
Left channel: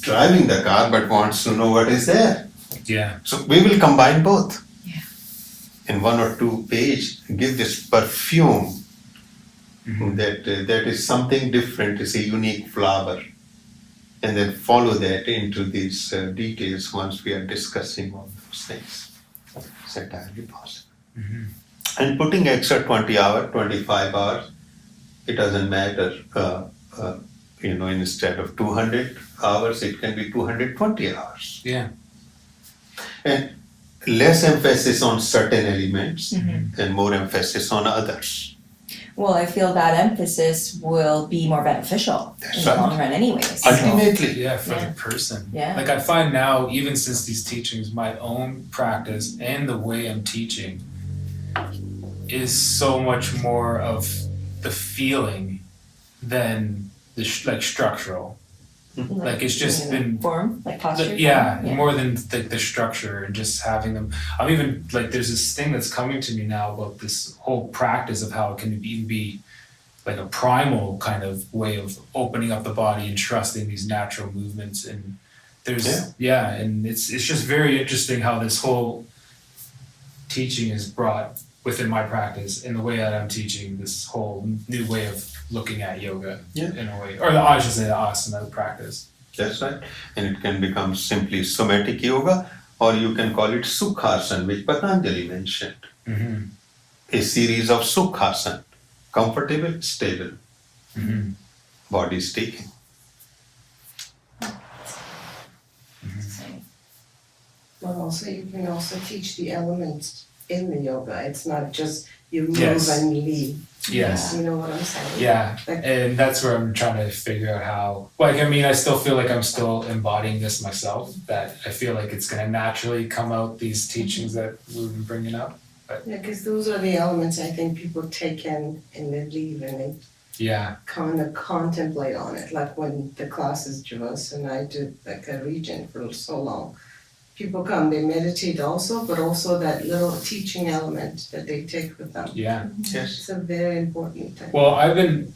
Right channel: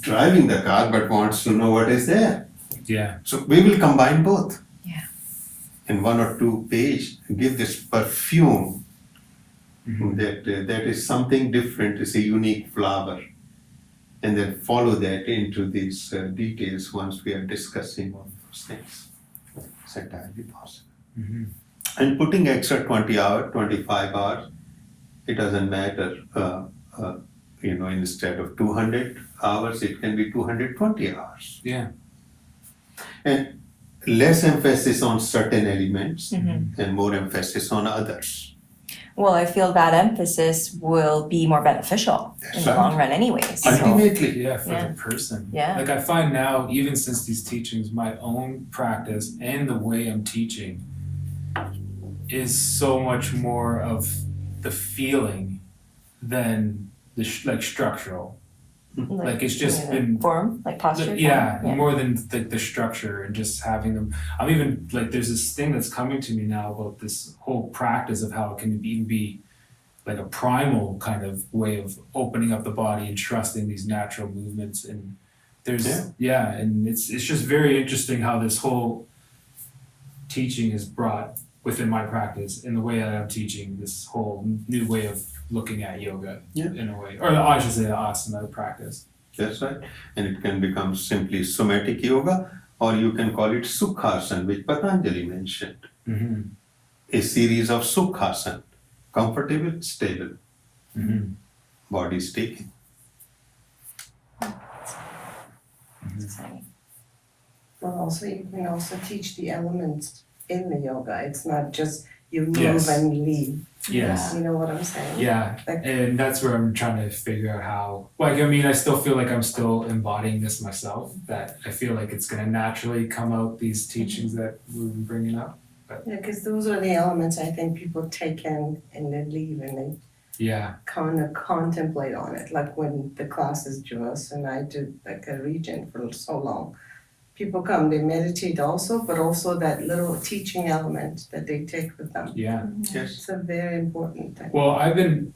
driving the car, but wants to know what is there. Yeah. So we will combine both. Yeah. In 1 or 2 page, give this perfume Mm-hmm. that is something different, it's a unique flower. And then follow that into these details once we are discussing all those things. It's entirely possible. Mm-hmm. And putting extra 20 hours, 25 hours, it doesn't matter. Instead of 200 hours, it can be 220 hours. Yeah. And less emphasis on certain elements Mm-hmm. and more emphasis on others. Well, I feel that emphasis will be more beneficial That's in the right. long run anyways. Ultimately. Yeah, for Yeah. the person. Yeah. Like I find now, even since these teachings, my own practice and the way I'm teaching is so much more of the feeling than the structural. Like it's just been form, like posture. yeah, form? more than the structure and just having them. I'm even like there's this thing that's coming to me now about this whole practice of how it can even be like a primal kind of way of opening up the body and trusting these natural movements. And there's and it's just very interesting how this whole teaching is brought within my practice in the way that I'm teaching this whole new way of looking at yoga in a way, or I should say the asana practice. That's right. And it can become simply somatic yoga, or you can call it sukhasana, which Patanjali mentioned. Mm-hmm. A series of sukhasana, comfortable, stable, Mm-hmm. body taking. But also, you can also teach the elements in the yoga. It's not just you move Yes. and leave. Yes. You know what I'm saying? Yeah, Like- and that's where I'm trying to figure out how, like, I mean, I still feel like I'm still embodying this myself, that I feel like it's gonna naturally come out, these teachings that we've been bringing up. Yeah, because those are the elements I think people take in and they leave and they Yeah, kind of contemplate on it. Like when the classes Jivasu and I do like a region for so long. People come, they meditate also, but also that little teaching element that they take with them. yeah. Yes. It's a very important thing. Well, I've been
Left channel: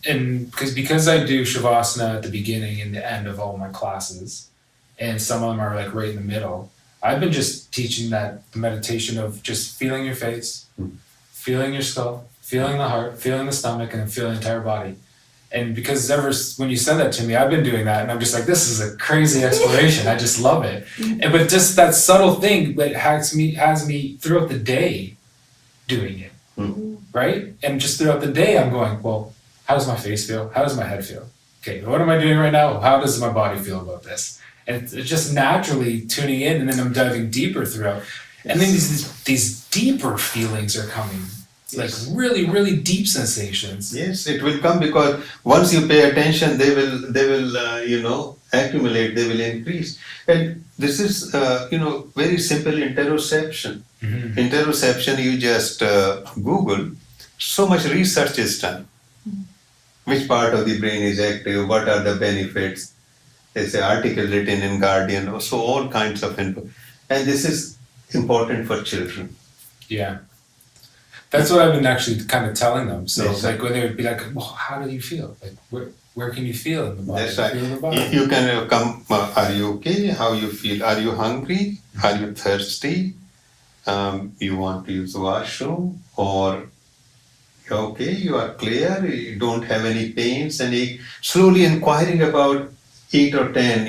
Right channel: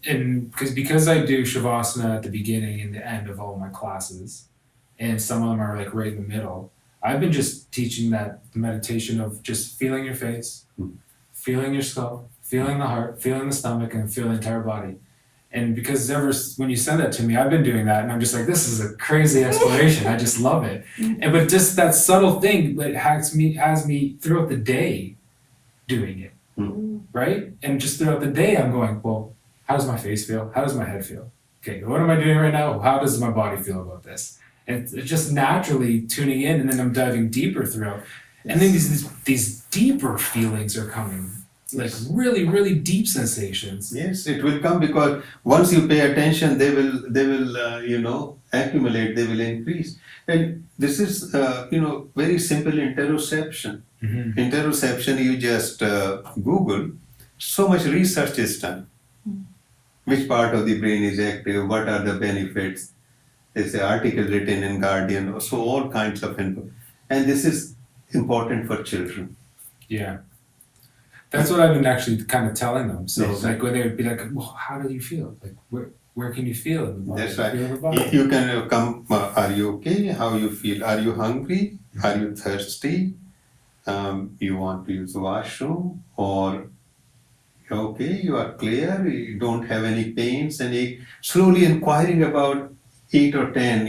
because I do Shavasana at the beginning and the end of all my classes, and some of them are like right in the middle. I've been just teaching that the meditation of just feeling your face, feeling your skull, feeling the heart, feeling the stomach, and then feeling the entire body. And because when you said that to me, I've been doing that, and I'm just like, this is a crazy exploration. I just love it. And but just that subtle thing that has me throughout the day doing it, right? And just throughout the day, I'm going, well, how does my face feel? How does my head feel? Okay, what am I doing right now? How does my body feel about this? And it's just naturally tuning in, and then I'm diving deeper throughout. And then these deeper feelings are coming. Like really, really deep sensations. Yes, it will come because once you pay attention, they will accumulate. They will increase, and this is very simple interoception. Mm-hmm. Interoception, you just Google. So much research is done. Which part of the brain is active? What are the benefits? There's an article written in Guardian. So all kinds of info, and this is important for children. Yeah. That's what I've been actually kind of telling them. So Yes, like when they would be like, well, how do you feel? Like where can you feel in the body? That's right. Feel in the body? You can come. Are you okay? How you feel? Are you hungry? Are you thirsty? You want to use the washroom, or okay, you are clear. You don't have any pains. Any slowly inquiring about 8 or 10.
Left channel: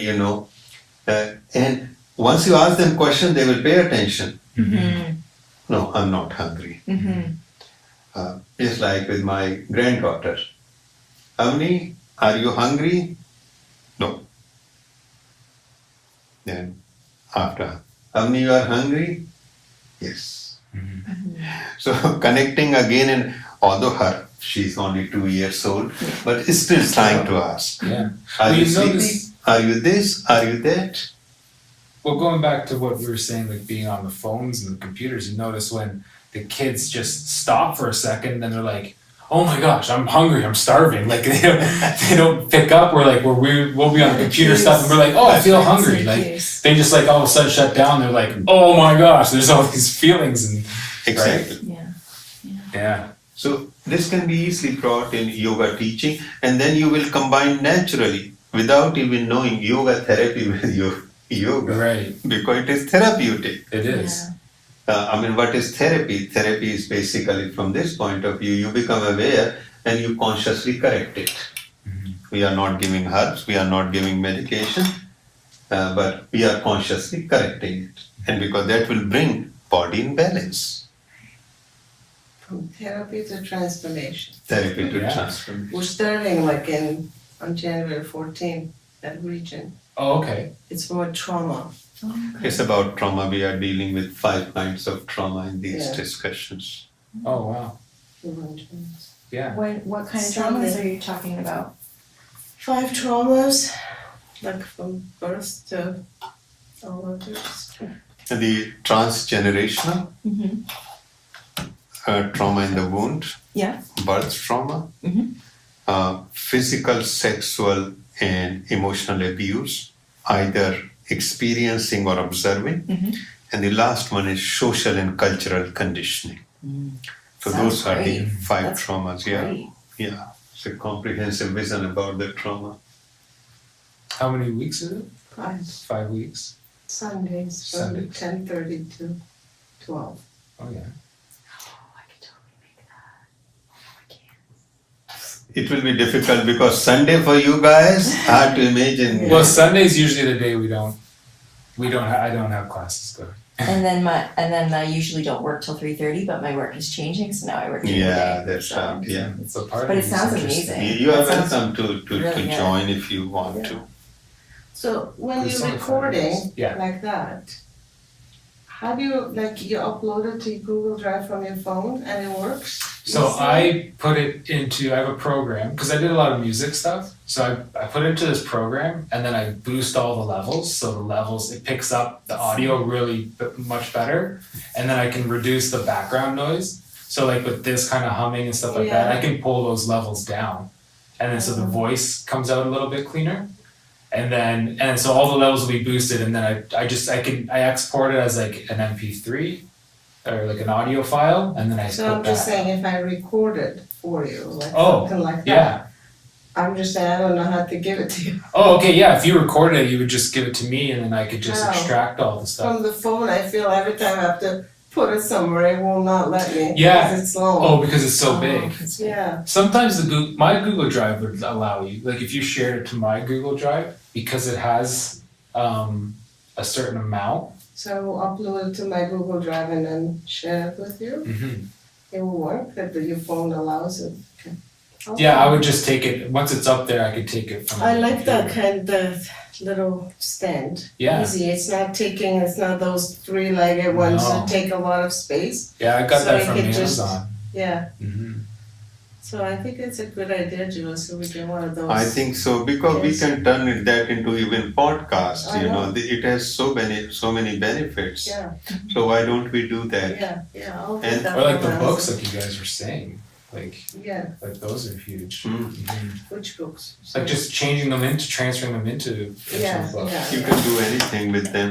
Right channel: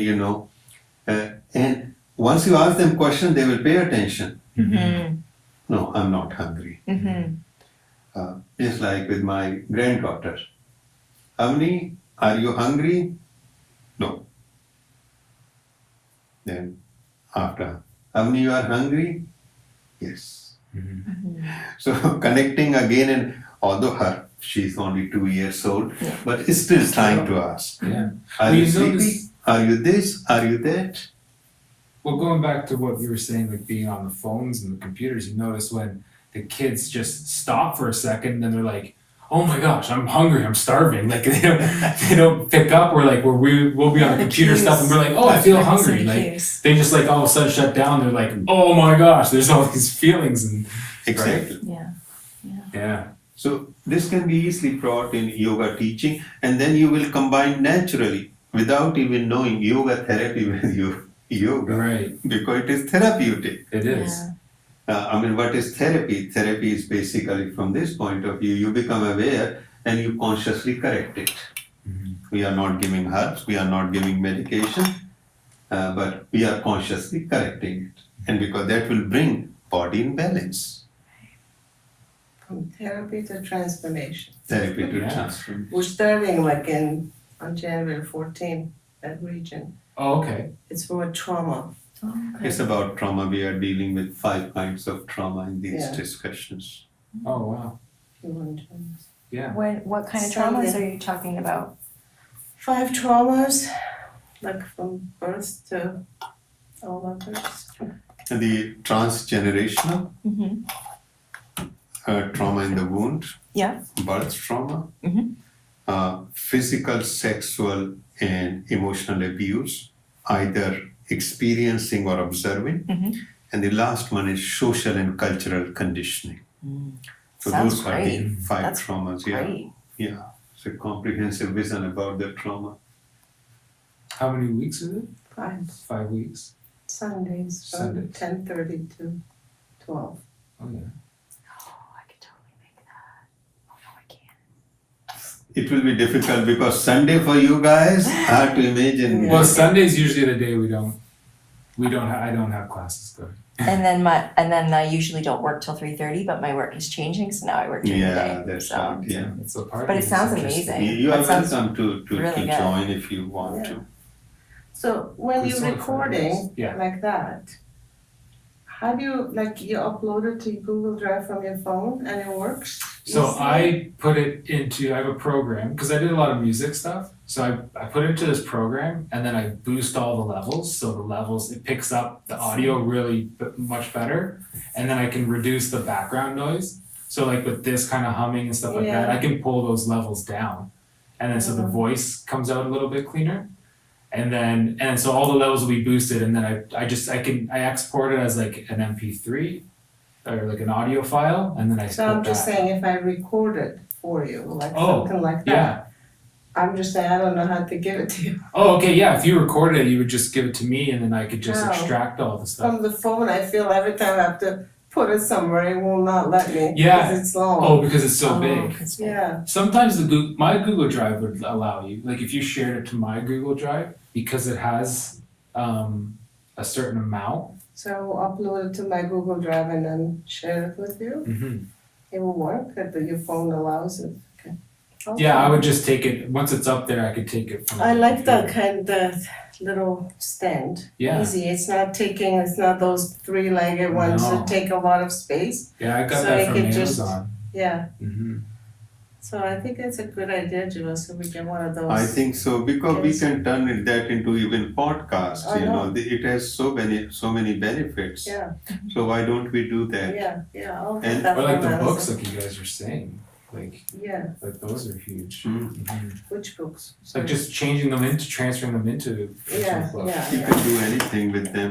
And once you ask them question, they will pay attention. Mm-hmm. No, I'm not hungry. Mm-hmm. Just like with my granddaughter. Avni, are you hungry? No. Then after, Avni, you are hungry? Yes. Mm-hmm. So connecting again, and although she's only 2 years old, but still trying to ask. Yeah. Are Well, you you sleepy? notice- Are you this? Are you that? Well, going back to what we were saying, like being on the phones and the computers, you notice when the kids just stop for a second, then they're like, "Oh my gosh, I'm hungry, I'm starving." Like they don't pick up. We'll be on the computer stuff, and we're like, "Oh, I feel hungry." Like they just like all of a sudden shut down. They're like, "Oh my gosh, there's all these feelings," and Exactly. yeah, So this can be easily brought in yoga teaching, and then you will combine naturally without even knowing yoga therapy with your yoga, right. because it is therapeutic. It is. What is therapy? Therapy is basically from this point of view, you become aware and you consciously correct it. Mm-hmm. We are not giving herbs, we are not giving medication, but we are consciously correcting it. And because that will bring body in balance. From therapy to transformation. Therapy to Yeah. transform. We're starting like on January 14th, that region. Oh, okay. It's for trauma. It's about trauma. We are dealing with 5 kinds of trauma in these Yeah. discussions. Oh wow. Human traumas. Yeah. What kind of Sunday. traumas are you talking about? 5 traumas, like from birth to all others. And the transgenerational Mm-hmm. trauma in the wound, Yeah. birth trauma, Mhm. physical, sexual, and emotional abuse, either experiencing or observing. Mhm. And the last one is social and cultural conditioning. So Sounds those are the great. 5 That's traumas. Yeah, Great. yeah. It's a comprehensive vision about the trauma. How many weeks is it? 5 5 weeks. Sundays from Sundays. 10:30 to 12. Oh yeah. Oh, I could totally make that. Oh no, I can't. It will be difficult because Sunday for you guys, hard to imagine. Well, Sunday's usually the day I don't have classes going. And then I usually don't work till 3:30, but my work is changing, so now I work during the day. Yeah, that's so. right. Yeah. It's a part But of it sounds interesting. amazing. You are That sounds welcome to really good. join if you want Yeah. to. So when It's you're only 5 recording minutes. Yeah. like that, how do you, like you upload it to Google Drive from your phone and it works? So You see? I put it into, I have a program, because I did a lot of music stuff. So I put it into this program and then I boost all the levels. So the levels, it picks up the audio really much better. And then I can reduce the background noise. So like with this kind of humming and stuff like that, I can pull those levels down. And then so the voice comes out a little bit cleaner. And so all the levels will be boosted, and then I export it as like an MP3 or like an audio file, and then I So put I'm just that. saying, if I record it for you, like Oh, something like that. Yeah. I'm just saying, I don't know how to give it to you. Oh, okay, yeah, if you recorded it, you would just give it to me and then I could just No. extract all the stuff. From the phone, I feel every time I have to put it somewhere, it will not let me. Yeah. Because it's long. Oh, because it's so big. Yeah, Sometimes my Google Drive would allow you, like if you shared it to my Google Drive, because it has a certain amount. so I will upload it to my Google Drive and then share it with you. Mm-hmm. It will work, that your phone allows it. Okay. Yeah, I would just take it, once it's up there, I could take it from I the like that computer. the little stand. Yeah. Easy, it's not those three-legged ones No. that take a lot of space. Yeah, I got So that you from could just- Amazon. Yeah, Mm-hmm. so I think it's a good idea, Jiva, so we get one of those. I think so, because we Yes. can turn that into even podcast, I know. it has so many benefits. Yeah, So why don't we do that? yeah, I'll do And- that Or like for the now. books, like you guys were saying, like Yeah, those are huge. Mm. Mhm. which books? Like just transferring them into Yeah, books. yeah. You can do anything with them.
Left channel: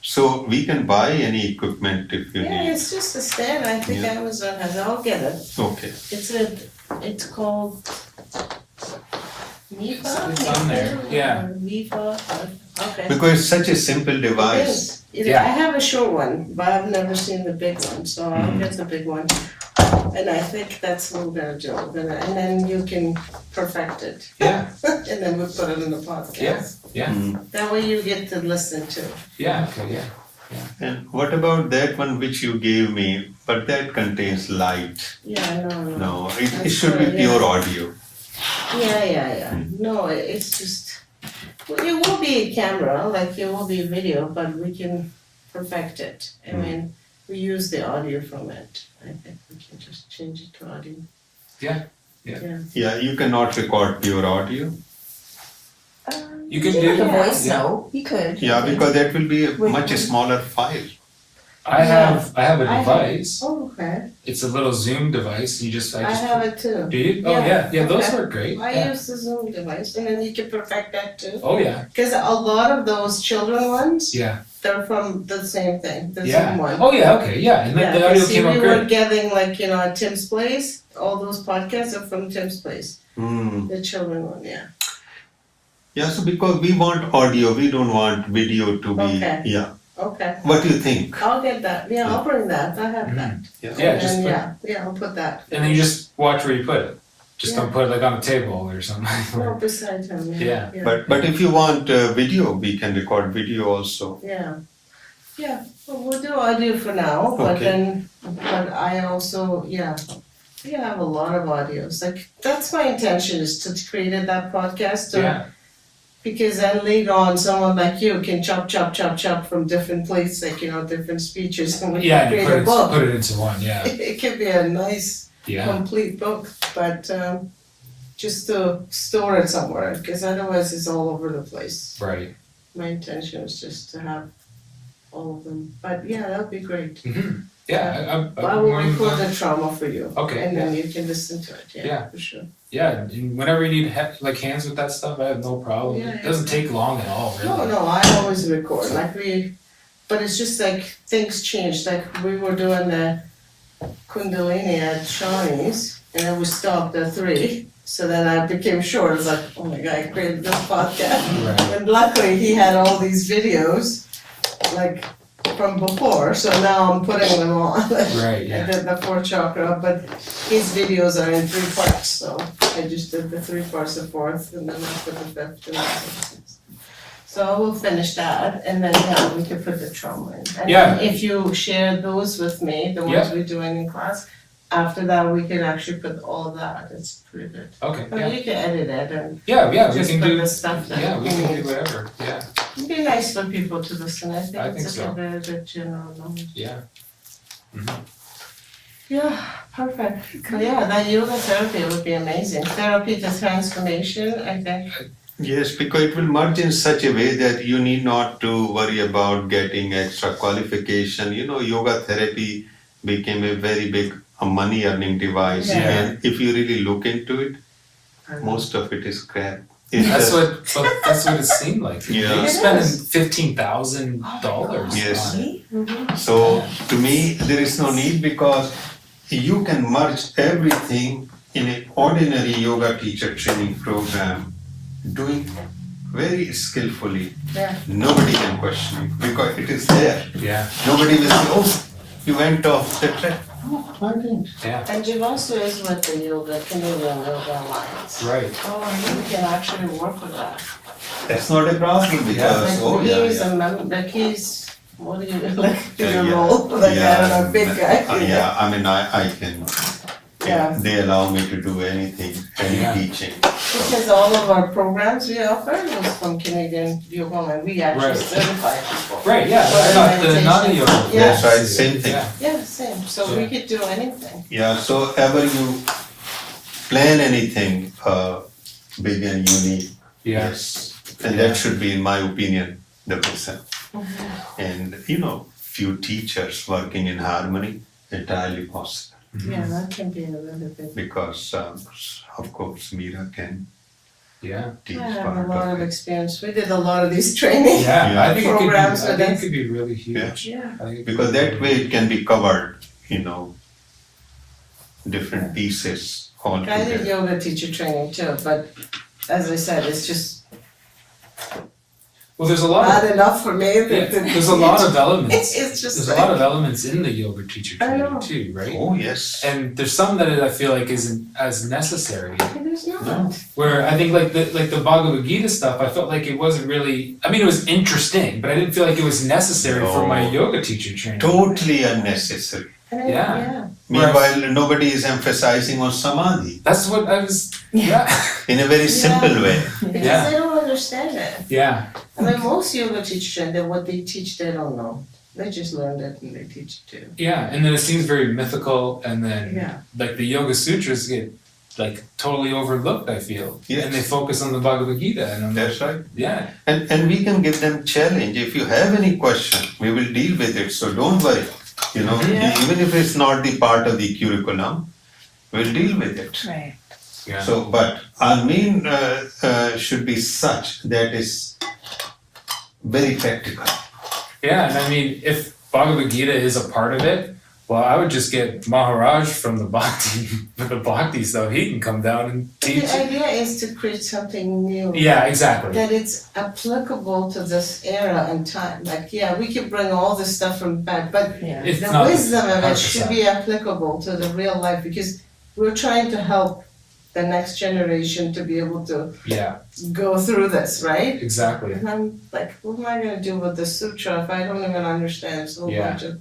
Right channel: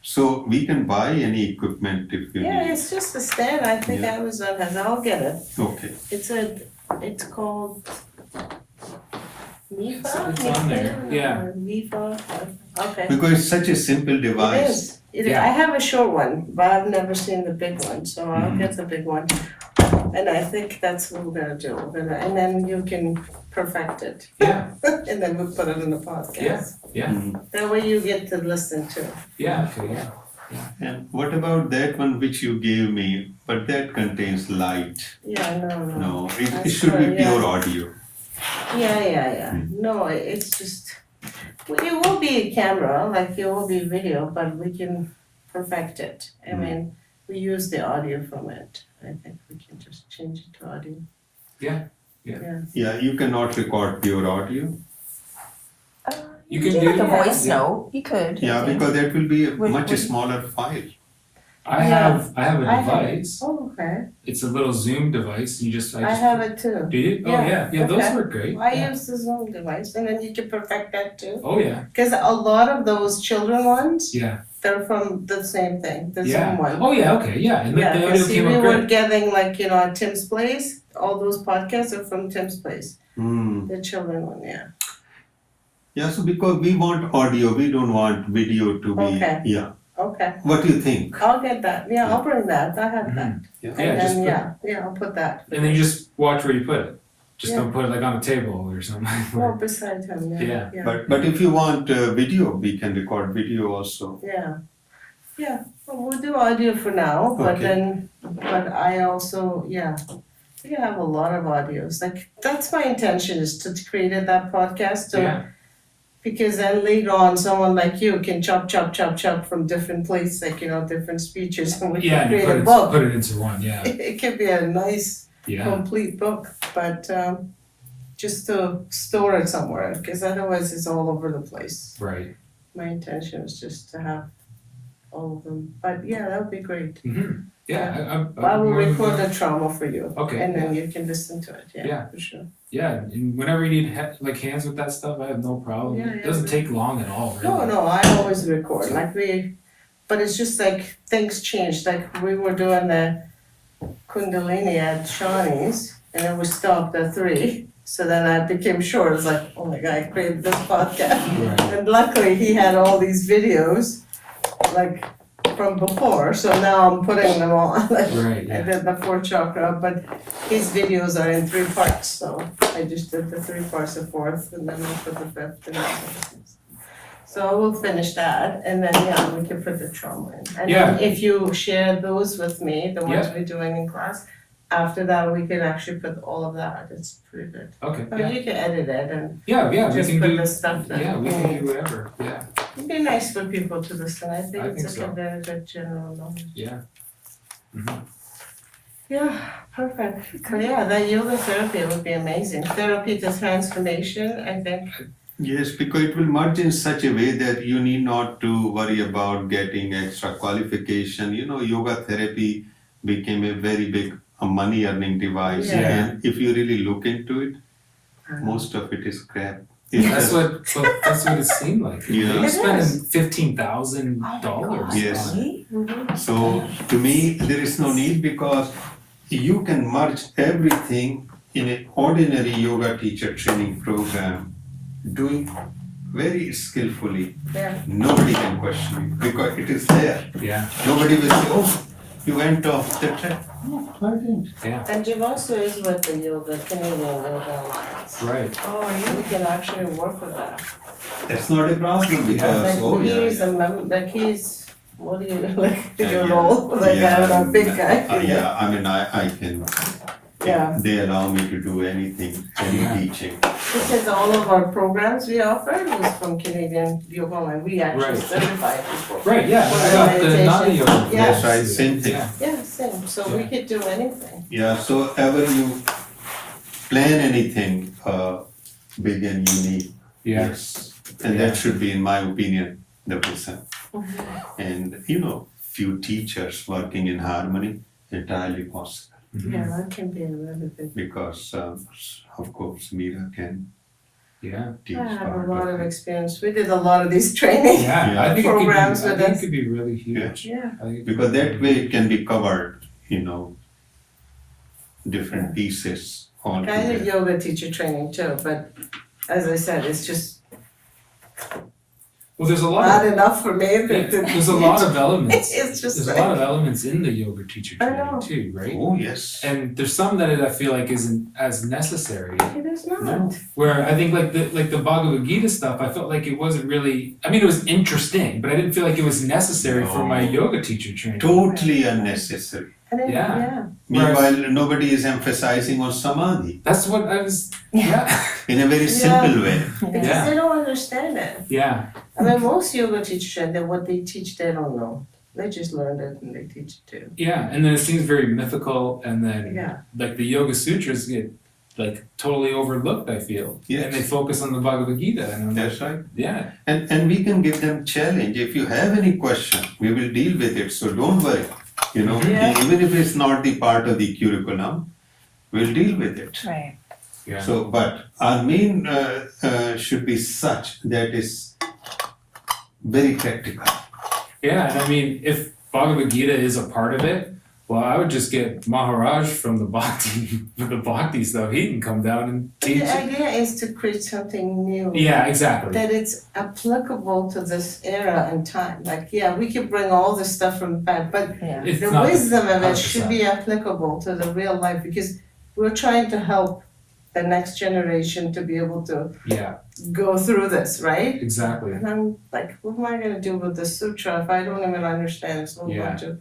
So we can buy any equipment if you Yeah, need. it's just a stand, I think Yeah. Amazon has, I'll get it. Okay. It's called Nifa? It's on there, yeah. Or Nifa, okay. Because it's such a simple It device. is. Yeah. I have a short one, but I've never seen the big one, so I'll Mhm. get the big one. And I think that's what we're gonna do, and then you can perfect it. Yeah, And then we'll put it in the podcast. yeah, Mm. That way you get to listen to. yeah, okay, yeah. And what about that one which you gave me, but that contains light? Yeah, no. No, it That's should be right, yeah. pure audio. Yeah. No, it's just, well, it will be a camera, like it will be video, but we can perfect it. I Mm. mean, we use the audio from it. I think we can just change it to audio. Yeah. Yeah, you cannot record pure audio. You can do do- like a voice yeah. note. You could. Yeah, because that will be a With- much with- smaller file. I have a I have- device. Oh, okay. It's a little Zoom device. I have it too. Do you? Oh Yeah, yeah, those okay. work great. I Yeah. use the Zoom device, and then you can perfect that too. Oh yeah, Because a lot of those children ones, yeah, they're from the same thing, the yeah. Zoom one. Oh yeah, okay, yeah, and Yeah, the 'cause audio see, came we out were great. getting like, at Tim's Place, all those podcasts are from Tim's Place, Mm. the children one, yeah. Yeah, so because we want audio, we don't want video to be. Okay. Yeah. Okay, What do you think? I'll get that, yeah, I'll bring that, I have that. Yeah. Yeah, And just then, put, yeah, I'll put that. and then you just watch where you put it. Just Yeah. don't put it like on a table or something. No, beside him, yeah. Yeah. But if you want video, we can record video also. Yeah, well, we'll do audio for now, but Okay. but I also, we have a lot of audios, like, that's my intention, is to create that podcast, Yeah, because then later on, someone like you can chop from different places, like, different speeches, and we yeah, can and you create a book. put it into one. Yeah, It could be a nice, yeah, complete book, but, just to store it somewhere, because otherwise it's all over the place. right. My intention is just to have all of them, but yeah, that would be great. Mm-hmm. Yeah, I will record the trauma for you. Okay, And then you can listen to it, yeah, Yeah. for sure. Yeah, and whenever you need like hands with that stuff, I have no problem. Yeah, It doesn't take long at all. Really. No, I always record, but it's just like things changed, like we were doing the Kundalini at Shawnee's, and then we stopped at 3. So then I became short, it's like, oh my God, I created this podcast. Right. And luckily he had all these videos, like from before, so now I'm putting them on. Right, I yeah. did the 4th chakra, but his videos are in 3 parts, so I just did the 3 parts of 4th, and then I'll put the 5th and the 6th. So we'll finish that, and then, we can put the trauma in. And Yeah. then if you share those with me, the ones we're doing in class, after that, we can actually put all of that, it's pretty good. Okay. I mean, Yeah. you can edit it and Yeah. We just can put do. the stuff that Yeah, we we can need. do whatever. Yeah. It'd be nice for people to listen, I think I it's think like a so. very good general knowledge. Yeah. Yeah, Perfect. But yeah, that yoga therapy would be amazing. Therapy to transformation, I think. Yes, because it will merge in such a way that you need not to worry about getting extra qualification. You know, yoga therapy became a very big money earning device. Yeah. And if you really look into it, most of it is crap. It's That's just- that's what it seemed like. Yeah. You're It spending is. $15,000 Yes. on it. Mhm. So to me, there is no need because you can merge everything in an ordinary yoga teacher training program, doing very skillfully. Yeah. Nobody can question it because it is there. Yeah, Nobody will say, oh, you went off the track. No, I didn't. yeah, And Jivasu is with the yoga, Canadian Yoga Alliance. right. Oh, you can actually work with that. That's not a problem because, Like oh yeah. he's a like he's, what do you, like Yeah, your yeah. role, like I don't know, big guy. Yeah, I mean, I can, Yeah. they allow me to do anything, any Yeah. teaching. Because all of our programs we offer is from Canadian Yoga Alliance, we actually Right. certify people. Right, yeah, For I got the meditation. none yoga. Yeah. That's right, same thing. Yeah, Yeah, same, so we could do anything. Yeah, so ever you plan anything, big and unique, yeah, yes. And Yeah. that should be, in my opinion, the percent. Mm-hmm. And, you know, few teachers working in harmony, entirely possible. Yeah, that can be a little bit. Because, of course, Meera can yeah, teach I have part a lot of of it. experience, we did a lot of these trainings. yeah, I think it could be, Programs I with think it us. could be really huge. Yeah. I think it Because could be that way it can be covered, you know, different pieces all I did together. yoga teacher training too, but as I said, it's just Well, there's a lot not of, enough for me. yeah, there's a lot of elements. It's just There's a like, lot of elements in the yoga teacher I training know. too, right? Oh, yes. And there's some that I feel like isn't as necessary. it is not. No. Where I think like the Bhagavad Gita stuff, I felt like it wasn't really. I mean, it was interesting, but I didn't feel like it was necessary for my No. yoga teacher training. Totally unnecessary. And it- Yeah. yeah. Meanwhile, nobody is emphasizing on samadhi That's what I was. Yeah, in a very simple way. Because Yeah. they don't understand it. yeah, I mean, most yoga teachers, and then what they teach, they don't know. They just learned it and they teach it too. yeah. And then it seems very mythical, and then Yeah. like the Yoga Sutras get like totally overlooked. I feel, Yes. and they focus on the Bhagavad Gita, and I'm like, That's right. yeah, And we can give them challenge. If you have any question, we will deal with it. So don't worry. You know, Yeah. even if it's not the part of the curriculum, we'll deal with it. Right. yeah, So, but our main should be such that is very practical. yeah. And I mean, if Bhagavad Gita is a part of it, well, I would just get Maharaj from the Bhakti stuff. He can come down and But teach. the idea is to create something new. Yeah, exactly. That it's applicable to this era and time. Like, yeah, we could bring all this stuff from back, but Yeah. It's the not wisdom of it 100%. should be applicable to the real life because we're trying to help the next generation to be able to Yeah, go through this, right? exactly. And I'm like, what am I gonna do with the sutra if I don't even understand? It's a whole Yeah. bunch of,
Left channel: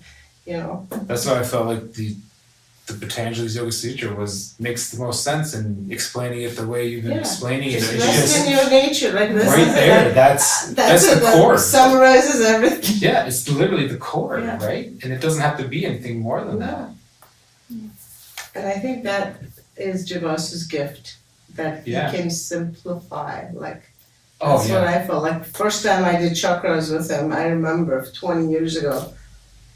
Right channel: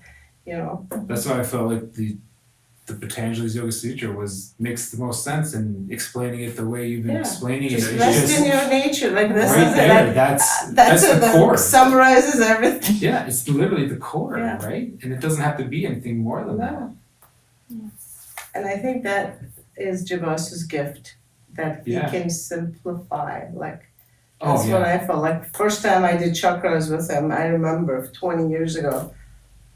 you know. That's why I felt like the Patanjali's Yoga Sutra makes the most sense in explaining it the way you've been Yeah. explaining Just it. It's rest just in your nature, like this right is there. it. That's That's the it, that core. summarizes everything. Yeah, it's literally the core, Yeah. right? And it doesn't have to be anything more than that. No. And I think that is Javasu's gift, that he Yeah. can simplify, like, Oh that's what yeah, I felt, like, first time I did chakras with him, I remember 20 years ago,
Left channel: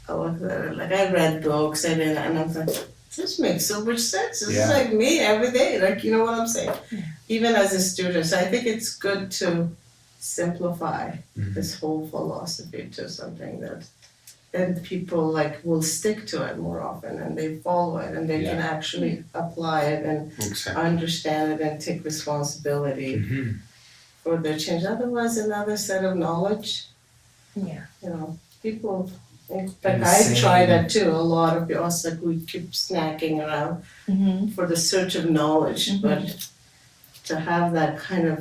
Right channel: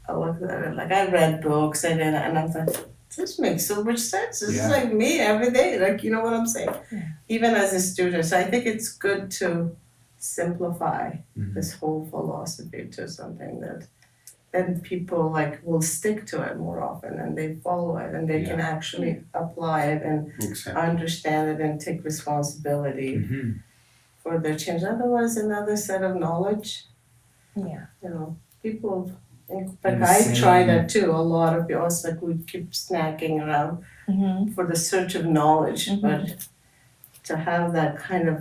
I looked at it, like, I read books and I was like, this makes so much sense, this Yeah. is like me every day, like, you know what I'm saying? Yeah. Even as a student, so I think it's good to simplify Mhm. this whole philosophy to something that then people like will stick to it more often and they follow it and they can actually apply it and Exactly. understand it and take responsibility Mhm. for their change. Otherwise, another set of knowledge, Yeah. you know, people, like And the I try same- that too, a lot of people, it's like we keep snacking around Mm-hmm. for the search of knowledge, Mhm. but to have that kind of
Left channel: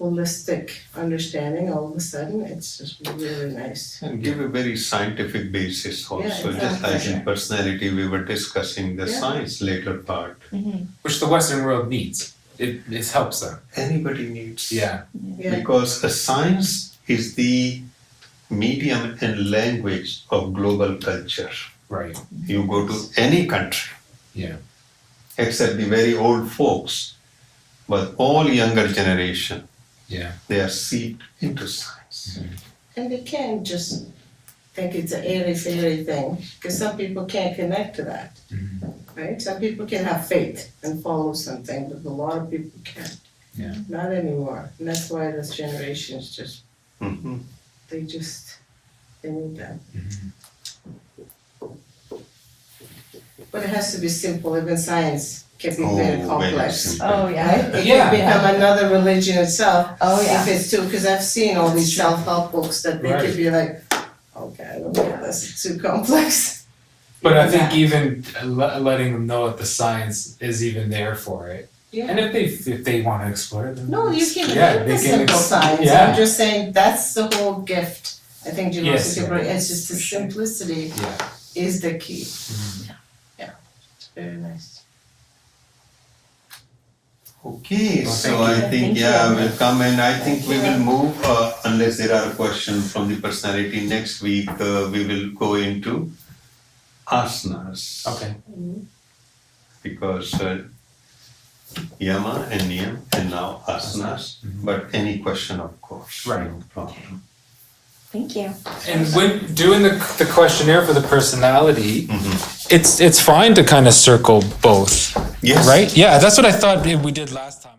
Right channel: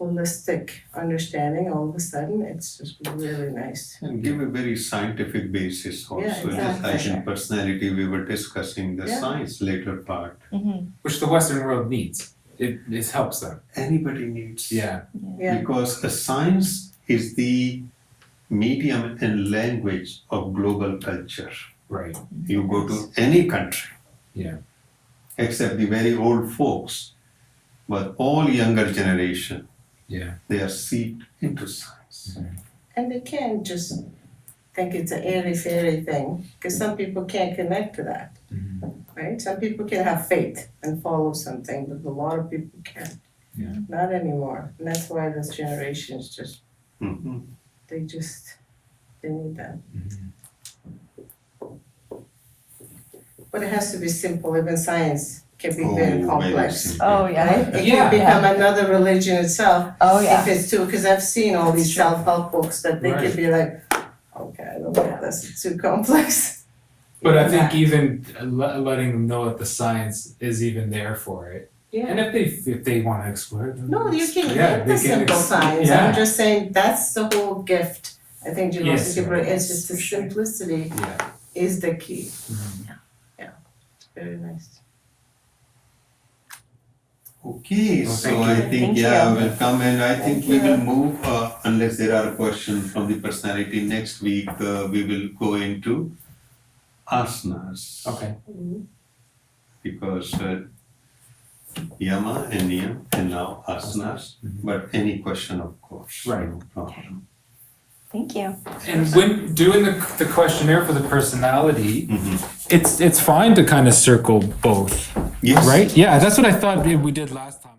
holistic understanding all of a sudden, it's just really nice. And give a very scientific basis also, Yeah, just like exactly. in personality, we were discussing the Yeah. science later part. Mm-hmm. Which the Western world needs. It helps them. Anybody needs. Yeah, Yeah, Because a science is the medium and language of global culture. Right. You go to any country, Yeah. except the very old folks, but all younger generation, Yeah. they are seeped into science. And they can't just think it's an airy-fairy thing, because some people can't connect to that, right? Some people can have faith and follow something, but a lot of people can't. Yeah. Not anymore, and that's why this generation is just, Mhm. they need that. But it has to be simple, even science can be very Oh, complex. simple. Oh, yeah. Right? It Yeah. can become another religion itself. Oh, If yeah. it's too, because I've seen all these That's true. self-help books that they could be like, okay, I don't get this, it's too complex. But I think even letting them know that the science is even there for it, and Yeah, if they want to explore it, then no, you can yeah, get they the can simple science, yeah. I'm just saying, that's the whole gift. I think Jivasu Yes, can bring, right. it's just the simplicity Yeah. is the key, Mhm. it's very nice. Okay, Well, so thank you. I think, Thank yeah, you. we'll come and I think Thank we you. will move, unless there are questions from the personality next week, we will go into asanas. Okay. Because yama and niyam and now asanas, but any question of course, Right. no problem. Thank you. And when doing the questionnaire for the personality, Mhm. it's fine to kind of circle both, Yes. right? Yeah, that's what I thought we did last time.